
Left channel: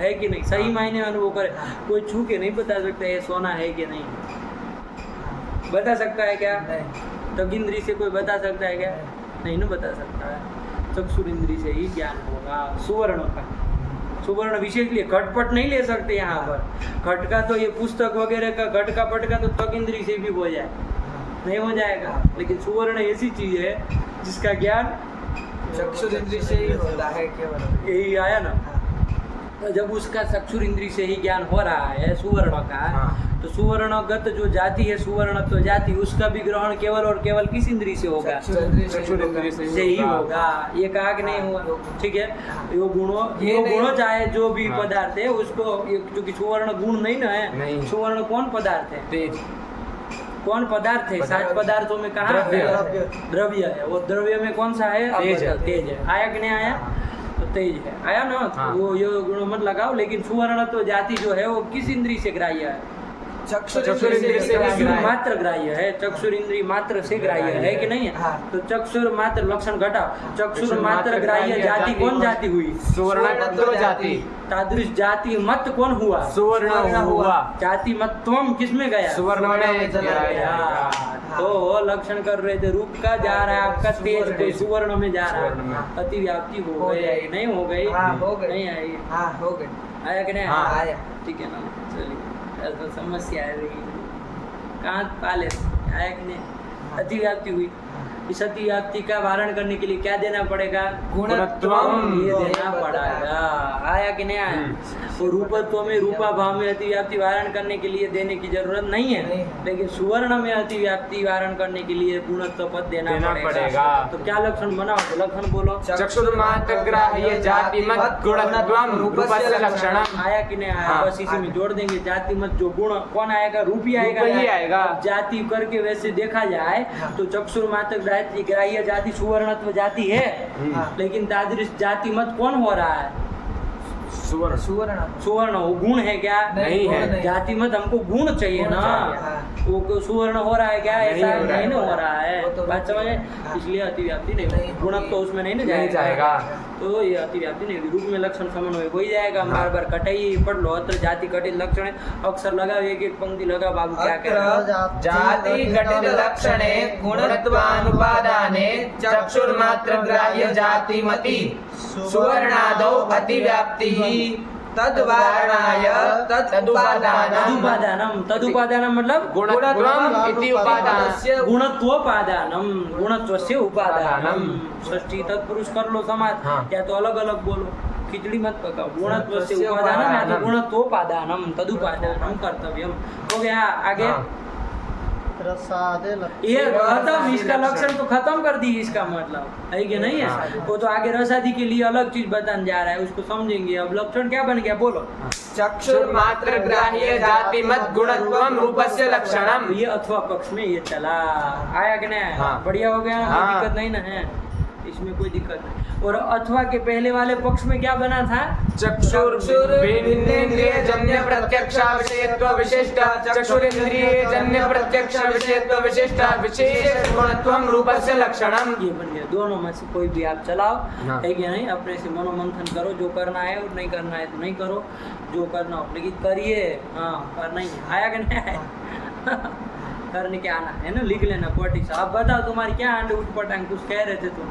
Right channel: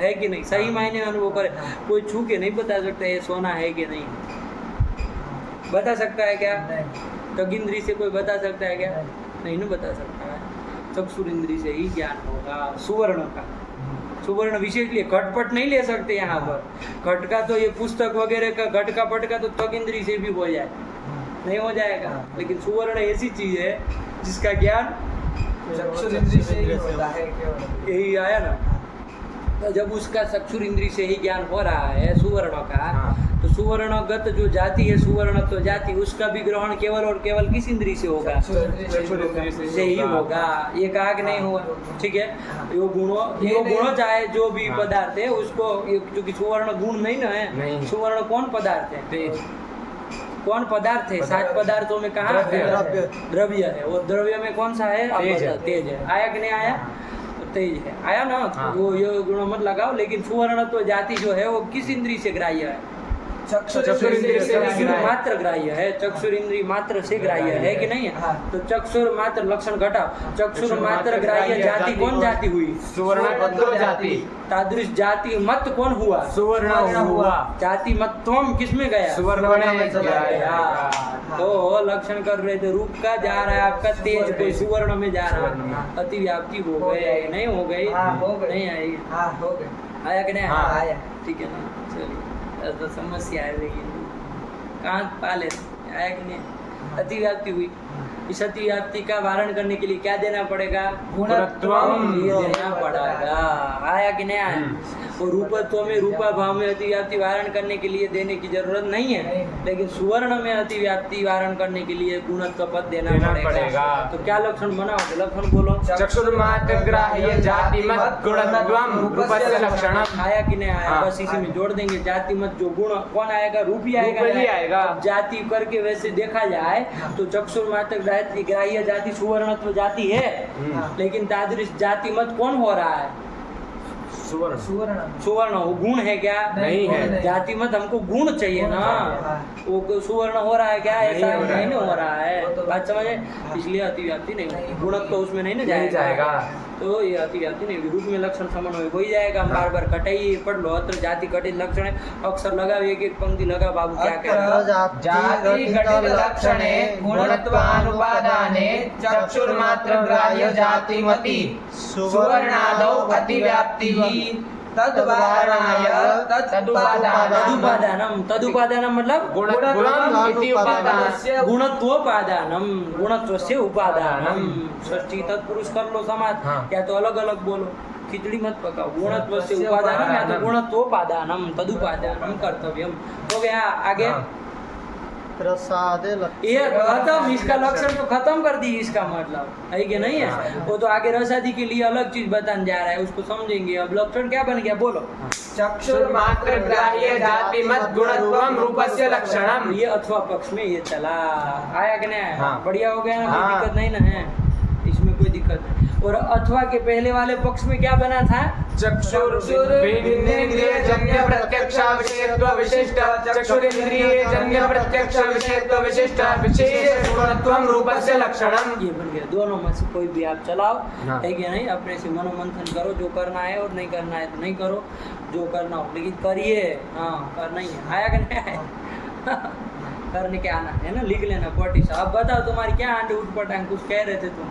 है कि नहीं? सही मायने अनुभव करे। कोई छू के नहीं बता सकता ये सोना है कि नहीं। बता सकता है क्या? त्वक इंद्री से कोई बता सकता है क्या? नहीं ना बता सकता है। चक्षुरेंद्रिय से ही ज्ञान होगा सुवर्ण का। सुवर्ण विशेष लिए घटपट नहीं ले सकते यहाँ पर। घट का तो ये पुस्तक वगैरह का घट का पट का तो त्वक इंद्रिय से भी हो जाए, नहीं हो जाएगा। लेकिन सुवर्ण ऐसी चीज है जिसका ज्ञान चक्षुरेंद्रिय से ही होता है केवल। यही आया ना। तो जब उसका चक्षुरेंद्रिय से ही ज्ञान हो रहा है सुवर्ण का, तो सुवर्णगत जो जाति है, सुवर्ण तो जाति, उसका भी ग्रहण केवल और केवल किस इंद्रिय से होगा? से ही होगा। ये कहा कि नहीं हुआ? ठीक है। यो गुणों चाहे जो भी पदार्थ है उसको, क्योंकि सुवर्ण गुण नहीं ना है। सुवर्ण कौन पदार्थ है? कौन पदार्थ है? 7 पदार्थों में कहाँ? द्रव्य है। वो द्रव्य में कौन सा है? आप बताओ। तेज है। आया कि नहीं आया? तो तेज है, आया ना। तो हाँ। वो ये गुण मत लगाओ, लेकिन सुवर्णत्व जाति जो है वो किस इंद्री से ग्राह्य है? चक्षुर इंद्रिय से चक्षुर ग्राह्य। मात्र ग्राह्य है, चक्षुर इंद्रिय मात्र से ग्राह्य है कि नहीं है? हाँ। तो चक्षुर मात्र लक्षण घटाओ, चक्षुर चक्षुर मात्र मात्र ग्राह्य ग्राह्य जाति जाति कौन जाति हुई? सुवर्णत्व जाति। तादृश जाति मत कौन हुआ? सुवर्ण हुआ। जाति मत्वम किसमें गया? सुवर्ण में गया। तो लक्षण कर रहे थे रूप का, जा रहा है आपका तेज कोई सुवर्ण में जा रहा सुवर्ण है, में। अतिव्याप्ति हो गई, नहीं हो गई? हाँ, हो गई। नहीं आई, हाँ हो गई। आया कि नहीं हाँ, आया? आया। ठीक है ना, चलिए तो समस्या आ रही है, कहाँ पाले, आया कि नहीं? अतिव्याप्ति हुई, इस अतिव्याप्ति का वारण करने के लिए क्या देना पड़ेगा? गुणत्वम। ये देना पड़ेगा, आया कि नहीं आया? और रूपत्व में रूपा भाव में अतिव्याप्ति वारण करने के लिए देने की जरूरत नहीं है, लेकिन सुवर्ण में अतिव्याप्ति वारण करने के लिए गुणत्व पद देना पड़ेगा। तो क्या लक्षण बनाओ? तो लक्षण बोलो। चक्षुर्मात्र ग्राह्य जाति मत गुणत्वम रूपस्य लक्षणम। आया कि नहीं आया? हाँ। बस इसी में जोड़ देंगे, जाति मत जो गुण कौन आएगा? रूप ही आएगा। रूप ही आएगा। अब जाति करके वैसे देखा जाए तो चक्षुर मात्र ग्राह्य जाति सुवर्णत्व जाति है, लेकिन तादृश जाति मत कौन हो रहा है? सुवर्ण। सुवर्ण वो गुण है क्या? नहीं है। जाति मत हमको गुण चाहिए ना, वो सुवर्ण हो रहा है क्या? ऐसा नहीं हो रहा है। नहीं हो रहा है, वो तो बात समझे? हाँ। इसलिए अतिव्याप्ति नहीं नहीं होगी, होगी। गुणत्व उसमें नहीं ना नहीं जाएगा। जाएगा। तो ये अतिव्याप्ति नहीं होगी, रूप में लक्षण समन्वय हो ही जाएगा। हाँ। बार बार कटाई पढ़ लो, अत्र जाति घटित लक्षण है, अक्षर लगा, एक एक पंक्ति लगा, बाबू क्या कह रहा है? जाति घटित लक्षणे गुणत्वानुपादाने चक्षुर्मात्र ग्राह्य जातिमति सुवर्णादौ अतिव्याप्तिः तद्वारणाय तदुपादानम, तदुपादानम मतलब गुणत्वम इति उपादान। गुणत्वोपादानम, गुणत्वस्य उपादानम। षष्ठी तत्पुरुष कर लो समाज, हाँ। या तो अलग अलग बोलो, खिचड़ी मत पकाओ। गुणत्वस्य उपादानम या तो गुणत्वोपादानम तदुपादानम कर्तव्यम। हो गया, आगे हाँ। प्रसादे ये खत्म, इसका लक्षण तो खत्म कर दी, इसका मतलब है कि नहीं है? वो तो आगे रसादी के लिए अलग चीज बताने जा रहा है, उसको समझेंगे। अब लक्षण क्या बन गया बोलो? चक्षुर्मात्र ग्राह्य जाति मत गुणत्वम रूपस्य लक्षणम। ये अथवा पक्ष में ये चला, आया कि नहीं आया? हाँ। बढ़िया हो गया ना, कोई हाँ। दिक्कत नहीं ना है, इसमें कोई दिक्कत नहीं। और अथवा के पहले वाले पक्ष में क्या बना था? चक्षुर्भिन्नेन्द्रिय जन्य प्रत्यक्षा विषयत्व विशिष्ट चक्षुरेन्द्रिय जन्य प्रत्यक्ष विषयत्व विशिष्ट विशेष गुणत्वम रूपस्य लक्षणम। ये बन गया। दोनों में से कोई भी आप चलाओ, हाँ। है कि नहीं? अपने से मनोमंथन करो, जो करना है, और नहीं करना है तो नहीं करो, जो करना हो लेकिन करिए। हाँ, करना ही है, आया कि नहीं आया? करने के आना है ना, लिख लेना कोटी से। अब बताओ तुम्हारी क्या आंटे उठ पटांग, कुछ कह रहे थे तुम?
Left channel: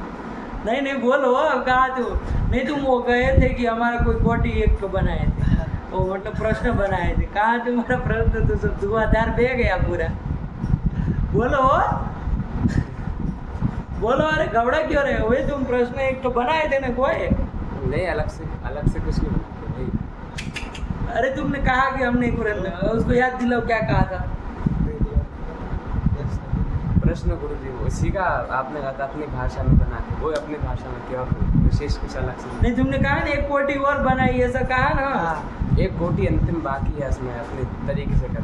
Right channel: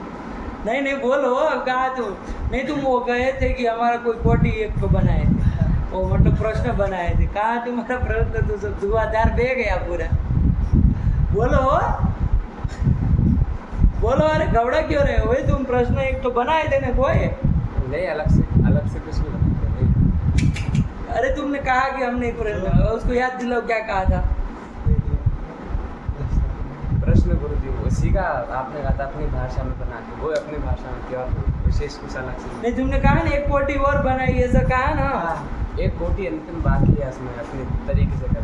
नहीं नहीं बोलो, अब कहा तुम? नहीं, तुम वो कहे थे कि हमारा कोई कोटी एक तो बनाए थे, वो मतलब प्रश्न बनाए थे। कहाँ तुम्हारा प्रश्न? तो सब धुआंधार बह गया पूरा। बोलो बोलो, अरे घबरा क्यों रहे हो भाई? तुम प्रश्न एक तो बनाए थे ना कोई? नहीं, अलग से कुछ नहीं। अरे तुमने कहा कि हमने एक प्रश्न, उसको याद दिलाओ क्या कहा था? प्रश्न गुरुजी उसी का आपने कहा था अपनी भाषा में बना के, वो अपनी भाषा में क्या विशेष कुछ अलग से नहीं, तुमने कहा ना एक कोटी और बनाई, ऐसा कहा ना? एक कोटी अंतिम बाकी है, उसमें अपने तरीके से कर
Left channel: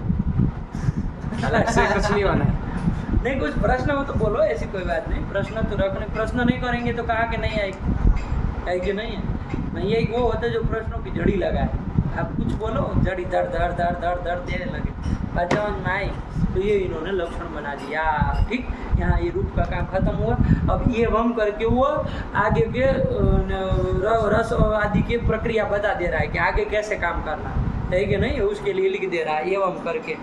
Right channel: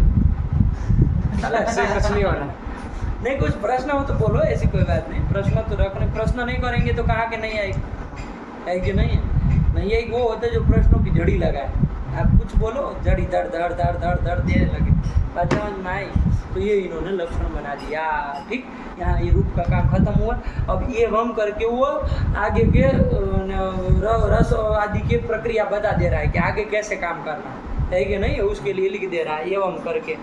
अलग से कुछ नहीं होना। नहीं, कुछ प्रश्न हो तो बोलो, ऐसी कोई बात नहीं। प्रश्न तो रखने, प्रश्न नहीं करेंगे तो कहा कि नहीं आएगी, है कि नहीं है? नहीं एक वो होता है जो प्रश्नों की जड़ी लगाए। आप कुछ बोलो, जड़ी धड़ धड़ धड़ धड़ धड़ देने लगे, बात समझ में आई? तो ये इन्होंने लक्षण बना दिया। ठीक, यहाँ ये रूप का काम खत्म हुआ। अब ये वम करके वो आगे के रस आदि की प्रक्रिया बता दे रहा है कि आगे कैसे काम करना है कि नहीं, उसके लिए लिख दे रहा है एवं करके।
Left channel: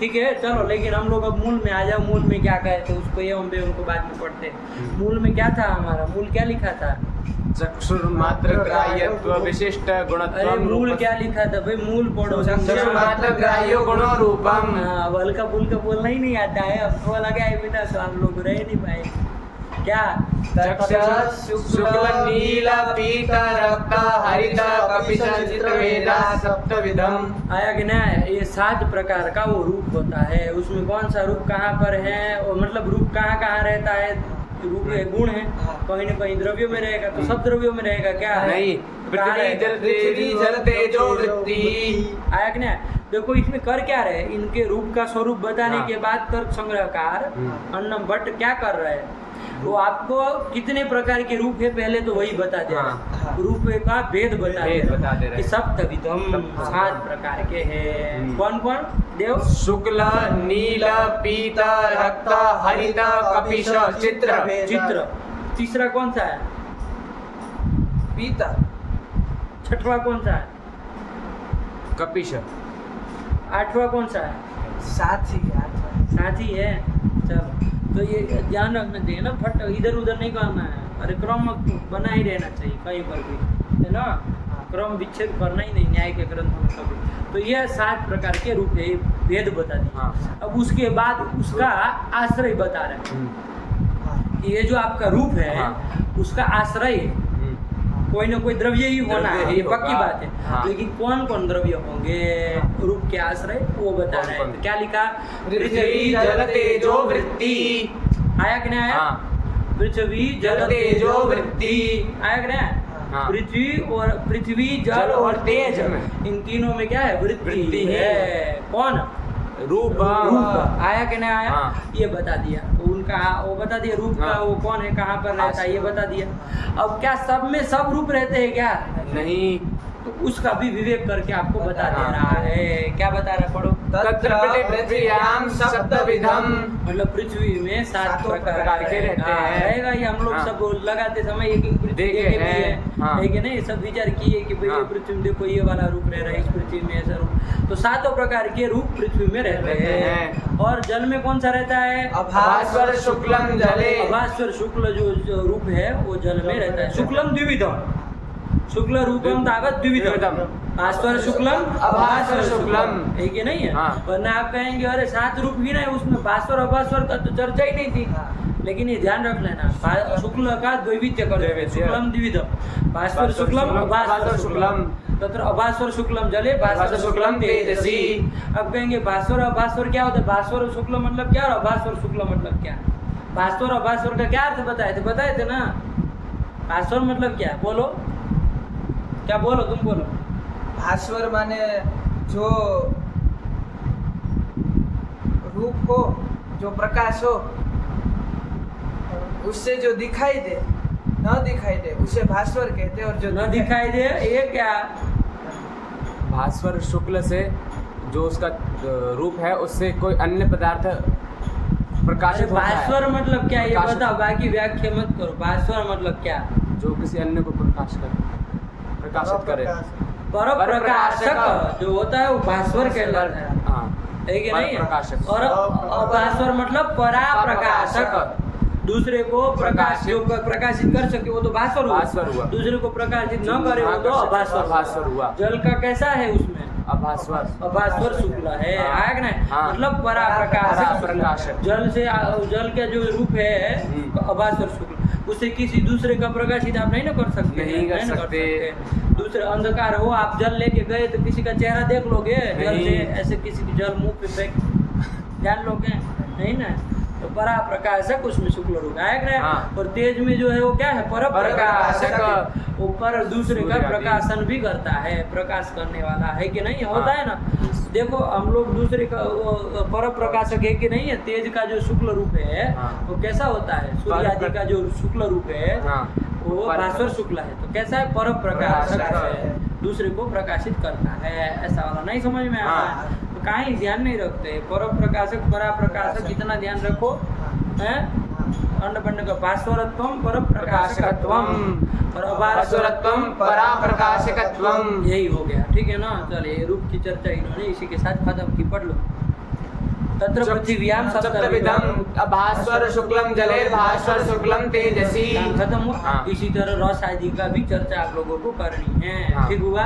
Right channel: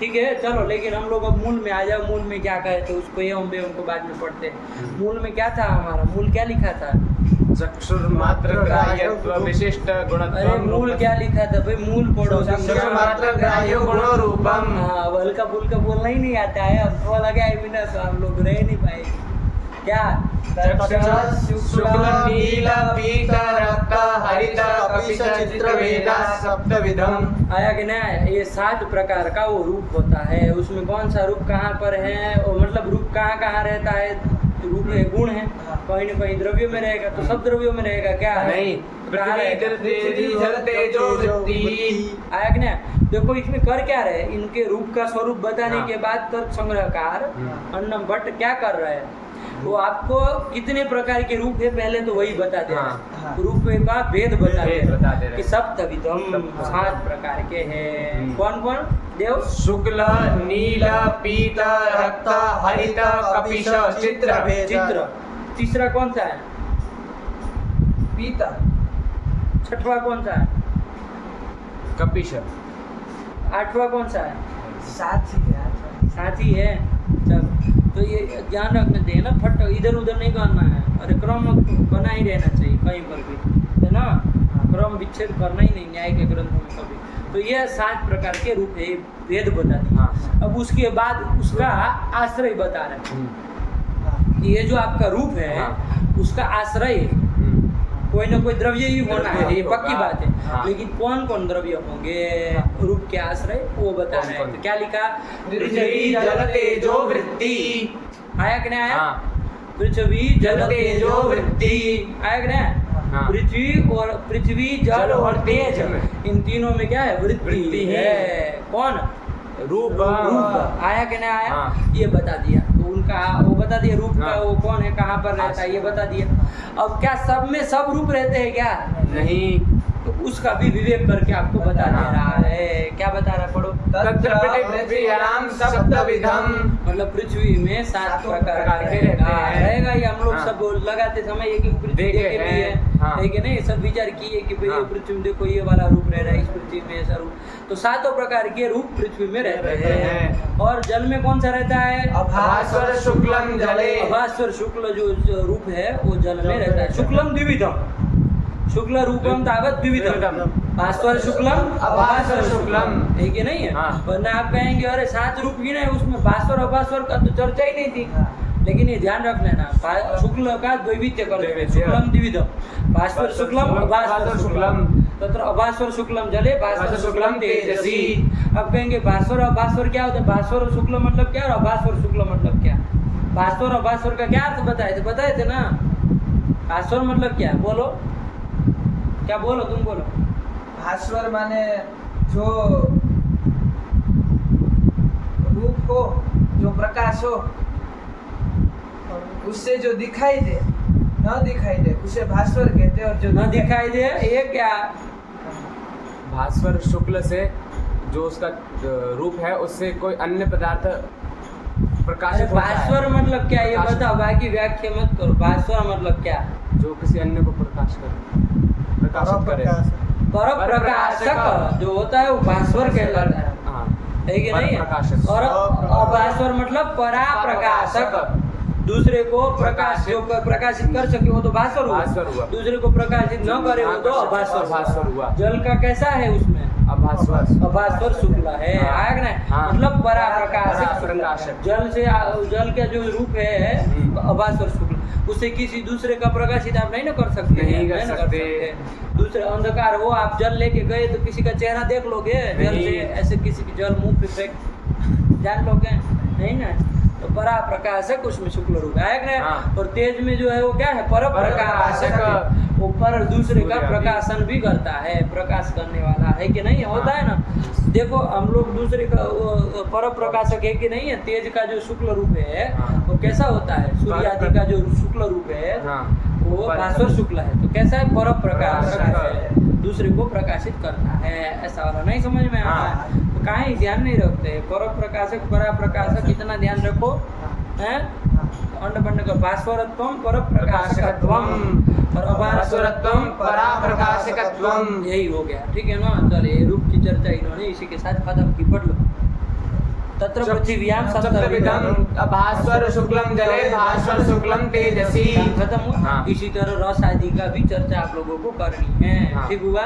ठीक है, चलो, लेकिन हम लोग अब मूल में आ जाओ। मूल में क्या कहे थे उसको? एवं बे उनको बाद में पढ़ते हैं। मूल में क्या था हमारा? मूल क्या लिखा था? चक्षुर्मात्र ग्राह्यत्व विशिष्ट गुणत्वम। अरे मूल क्या लिखा था भाई? मूल पढ़ो। चक्षुर्मात्र ग्राह्य गुणो रूपम। हाँ, हल्का फुल्का बोलना ही नहीं आता है, अब तो लगा है बिना तो हम लोग रह नहीं पाए। क्या? शुक्ल नील पीत रक्त हरित कपिश चित्रवेला सप्तविधम। आया कि नहीं? ये 7 प्रकार का वो रूप होता है। उसमें कौन सा रूप कहाँ पर है, और मतलब रूप कहाँ कहाँ रहता है? रूप में गुण है, कहीं ना कहीं द्रव्यों में रहेगा, तो सब द्रव्यों में रहेगा क्या? नहीं, कहाँ रहेगा? पृथ्वी जल तेजो वृत्ति। आया कि नहीं? देखो इसमें कर क्या रहे, इनके रूप का स्वरूप बताने हाँ। के बाद तर्क संग्रहकार अन्नम भट्ट क्या कर रहे हैं? वो आपको कितने प्रकार के रूप है पहले तो वही बता दे हाँ। रूप का भेद बता भेद बता दे दे रहे। कि सप्तविधम सप्तविधम। 7 प्रकार के हैं हम्म। कौन कौन देव शुक्ल नील पीत रक्त हरित कपिश चित्र चित्र तीसरा कौन सा है पीता छठवां कौन सा है कपिश 8वां कौन सा है साथी साथी है चल तो ये ध्यान रखना चाहिए ना फट इधर उधर नहीं करना है अरे क्रम बना ही रहना चाहिए कहीं पर भी है ना क्रम विच्छेद करना ही नहीं न्याय के ग्रंथों में कभी तो ये 7 प्रकार के रूप है ये वेद बता दिए हाँ। अब उसके बाद उसका आश्रय बता रहे हैं कि ये जो आपका रूप है हाँ। उसका आश्रय कोई ना कोई द्रव्य ही होना द्रव्य है ही ये पक्की होगा। बात है हाँ। लेकिन कौन कौन द्रव्य होंगे रूप के आश्रय वो बता रहे हैं कौन-कौन? क्या लिखा पृथ्वी जल तेजो वृत्ति आया कि नहीं आया हाँ। पृथ्वी जल तेजो वृत्ति आया कि नहीं हाँ। पृथ्वी जल और तेज इन तीनों में क्या है वृत्ति वृत्ति है है। कौन रूप रूप आया कि नहीं आया हाँ। ये बता दिया तो उनका वो बता दिया रूप का हाँ। वो कौन है कहाँ पर रहता है ये बता दिया अब क्या सब में सब रूप रहते हैं क्या नहीं तो उसका भी विवेक करके आपको बता दे हाँ। रहा है क्या बता रहा है पढ़ो तत्र पृथ्व्यां सप्तविधम मतलब पृथ्वी में 7 प्रकार प्रकार के रहते हैं। रहेगा ये हम लोग हाँ। सब लगाते समय एक एक पृथ्वी देखे देखे भी है हैं। हाँ। है कि नहीं सब विचार किए कि भाई ये हाँ। पृथ्वी में देखो ये वाला रूप रह रहा है इस पृथ्वी में ऐसा रूप तो 7 प्रकार के रूप पृथ्वी में रहते रहते हैं हैं। और जल में कौन सा रहता है भास्वर शुक्लम जले अभास्वर शुक्ल जो रूप है वो जल में रहता है शुक्लम द्विविधम शुक्ल रूपम तावत द्विविधम भास्वर शुक्लम अभास्वर शुक्लम। है कि नहीं है हाँ। वरना आप कहेंगे अरे 7 रूप ही नहीं उसमें भास्वर अभास्वर का तो चर्चा ही नहीं थी लेकिन ये ध्यान रख लेना शुक्ल का द्वैविध्य कर द्वैविध्य। शुक्लम द्विविधम भास्वर शुक्लम अभास्वर शुक्लम तत्र अभास्वर शुक्लम जले भास्वर शुक्लम तेजसी अब कहेंगे भास्वर अभास्वर क्या होता है भास्वर और शुक्ल मतलब क्या और अभास्वर शुक्ल मतलब क्या भास्वर अभास्वर का क्या अर्थ बताए थे ना भास्वर मतलब क्या बोलो क्या बोलो तुम बोलो भास्वर माने जो रूप हो जो प्रकाश हो उससे जो दिखाई दे न दिखाई दे उसे भास्वर कहते हैं और जो न दिखाई दे ये क्या भास्वर शुक्ल से जो उसका रूप है उससे कोई अन्य पदार्थ अरे प्रकाशित होता है। भास्वर मतलब क्या ये प्रकाशित- बताओ बाकी व्याख्या मत करो भास्वर मतलब क्या जो किसी अन्य को प्रकाशित करे पर प्रकाशक जो होता है वो भास्वर कहलाता है हाँ है कि नहीं परप्रकाशक। और अभास्वर मतलब परा प्रकाशक दूसरे को प्रकाश जो प्रकाशित कर सके वो तो भास्वर भास्वर हुआ हुआ। दूसरे को प्रकाशित न करे वो तो अभास्वर अभास्वर हुआ। जल का कैसा है उसमें अभास्वर अभास्वर शुक्ल है हाँ। आया कि नहीं हाँ। मतलब परा प्रकाशक पराप्रकाशक। जल से जल का जो रूप है हम्म। अभास्वर शुक्ल उसे किसी दूसरे का प्रकाशित आप नहीं ना कर सकते नहीं कर सकते। दूसरे अंधकार हो आप जल लेके गए तो किसी का चेहरा देख लोगे जल नहीं। से ऐसे किसी की जल मुंह पे फेंक जान लोगे नहीं ना तो परा प्रकाशक उसमें शुक्ल रूप है कि नहीं? हाँ। और तेज में जो है वो क्या है पर प्रकाशक परप्रकाशक। वो पर दूसरे का सूर्य भी। प्रकाशन भी करता है प्रकाश करने वाला है कि नहीं होता है ना देखो हम लोग दूसरे का वो पर प्रकाशक है कि नहीं है तेज का जो शुक्ल रूप है हाँ। वो कैसा होता है सूर्य आदि का जो शुक्ल रूप है हाँ वो भास्वर शुक्ल है तो कैसा है पर प्रकाशक प्रकाशक है दूसरे को प्रकाशित करता है ऐसा वाला नहीं समझ में आता हाँ। है तो काहे ध्यान नहीं रखते पर प्रकाशक परा प्रकाशक इतना ध्यान रखो हैं अंड बंड का भास्वरत्वम पर प्रकाशकत्वम और भास्वरत्वम पराप्रकाशकत्वम। यही हो गया ठीक है ना चलिए रूप की चर्चा इन्होंने इसी के साथ खत्म की पढ़ लो तत्र पृथिव्यां सप्तविधम भास्वर शुक्लम जले भास्वर शुक्लम तेजसी खत्म हुआ हाँ। इसी तरह रस आदि का भी चर्चा आप लोगों को करनी है हाँ। ठीक हुआ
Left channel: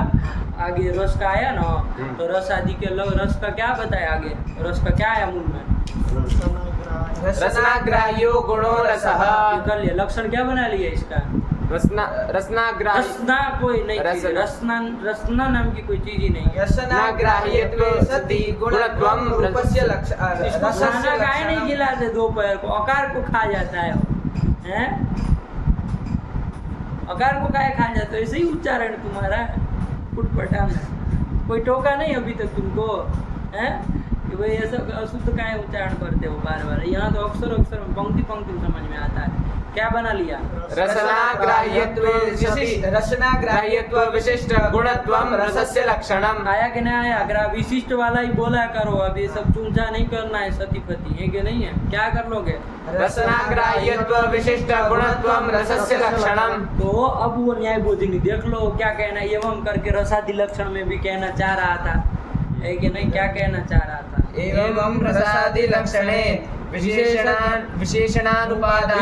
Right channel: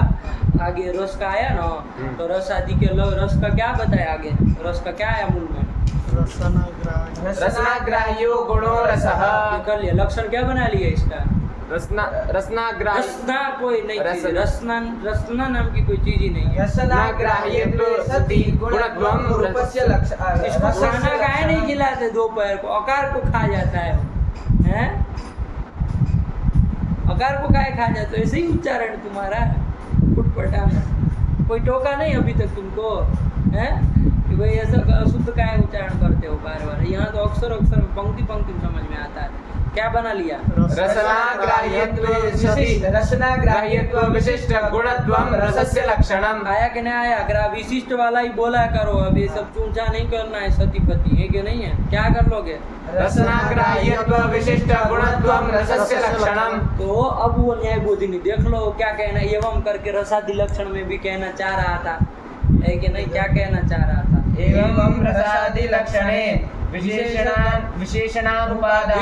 आगे रस का आया ना तो रस आदि के रस का क्या बताया आगे रस का क्या आया मूल में रसनाग्राह्यो गुणो रसः ये कर लिया लक्षण क्या बना लिया इसका रसनाग्राह्य रसना कोई नहीं चीज रसना। रसना नाम की कोई चीज ही नहीं है रसनाग्राह्यत्वे सति गुणत्वं रूपस्य लक्षण इसको खाना काहे नहीं खिलाते दोपहर को अकार को खा जाता है वो हैं अकार को काहे खा जाते हो ऐसे ही उच्चारण तुम्हारा फुटपटा में कोई टोका नहीं अभी तक तुमको हैं कि भाई ऐसा अशुद्ध काहे उच्चारण करते हो बार बार यहाँ तो अक्सर अक्सर में पंक्ति पंक्ति समझ में आता है क्या बना लिया? रसनाग्राह्यत्व विशिष्ट गुणत्वम रसस्य लक्षणम। आया कि नहीं आया? विशिष्ट वाला ही बोला करो, अब ये सब चूंचा नहीं करना है, सती पति है कि नहीं है? क्या कर लोगे? रसनाग्राह्यत्व विशिष्ट गुणत्वम रसस्य लक्षणम। तो अब वो न्याय बोधिनी देख लो क्या कहना, एवं करके रसादि लक्षण में भी कहना चाह रहा था, है कि नहीं? क्या कहना चाह रहा था? एवं रसादि लक्षणे विशेषणानुपादान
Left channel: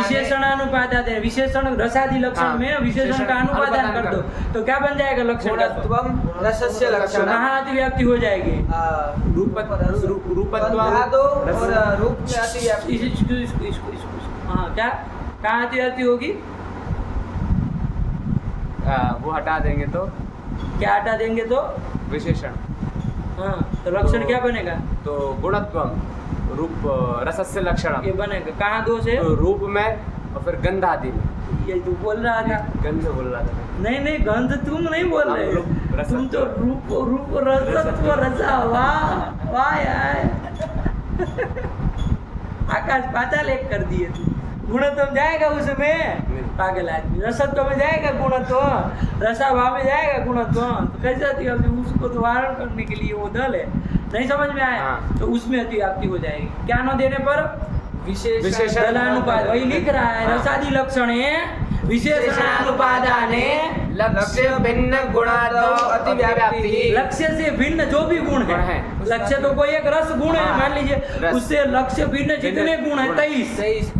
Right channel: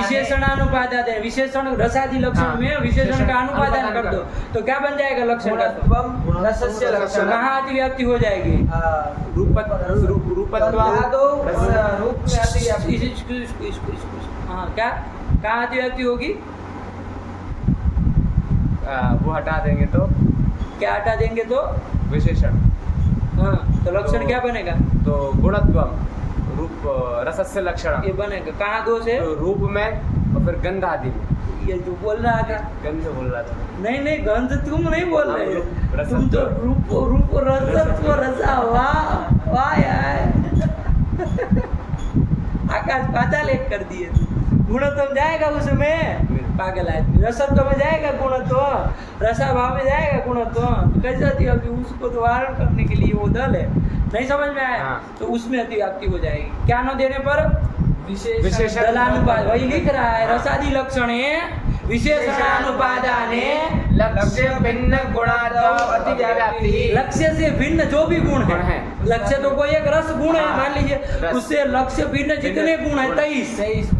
विशेषण रसादि लक्षण में विशेषण का अनुपादान कर दो तो क्या बन जाएगा लक्षण का? रसस्य तो लक्षणम। कहाँ अतिव्याप्ति हो जाएगी? हाँ, क्या कहाँ अतिव्याप्ति होगी? वो हटा देंगे तो क्या हटा देंगे तो? विशेषण। हाँ, तो लक्षण क्या बनेगा? तो गुणत्वम रूप रसस्य लक्षणम ये बनेगा। कहाँ दोष है? तो रूप में और फिर गंध आदि में। ये जो बोल रहा था, गंध बोल रहा था। नहीं गंध तुम नहीं बोल रहे, रसत्व। तुम तो रूप रसत्व रसा। वाह वाह यार, आकाश पाताल एक कर दिए। गुणत्व जाएगा उसमें, पागल आदमी। रसत्व में जाएगा गुणत्व, रसाभाव में जाएगा गुणत्व, तो कैसे अति अभी उसको तो वारण करने के लिए वो दल है। नहीं समझ में आया? हाँ। तो उसमें अतिव्याप्ति हो जाएगी। क्या न देने पर? विशेषण दलानुपाद, वही लिख रहा है। रसादि लक्षणे विशेषणानुपादाने लक्ष्य भिन्न गुणादो अतिव्याप्ति। लक्ष्य से भिन्न जो भी गुण है, लक्ष्य तो कोई एक रस गुण है, मान लीजिए, रस। उससे लक्ष्य भिन्न जितने गुण है 23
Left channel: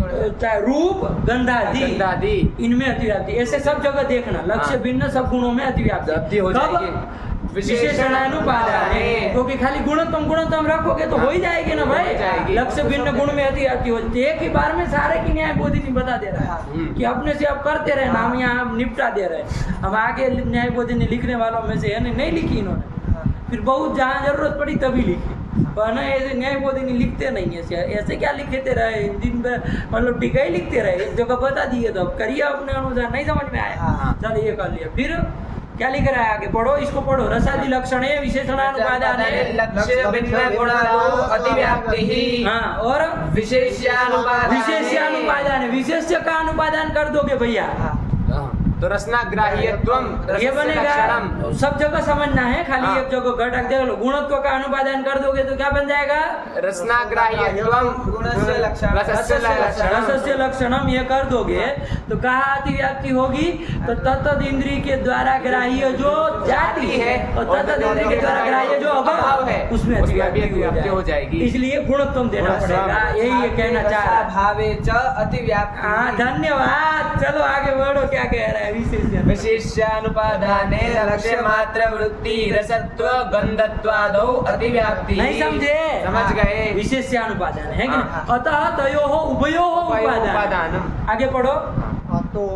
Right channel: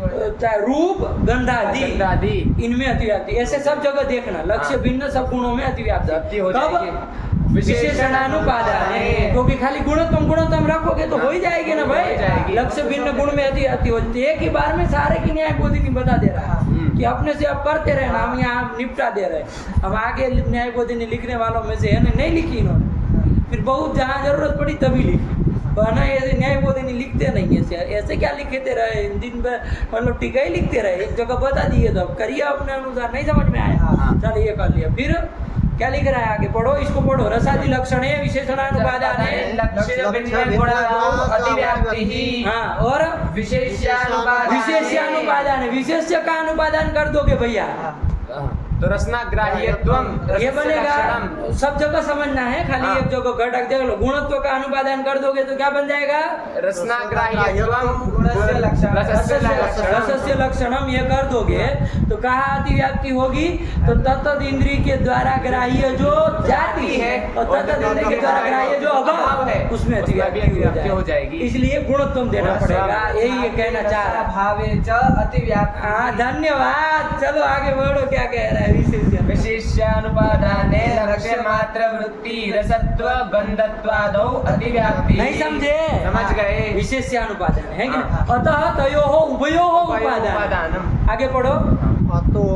चाहे रूप गंधादि, इनमें अतिव्याप्ति। ऐसे सब जगह देखना, लक्ष्य भिन्न सब गुणों में अतिव्याप्ति हो कब? जाएगी। विशेषणानुपादाने, क्योंकि खाली गुणत्म रखोगे तो हो ही जाएगी ना भाई। लक्ष्य भिन्न गुण में अतिव्याप्ति हो जाती है। एक ही बार में सारे की न्याय बोधिनी बता दे रहा है कि अपने से अब करते रहे ना, हम यहाँ निपटा दे रहे हैं। हम आगे न्याय बोधिनी लिखने वालों में से है नहीं लिखी इन्होंने, फिर बहुत जहाँ जरूरत पड़ी तभी लिखी, वरना ऐसे न्याय बोधिनी लिखते नहीं है। ऐसे क्या लिखते रहे दिन भर, मतलब टीका ही लिखते रहे, एक जगह बता दिए तो अब करिए अपने अनुसार। नहीं समझ में आया? चल ये कर लिया। फिर क्या लिख रहा है आगे? पढ़ो, इसको पढ़ो। रसादि लक्षणे विशेषणानुपादाने लक्ष्य भिन्न गुणादो अतिव्याप्ति। हाँ, और विशेष्यानुपादाने विशेष्यानुपादान, विशेष्य का अनुपादान कर दोगे भैया, तो रसनाग्राह्यत्वम ये बनेगा। सब जगह समझना है, खाली एक जगह घटक देख लो। गुणत्व का अनुपादान कर दोगे तो क्या बन जाएगा? रसनाग्राह्यत्वम गुणस्य लक्षणम। रसस्य लक्षणम ये कर दोगे तो कहाँ अतिव्याप्ति होगी? तो तत्त इंद्रिय के द्वारा ग्राह्य जो जाति है और तत्त इंद्रिय के द्वारा ग्राह्य जो अभाव है उसमें अतिव्याप्ति हो जाएगी। इसलिए गुणत्व देना पड़ेगा, यही ये कहना चाह रहा है। भावे च अतिव्याप्ति। हाँ, धन्यवाद। चलो आगे बढ़ो, क्या कह रहा है? विशेष्यानुपादाने लक्ष्य मात्र वृत्ति रसत्व गंधत्वादौ अतिव्याप्ति। नहीं समझे? समझ गए। विशेष्यानुपादान है कि नहीं? अतः तयोः उभयोः उपादानम्। आगे पढ़ो।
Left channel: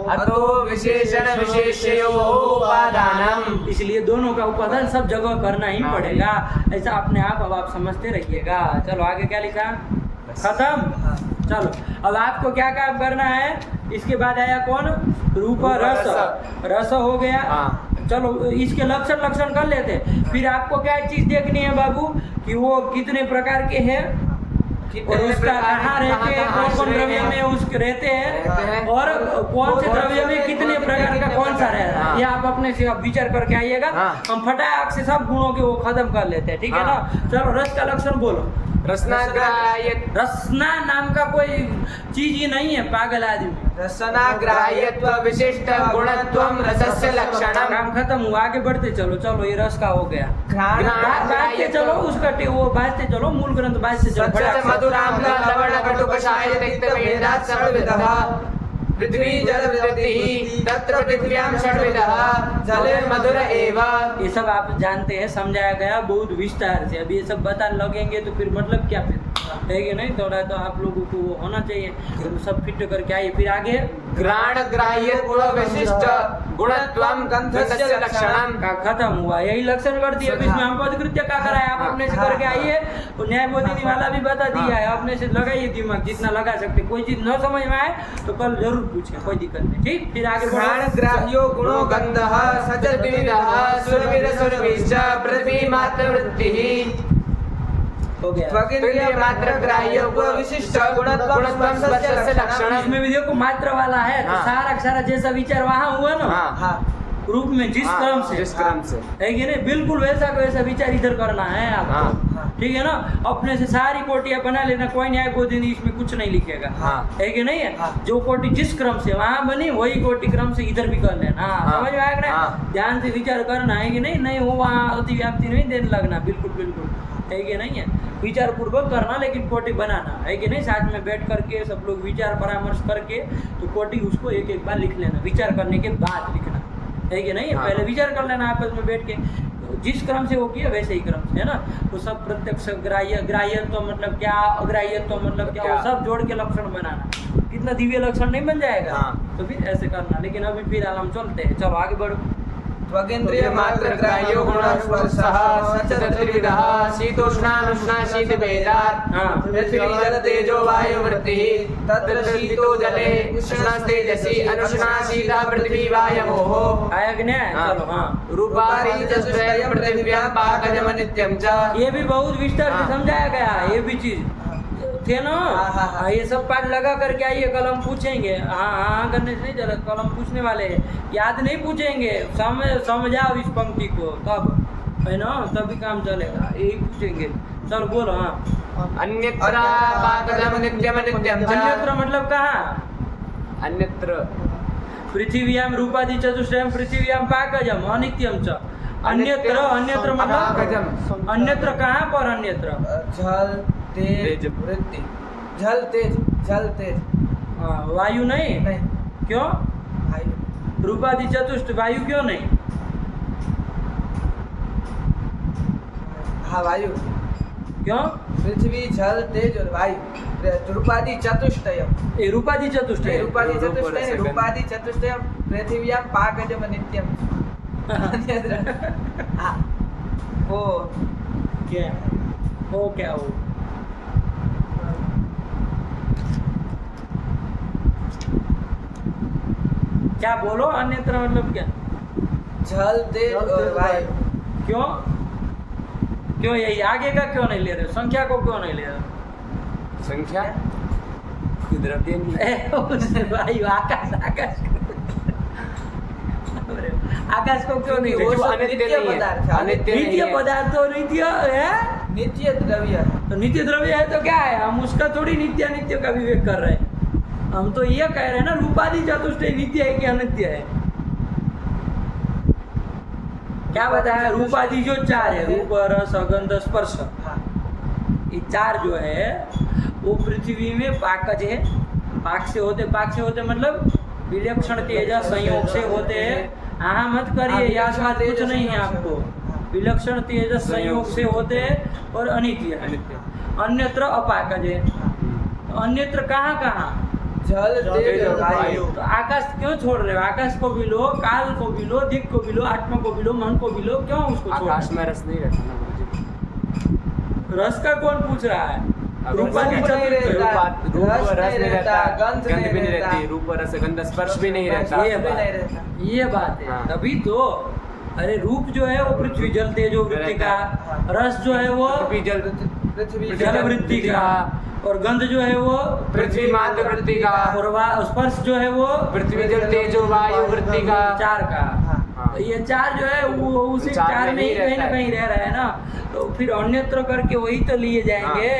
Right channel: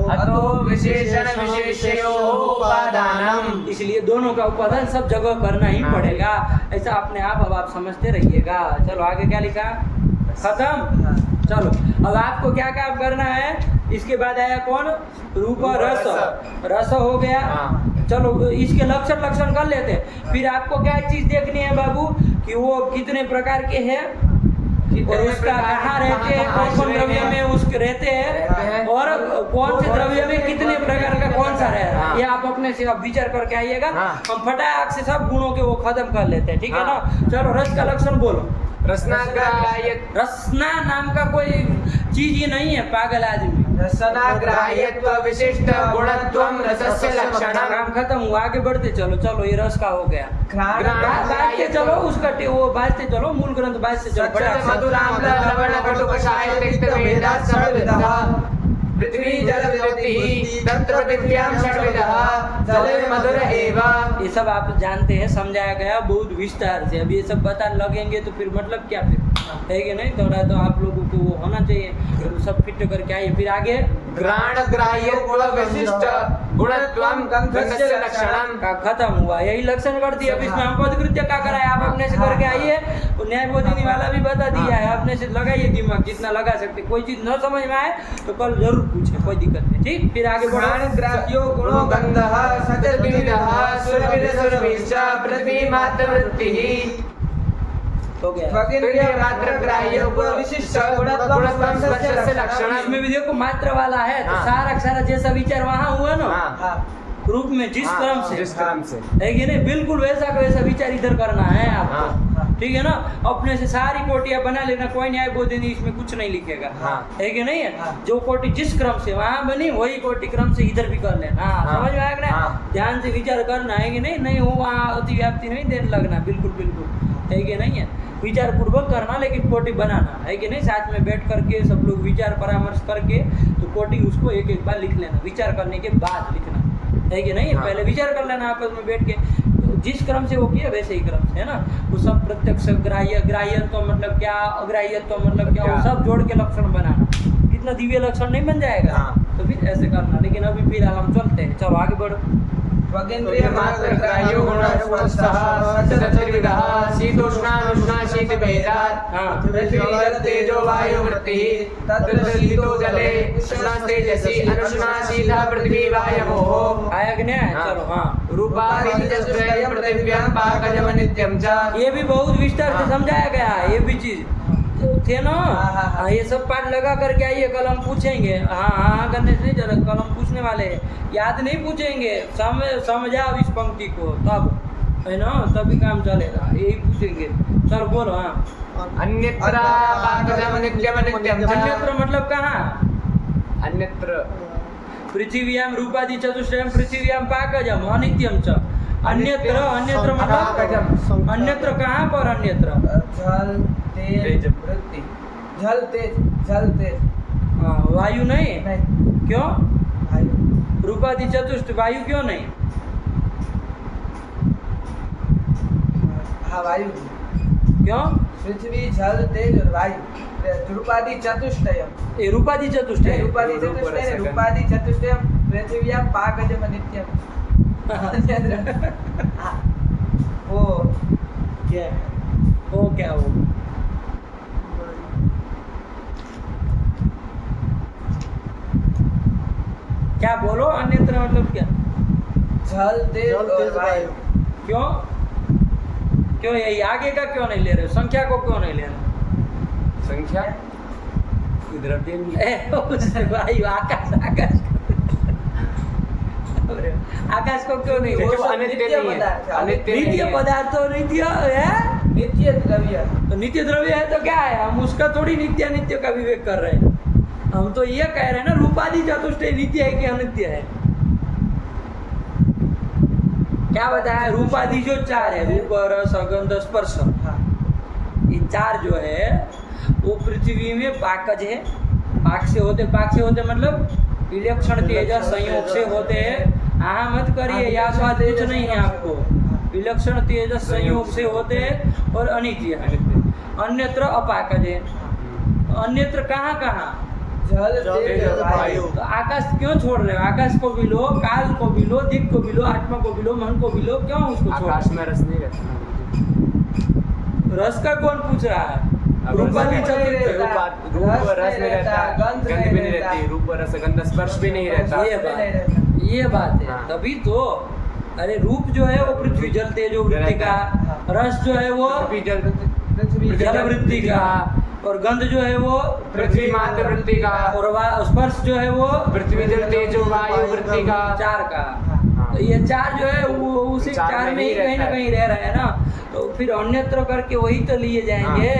अतो विशेषण विशेषयोः उपादानम्। इसलिए दोनों का उपादान सब जगह करना ही पड़ेगा। ऐसा अपने आप अब आप समझते रहिएगा। चलो आगे क्या लिखा? खत्म। चलो अब आपको क्या काम करना है? इसके बाद आया कौन? रूप रस। रस हो गया। चलो इसके लक्षण कर लेते हैं। फिर आपको क्या चीज देखनी है बाबू कि वो कितने प्रकार के हैं और उसका कहाँ रहते हैं, कौन कौन द्रव्य में उसके रहते हैं और कौन से द्रव्य में कितने प्रकार का कौन सा रह रहा है, ये आप अपने से अब विचार करके आइएगा। हम फटाक से सब गुणों के वो खत्म कर लेते हैं, ठीक है ना? चलो रस का लक्षण बोलो। रसना नाम का कोई चीज ही नहीं है, पागल आदमी। रसनाग्राह्यत्व विशिष्ट गुणत्वम रसस्य लक्षणम। काम खत्म हुआ, आगे बढ़ते चलो। चलो ये रस का हो गया। बाजते चलो, उसका वो बाजते चलो, मूल ग्रंथ बाजते चलो फटाक से। मधुराम्ल लवण कटुकषाय रक्तभेदात् सर्वविधः पृथ्वी जल वृत्तिः तत्र पृथिव्यां षड्विधः जले मधुर एव। ये सब आप जानते हैं, समझाया गया बहुत विस्तार से। अब ये सब बताने लगेंगे तो फिर मतलब क्या फिर है कि नहीं? थोड़ा तो आप लोगों को वो होना चाहिए, तो सब फिट करके आइए। फिर आगे घ्राण ग्राह्यत्व विशिष्ट गुणत्वम गंधस्य लक्षणम का खत्म हुआ, यही लक्षण कर दिया। अब इसमें हम पदकृत्य क्या कराए, आप अपने से करके आइए। और न्याय बोधिनी वाला भी बता दिया है, अपने से लगाइए दिमाग जितना लगा सकते। कोई चीज न समझ में आए तो कल जरूर पूछे, कोई दिक्कत नहीं। ठीक, फिर आगे बढ़ो। ग्राह्यो गुणो गंधः सचतुविधः सुरविरसुरभिश्च पृथ्वी मात्र वृत्तिः। हो गया। त्वगिन्द्रिय मात्र ग्राह्य गुण विशिष्ट गुणत्वं स्पर्शस्य लक्षणम्। इसमें भी देखो मात्रा वाला है तो हाँ। सारा का सारा जैसा विचार वहाँ हुआ ना हाँ रूप में जिस हाँ, क्रम से जिस क्रम से है कि नहीं, बिल्कुल वैसा का वैसा विचार इधर करना है आपको। हाँ। ठीक है ना, अपने से सारी कोटियां बना लेना, कोई न्याय बोधि इसमें कुछ नहीं लिखेगा। हाँ। है कि नहीं है, जो कोटि जिस क्रम से वहां बनी वही कोटि क्रम से इधर भी कर लेना। हाँ। समझ में आएगा ना? हाँ। ध्यान से विचार करना है कि नहीं, नहीं वो वहाँ अति व्याप्ति नहीं देने लगना, बिल्कुल बिल्कुल है कि नहीं है, विचार पूर्वक करना, लेकिन कोटि बनाना है कि नहीं, साथ में बैठ करके सब लोग विचार परामर्श करके तो कोटि उसको एक एक बार लिख लेना, विचार करने के बाद लिखना है कि नहीं। हाँ। पहले विचार कर लेना आपस में बैठ के, जिस क्रम से वो किया वैसे ही क्रम से, है ना। वो सब प्रत्यक्ष ग्राह्य, ग्राह्य तो मतलब क्या, अग्राह्य तो मतलब क्या, वो सब जोड़ के लक्षण बनाना, कितना दिव्य लक्षण नहीं बन जाएगा। हाँ। तो फिर ऐसे करना, लेकिन अभी फिलहाल हम चलते हैं, चलो आगे बढ़ो। त्वगिन्द्रिय मात्र ग्राह्यो गुण स्पर्शः चतुर्विधः शीतोष्णानुष्णा शीतभेदात् हाँ। पृथ्वी जल तेजो वायु वृत्तिः तत्र शीतो जले उष्णस्तेजसि अनुष्णा शीतः पृथ्वी वायवोः। आया कि नहीं आया? हाँ। चलो हाँ। रूपादि चतुष्टयं पृथिव्यां पाकजम नित्यं च। ये भी बहुत विस्तार से हाँ। समझाया गया है, ये भी चीज थे ना। हाँ, ये सब पाठ लगा करके आइए, कल हम पूछेंगे। हाँ हाँ करने से नहीं चला, कल हम पूछने वाले हैं, याद नहीं पूछेंगे, समझाओ इस पंक्ति को, तब है ना, तभी काम चलेगा, यही पूछेंगे। चलो बोलो। हाँ। अन्यत्र पाकजम नित्यम नित्यं च। अन्यत्र मतलब कहाँ? अन्यत्र पृथिव्याम रूपादि चतुष्टयम पृथिव्याम पाकजम अनित्यम च। अन्यत्र, अन्यत्र मतलब अन्यत्र कहाँ पर? अन्यत्र जल तेज वृत्ति, जल तेज, जल तेज। हाँ, वायु नहीं, नहीं, क्यों? वायु। रूपादि चतुष्ट वायु क्यों नहीं? हाँ वायु। क्यों? पृथ्वी जल तेज और वायु, रूपादि चतुष्टयम। ये रूपादि चतुष्ट है। रूपादि चतुष्टयम, रूपादि चतुष्टयम पृथिव्यां पाकजम नित्यम। वो क्या वो क्या वो क्या बोलो? अन्यत्र मतलब क्या? जल तेज और वायु। क्यों क्यों यही आगे का क्यों नहीं ले रहे? संख्या को क्यों नहीं ले रहे? संख्या द्रव्य वायु आकाश, आकाश अरे, आकाश को क्यों नहीं ले वो रहे? सब अनित्य नित्य नहीं है। पदार्थ है। अनित्य नित्य पदार्थ तो नित्य है, नित्य द्रव्य। तो नित्य द्रव्य है तो क्या है, हम उसका थोड़ी नित्य अनित्य का विवेक कर रहे हैं। हम तो ये कह रहे हैं ना, रूपादि चतुष्टय नित्य है कि अनित्य है? क्या बताया? रूपादि जो चार है, रूप रस गंध स्पर्श, ये चार जो है वो पृथ्वी में पाकज है। पाक से होते मतलब विलक्षण तेज संयोग से होते हैं। हाँ मत करिए, याद बात कुछ नहीं है आपको। विलक्षण तेज संयोग से होते हैं और अनित्य है। अन्यत्र अपाकज है। अन्यत्र कहाँ कहाँ? जल तेज और वायु। तो आकाश क्यों छोड़ रहे हो? आकाश को भी लो, काल को भी लो, दिक् को भी लो, आत्मा को भी लो, मन को भी लो, क्यों उसको छोड़? आकाश में रस नहीं रहता ना। रस का कौन पूछ रहा है? रूपादि चतुष्टय रूप रस नहीं रहता, गंध भी नहीं रहती, रूप रस गंध स्पर्श भी नहीं रहता। ये बात है। हाँ। तभी तो अरे रूप जो है वो पृथ्वी जल तेजो वृत्ति का, रस जो है वो पृथ्वी जल पृथ्वी जल वृत्ति का, और गंध जो है वो पृथ्वी मात्र वृत्ति का, और स्पर्श जो है वो पृथ्वी जल तेजो वायु वृत्ति का। चार का। हाँ। तो ये चार जो है वो उसी चार चार में में ही ही कहीं ना रहता है। कहीं रह रहा है ना। तो फिर अन्यत्र करके वही तो लिए जाएंगे।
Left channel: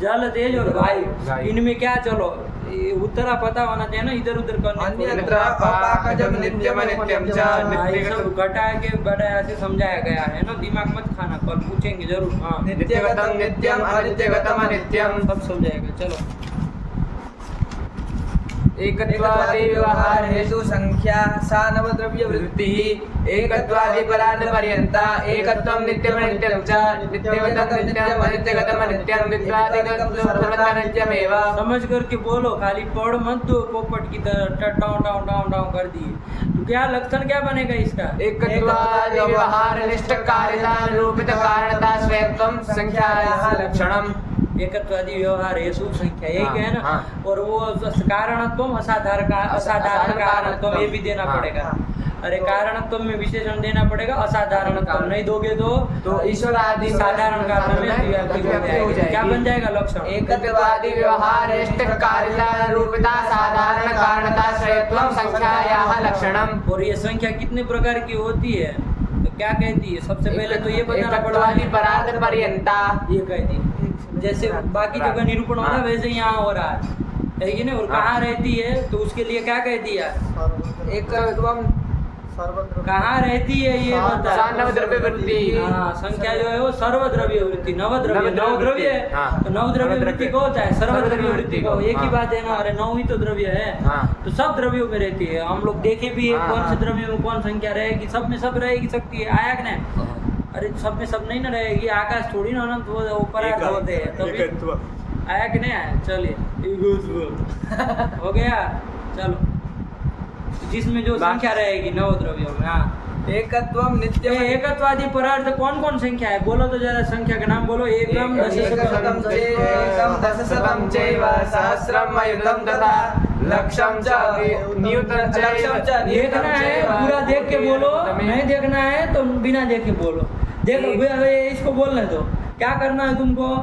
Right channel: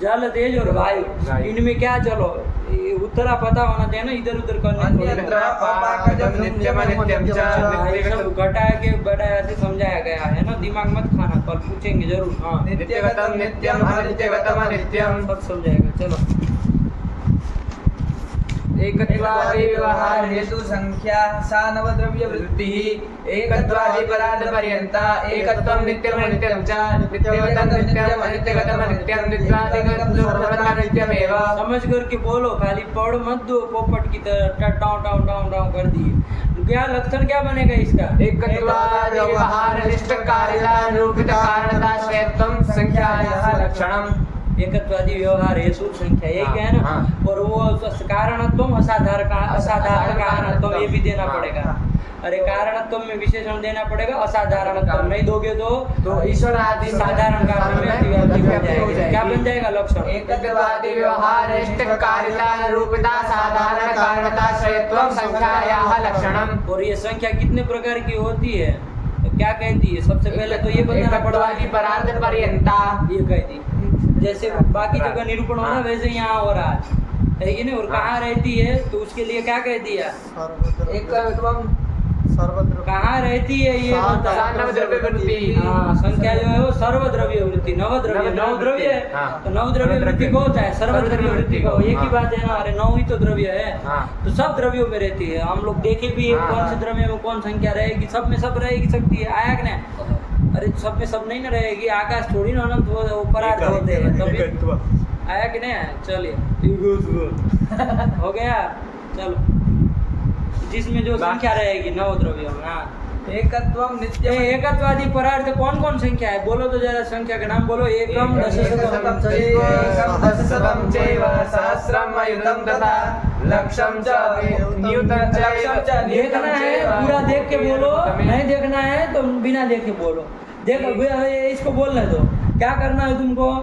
जल तेज और वायु, वायु। इनमें क्या, चलो ये उत्तरा पता होना चाहिए ना, इधर उधर करने को। अन्यत्र अपाकजम नित्यम अनित्यम च। हाँ, ये सब घटा के बढ़ाया से समझाया गया है ना, दिमाग मत खाना, कल पूछेंगे जरूर। हाँ नित्यगतम नित्यम अनित्यगतम अनित्यम। सब समझाएगा। चलो एकत्वादि व्यवहार हेतु संख्या सा नवद्रव्य वृत्ति एकत्वादि परार्थ पर्यंता एकत्वम नित्यम अनित्यम च। नित्यगतम नित्यम अनित्यगतम अनित्यम नित्यादि नित्यमेव। समझ करके बोलो, खाली पढ़ मत दो पोपट की तरह टाउन टाउन टाउन टाउन कर दिए। क्या लक्षण क्या बनेगा इसका? एकत्वादि व्यवहार निष्ठ कारिता निरूपित कारणता स्वयत्वम संख्यायाः लक्षणम। एकत्वादि व्यवहार हेतु संख्या, यही क्या है ना। हाँ। और वो कारणत्व असाधारण कारणत्व, ये भी देना हाँ। पड़ेगा। अरे कारणत्व में विशेषण देना पड़ेगा, असाधारणत्व नहीं दोगे तो ईश्वर आदि साधारण कारण में व्याप्ति हो जाएगी। क्या बन जाएगा लक्षण? एकत्वादि व्यवहार कारिता निरूपिता साधारण कारणता श्रेयत्वम संख्यायाः लक्षणम। और ये संख्या कितने प्रकार की होती है तो क्या कहती है? सबसे पहले तो ये बताना पड़ेगा एकत्वादि परार्थ पर्यंता, ये कहती, जैसे बाकी जगह निरूपण हो रहा है वैसे यहाँ हो रहा है कि नहीं। और कहाँ रहती है तो उसके लिए क्या कह दिया? एकत्वम सर्वद्र कहाँ रहती है ये बता। नवद्रव्य वृत्ति। हाँ, संख्या जो है वो सर्वद्रव्य वृत्ति, नवद्रव्य, नौ द्रव्य है हाँ। तो नवद्रव्य वृत्ति को होता है, सर्वद्रव्य वृत्ति को, एक ही बात है ना। अरे 9 ही तो द्रव्य है, तो सब द्रव्यों में रहती है। हम लोग देखे भी है कौन से द्रव्य में कौन संख्या रहेगी, सब में सब रहेगी सकती है, आया कि नहीं? अरे सब में सब नहीं ना रहेगी, आकाश थोड़ी ना अनंत वो परार्थ होते हैं, तभी आया कि नहीं आया? चलिए हो गया, चलो। जिसमें जो संख्या रहेगी नौ द्रव्यों में, हाँ। एकत्वम नित्य एकत्वादि परार्थ कौन कौन संख्या है? बोलो तो जरा संख्या का नाम बोलो। एकम एकशतम चैव दशशतम चैव सहस्रम अयुतम तथा लक्षम च नियुतम च। देखना है पूरा देख के बोलो, नहीं देखना है तो बिना देखे बोलो। देखो इसको बोलने दो, क्या करना है तुमको?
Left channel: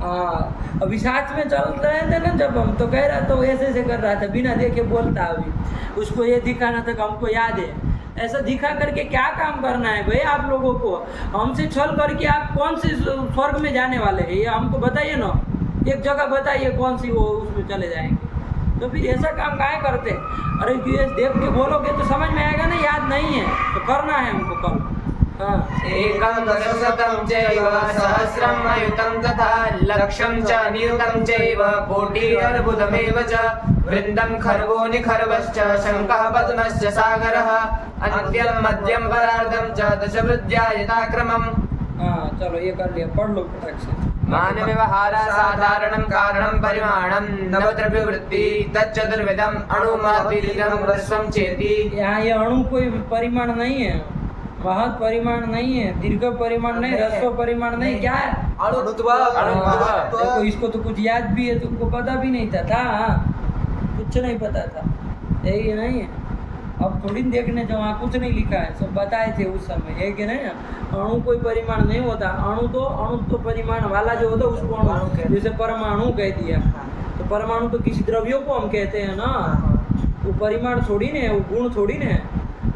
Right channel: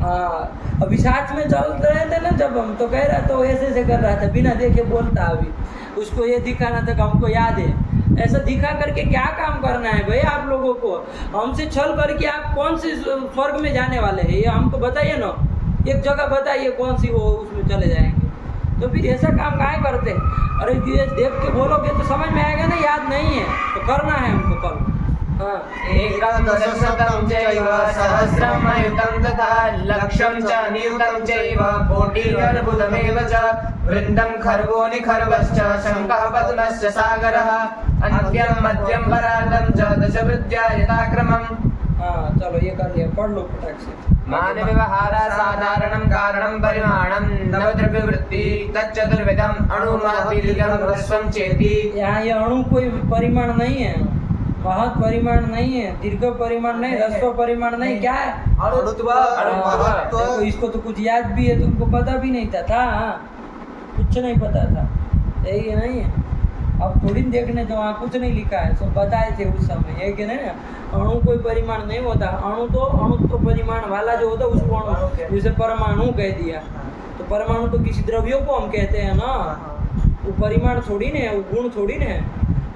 हाँ, अभी साथ में चल रहे थे ना जब हम, तो कह रहा तो ऐसे कर रहा था, बिना देखे बोलता। अभी उसको ये दिखाना था कि हमको याद है। ऐसा दिखा करके क्या काम करना है भाई आप लोगों को? हमसे छल करके आप कौन से स्वर्ग में जाने वाले हैं ये हमको बताइए ना। एक जगह बताइए कौन सी वो उसमें चले जाएंगे। तो फिर ऐसा काम काहे करते? अरे देख के बोलोगे तो समझ में आएगा ना, याद नहीं है तो करना है हमको कल। एकं दशशतं चैव सहस्रम् अयुतं तथा लक्षं च नियुतं चैव कोटिरर्बुदमेव च वृन्दं खर्वो निखर्वश्च शङ्खः पद्मश्च सागरः अन्त्यं मध्यं परार्धं च दशवृद्ध्या यथाक्रमम्। हाँ चलो ये कर लिया, पढ़ लो फटाक से। मान व्यवहारा साधारणं कारणं परिमाणं नवद्रव्यवृत्ति तच्चतुर्विधम् अणुमापीलिकं ह्रस्वं चेति। यहाँ ये अणु कोई परिमाण नहीं है, महत् परिमाण नहीं है, दीर्घ परिमाण नहीं, ह्रस्व परिमाण नहीं, क्या है? अणुत्व। देखो इसको तो कुछ याद भी है, तुमको पता भी नहीं था कुछ नहीं पता था, यही नहीं है। अब थोड़ी देखने जो वहाँ कुछ नहीं लिखा है, सब बताए थे उस समय, है कि नहीं? अणु कोई परिमाण नहीं होता, अणु तो अणुत्व परिमाण वाला जो होता है उसको अणु, जैसे परमाणु कह दिया तो परमाणु तो किसी द्रव्यों को हम कहते हैं ना, वो परिमाण थोड़ी ने, वो गुण थोड़ी ने,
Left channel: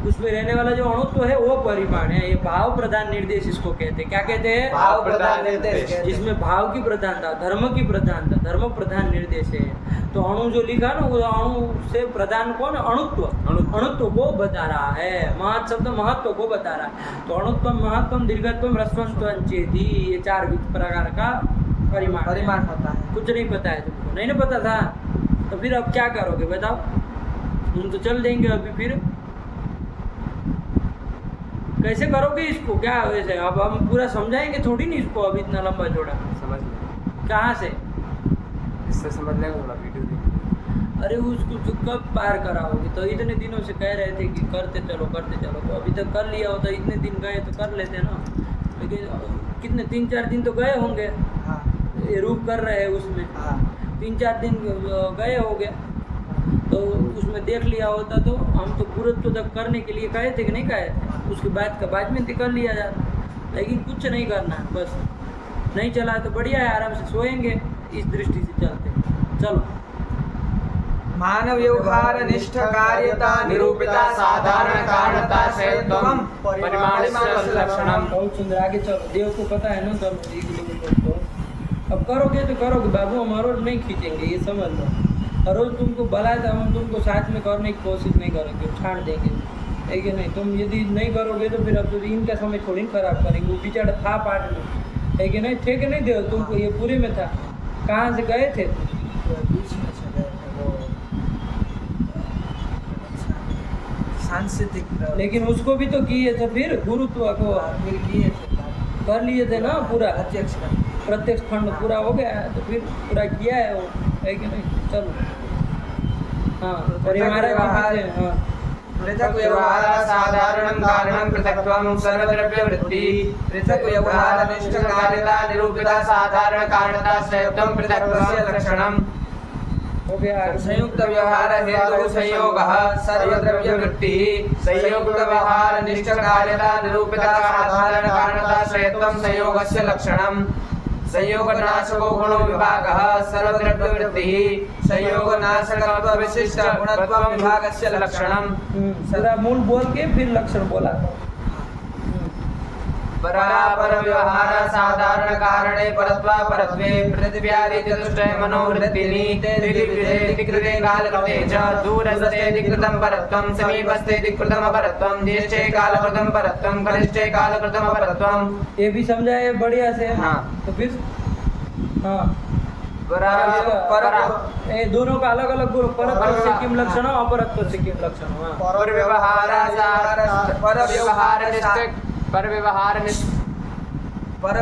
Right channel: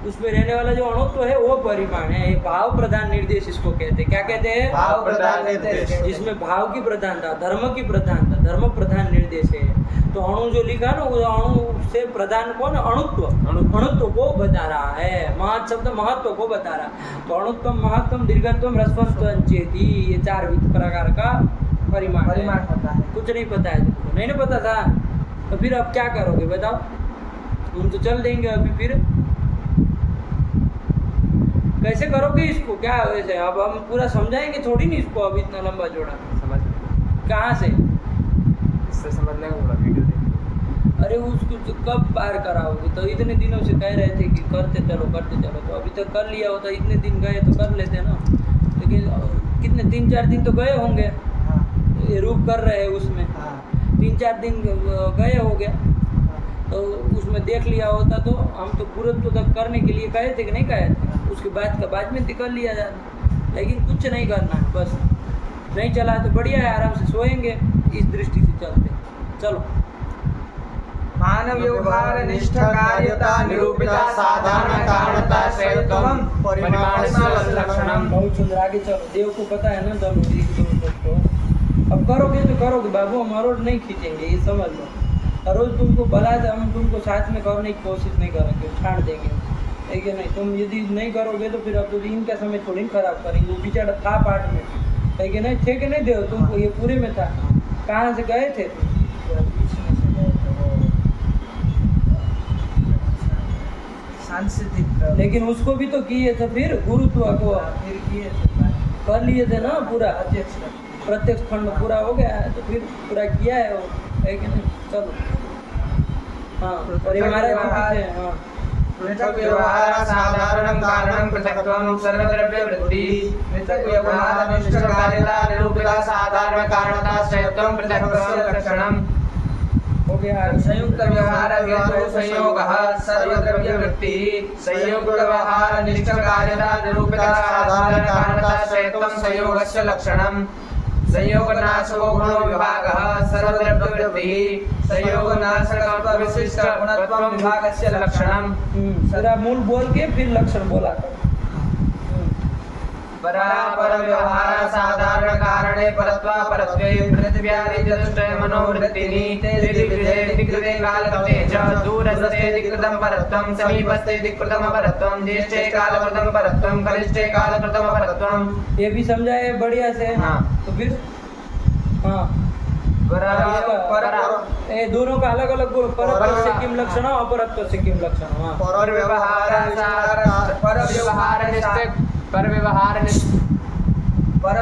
उसमें रहने वाला जो अणुत्व है वो परिमाण है। ये भाव प्रधान निर्देश इसको कहते हैं। क्या कहते हैं? भाव प्रधान निर्देश। जिसमें भाव की प्रधानता, धर्म की प्रधानता, धर्म प्रधान निर्देश है। तो अणु जो लिखा ना, वो अणु से प्रधान कौन? अणुत्व, अणुत्व को बता रहा है। महत् शब्द महत्व को बता रहा है। तो अणुत्व, महत्व, दीर्घत्व, ह्रस्वत्व चेति, ये 4 प्रकार का परिमाण पता है। कुछ नहीं पता है तुमको, नहीं पता था तो फिर अब क्या करोगे बताओ? हम तो चल देंगे अभी, फिर कैसे करोगे इसको? क्या वैसे अब हम पूरा समझाएंगे थोड़ी नहीं इसको, अभी इतना लंबा जोड़ा समझ कहाँ से? इससे समझ लेंगे थोड़ा वीडियो। अरे उसको तो कब पार कराओगे? तो इतने दिनों से कह रहे थे कि करते चलो, तो अभी तक कर लिया होता, इतने दिन गए तो कर लेते ना। लेकिन कितने 3-4 दिन तो गए होंगे, ये रूप कर रहे हैं उसमें 3-4 दिन गए हो गया, तो उसमें देख लिया होता तो हम तो गुरुत्व तक करने के लिए कहे थे कि नहीं कहे थे? उसके बाद में कर लिया जाता, लेकिन कुछ नहीं करना है बस। नहीं चला तो बढ़िया है, आराम से सोएंगे, इस दृष्टि से चलते। चलो, मानव व्यवहार निष्ठ कार्यता निरूपिता साधारण कारणता श्रेयत्वम परिमाणस्य लक्षणम। बहुत सुंदर, आगे चलो। देव को पता है ना, चलो 1-2 को अब करोगे तो करोगे बाबू, हम रोज नहीं खींचेंगे, ये समझ लो। और रोज तुमको भला तो हम तुमको साथ में करने की कोशिश नहीं करेंगे, छाड़ देंगे, है कि नहीं? तुम यदि नहीं करोगे तो फिर अब तो इनका समय थोड़ी ना खराब करेंगे। वो बेचारा था पाठ में, है कि नहीं? थे कि नहीं देव तुमको? ये पूरे में था, कहाँ से गए थे? सांस्कृतिक, लेकिन उसको भी तो किए थे, फिर गुरुत्व को फिर किए कर लिए थे ना पूरा, अध्यक्ष प्रत्यक्ष खंड पूरा हो गया है, तो फिर पूरा किया है वो, है कि नहीं? चलो, हाँ। और ये महाराज जी भी थे, हाँ। पृथक व्यवहार साधारणं कारणं पृथक्त्वं सर्वद्रव्यवृत्ति पृथक् व्यवहार निष्ठ कार्यता निरूपिता साधारण कारणता श्रेयत्वं पृथक्त्वं लक्षणम्। हो गया आगे। संयुक्त व्यवहार हेतु संयोगः सर्वद्रव्य वृत्तिः संयुक्त व्यवहार निष्ठ कार्यता निरूपिता साधारण कारणता श्रेयत्वं संयोगस्य लक्षणम् संयोगनाशको गुणो विभागः सर्वद्रव्य वृत्तिः संयोगनाशकत्व विशिष्ट गुणत्व विभागस्य लक्षणम्। पूरा मूल बोल के फिर लक्षण बोला था। परापर व्यवहार साधारण कारणे परत्वा परत्वे पृथिव्यादि चतुष्टय मनोवृत्तिनि तेजि कृते कालकृते च दूरस्थेति कृतं परत्वं समीपस्थेति कृतं अपरत्वं ज्येष्ठे कालकृतं परत्वं कनिष्ठे कालकृतं अपरत्वं। ये भी समझाए बढ़िया से। हाँ। तो फिर हाँ पर ये दोनों का अलग अलग गुण परत्व से किम लक्षण अपरत्व से किम लक्षण। हाँ पर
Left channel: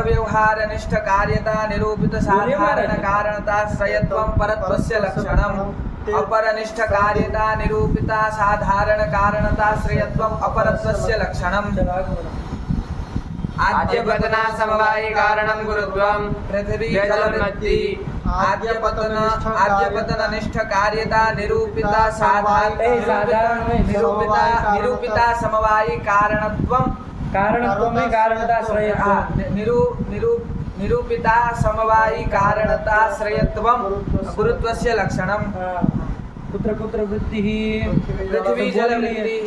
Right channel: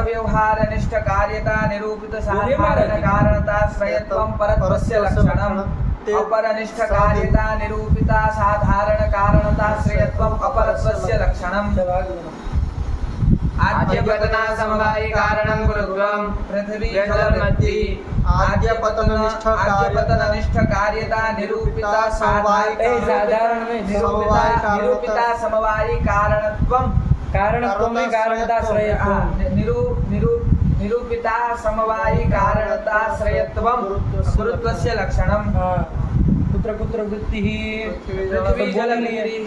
व्यवहार निष्ठ कार्यता निरूपित साधारण कारणता श्रेयत्वं परत्वस्य लक्षणम् अपरनिष्ठ कार्यता निरूपिता साधारण कारणता श्रेयत्वं अपरत्वस्य लक्षणम्। आद्यपतना समवायी कारणं गुरुत्वं पृथ्वी जलमद्धि आद्यपतन निष्ठ कार्यता निरूपिता साधारण में निरूपिता समवायी कारणत्वं कारणत्व में कारणता श्रेयत्वं निरूपिता समवायी कारणता श्रेयत्वं गुरुत्वस्य लक्षणम्। कुत्र कुत्र वृत्तिः पृथ्वी जलमद्धि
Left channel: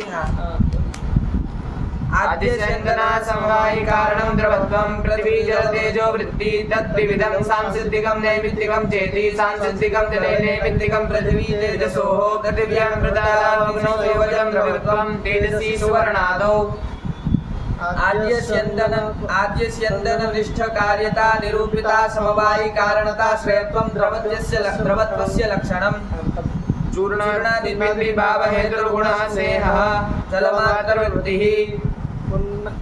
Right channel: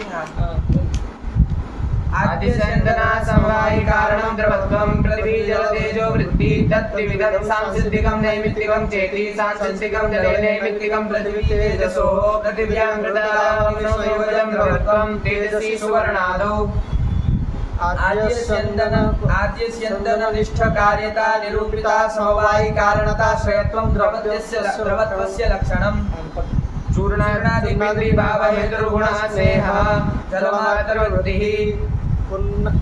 आद्यस्यन्दना समवायी कारणं द्रवत्वं पृथ्वी जल तेजो वृत्ति तद्विविधं सांसिद्धिकं नैमित्तिकं चेति सांसिद्धिकं जले नैमित्तिकं पृथ्वी तेजसोः पृथिव्यां मृदालावं संयोजं द्रवत्वं तेजसी सुवर्णादौ आद्यस्यन्दन निष्ठ कार्यता निरूपिता समवायी कारणता श्रेयत्वं द्रवत्वस्य लक्षणम्। चूर्णादिपिण्डी भाव हेतुर्गुणः स्नेहः जलमातरवृत्तिः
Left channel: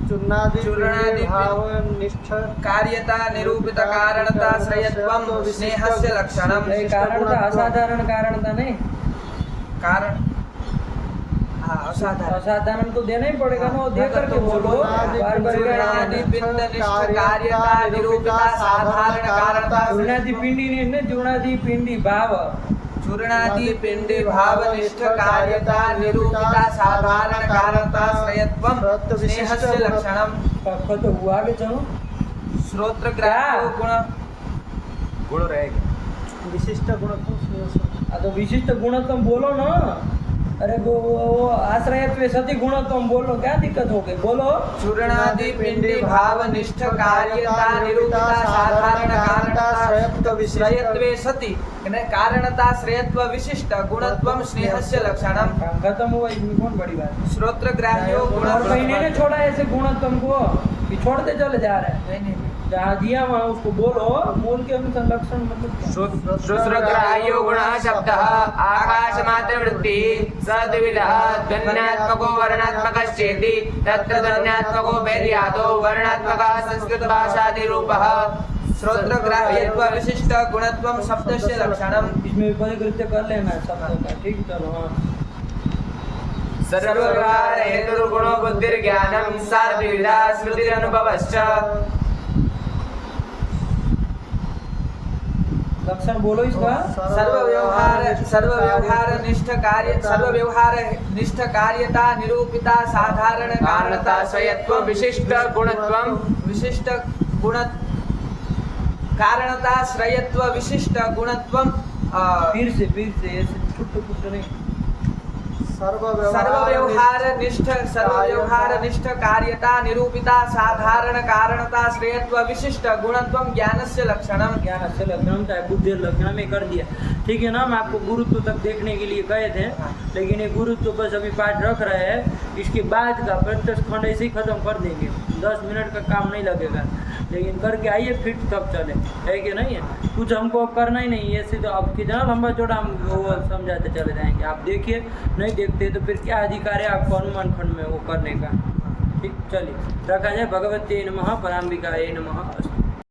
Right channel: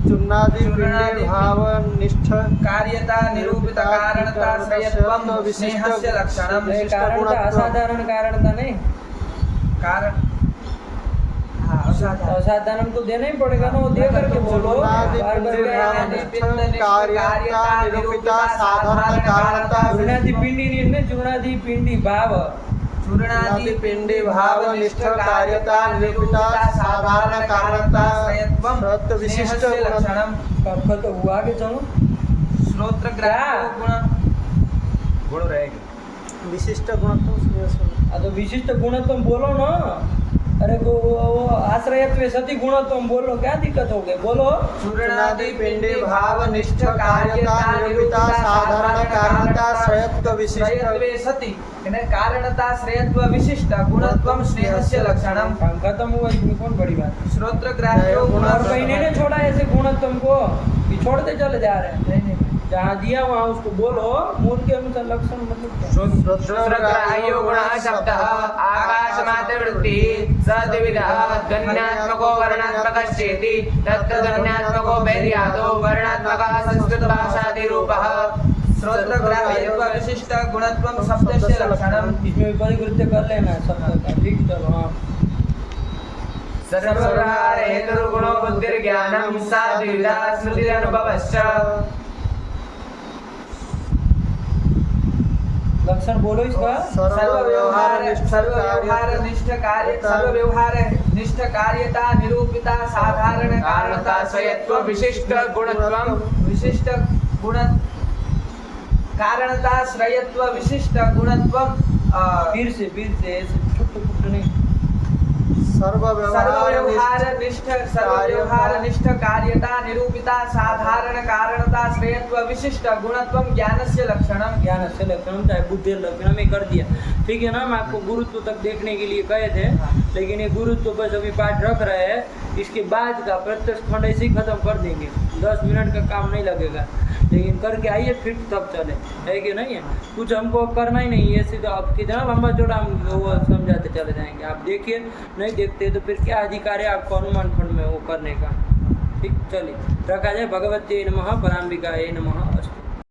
चूर्णादिभावनिष्ठ कार्यता निरूपित कारणता श्रेयत्वं स्नेहस्य लक्षणम्। कारणता असाधारण कारणता नहीं कारण असाधारण तो देना ही पड़ेगा ना, वो दे करके बोलो बार बार। चूर्णादि पिंडी नहीं है, चूर्णादि पिंडी भाव चूर्णादि पिंडी भाव निष्ठ कार्यता निरूपिता साधारण कारणता श्रेयत्वं स्नेहस्य लक्षणम्। तो हुआ आगे चलो श्रोत्र ग्राह्य गुण रहेगा विशिष्ट गुणत्व। तो विशिष्ट गुणत्व बोलो ना। अरे वो आश्रयत्व सती गुणत्व बोलो, क्या दिक्कत हो गई बोलो। चूर्णादि पिंडी भाव निष्ठ कार्यता निरूपिता साधारण कारणता श्रेयत्वे सति कारणता श्रेयत्व विशिष्ट गुणत्वं स्नेहस्य लक्षणम्। खत्म हुआ, इसमें कौन बड़ी बात। श्रोत्र ग्राह्यो और कहीं नहीं छोड़ा ऐसे गुणत्व को, कि छोड़ते चले जा रहे हैं। जहाँ दिया वहाँ उसको बोलो, मूल के अनुसार लक्षण मतलब क्या। श्रोत्रग्राह्यो गुणः शब्दः आकाशमात्रवृत्तिः सद्विधः ध्वन्यात्मको वर्णात्मकश्चेति तत्र ध्वन्यात्मको वैर्यादो वर्णात्मकः संस्कृतभाषादिरूपः श्रोत्रग्राह्यत्व विशिष्ट गुणत्वं शब्दस्य लक्षणम्। इसमें परिकृत्य कर लेना शब्द का, ठीक। चलो हाँ। सर्वव्यवहार हेतुर्गुणो बुद्धिर्ज्ञानं सा द्विविधा स्मृतिरनुभवश्च। लक्षण बोलो इसका। सर्वव्यवहार निष्ठ कार्यता निरूपिता साधारण कारणता स्वयत्व विशिष्ट गुणत्वं विशिष्ट गुण कारणता श्रेयत्व विशिष्ट गुणत्वं। फिर से ऐसे छुट्ट नहीं। सर्वव्यवहार निष्ठ कार्यता निरूपिता साधारण कारणता श्रेयत्व विशिष्ट गुणत्वं ज्ञानस्य लक्षणम्। ज्ञानस्य लक्षणम चाहे बुद्धि लक्षण में कर दिया, ठीक है ना। हम आपको गुरुत्व तक देखने के लिए कहे थे, लेकिन ये गुरुत्व बस अभी पाठ रख रहे हैं। इसके बाद का प्रत्यक्ष खंड ऐसे ही खत्म कर देंगे, 10 मिनट का काम नहीं लगेगा। लेकिन करके आइए फिर तब चले, है कि नहीं है। कुछ हमको करना ही नहीं है, सीधा अब कितना लंबा चौड़ा हम वो समझाते चले जाएंगे। आप देखिए, नहीं देखते तो फिर क्या अधिकार है आपको अनुमान खंड में वो करने का। ठीक, चलिए रखा जाए। भगवते नमः, पराम्बिकाये नमः।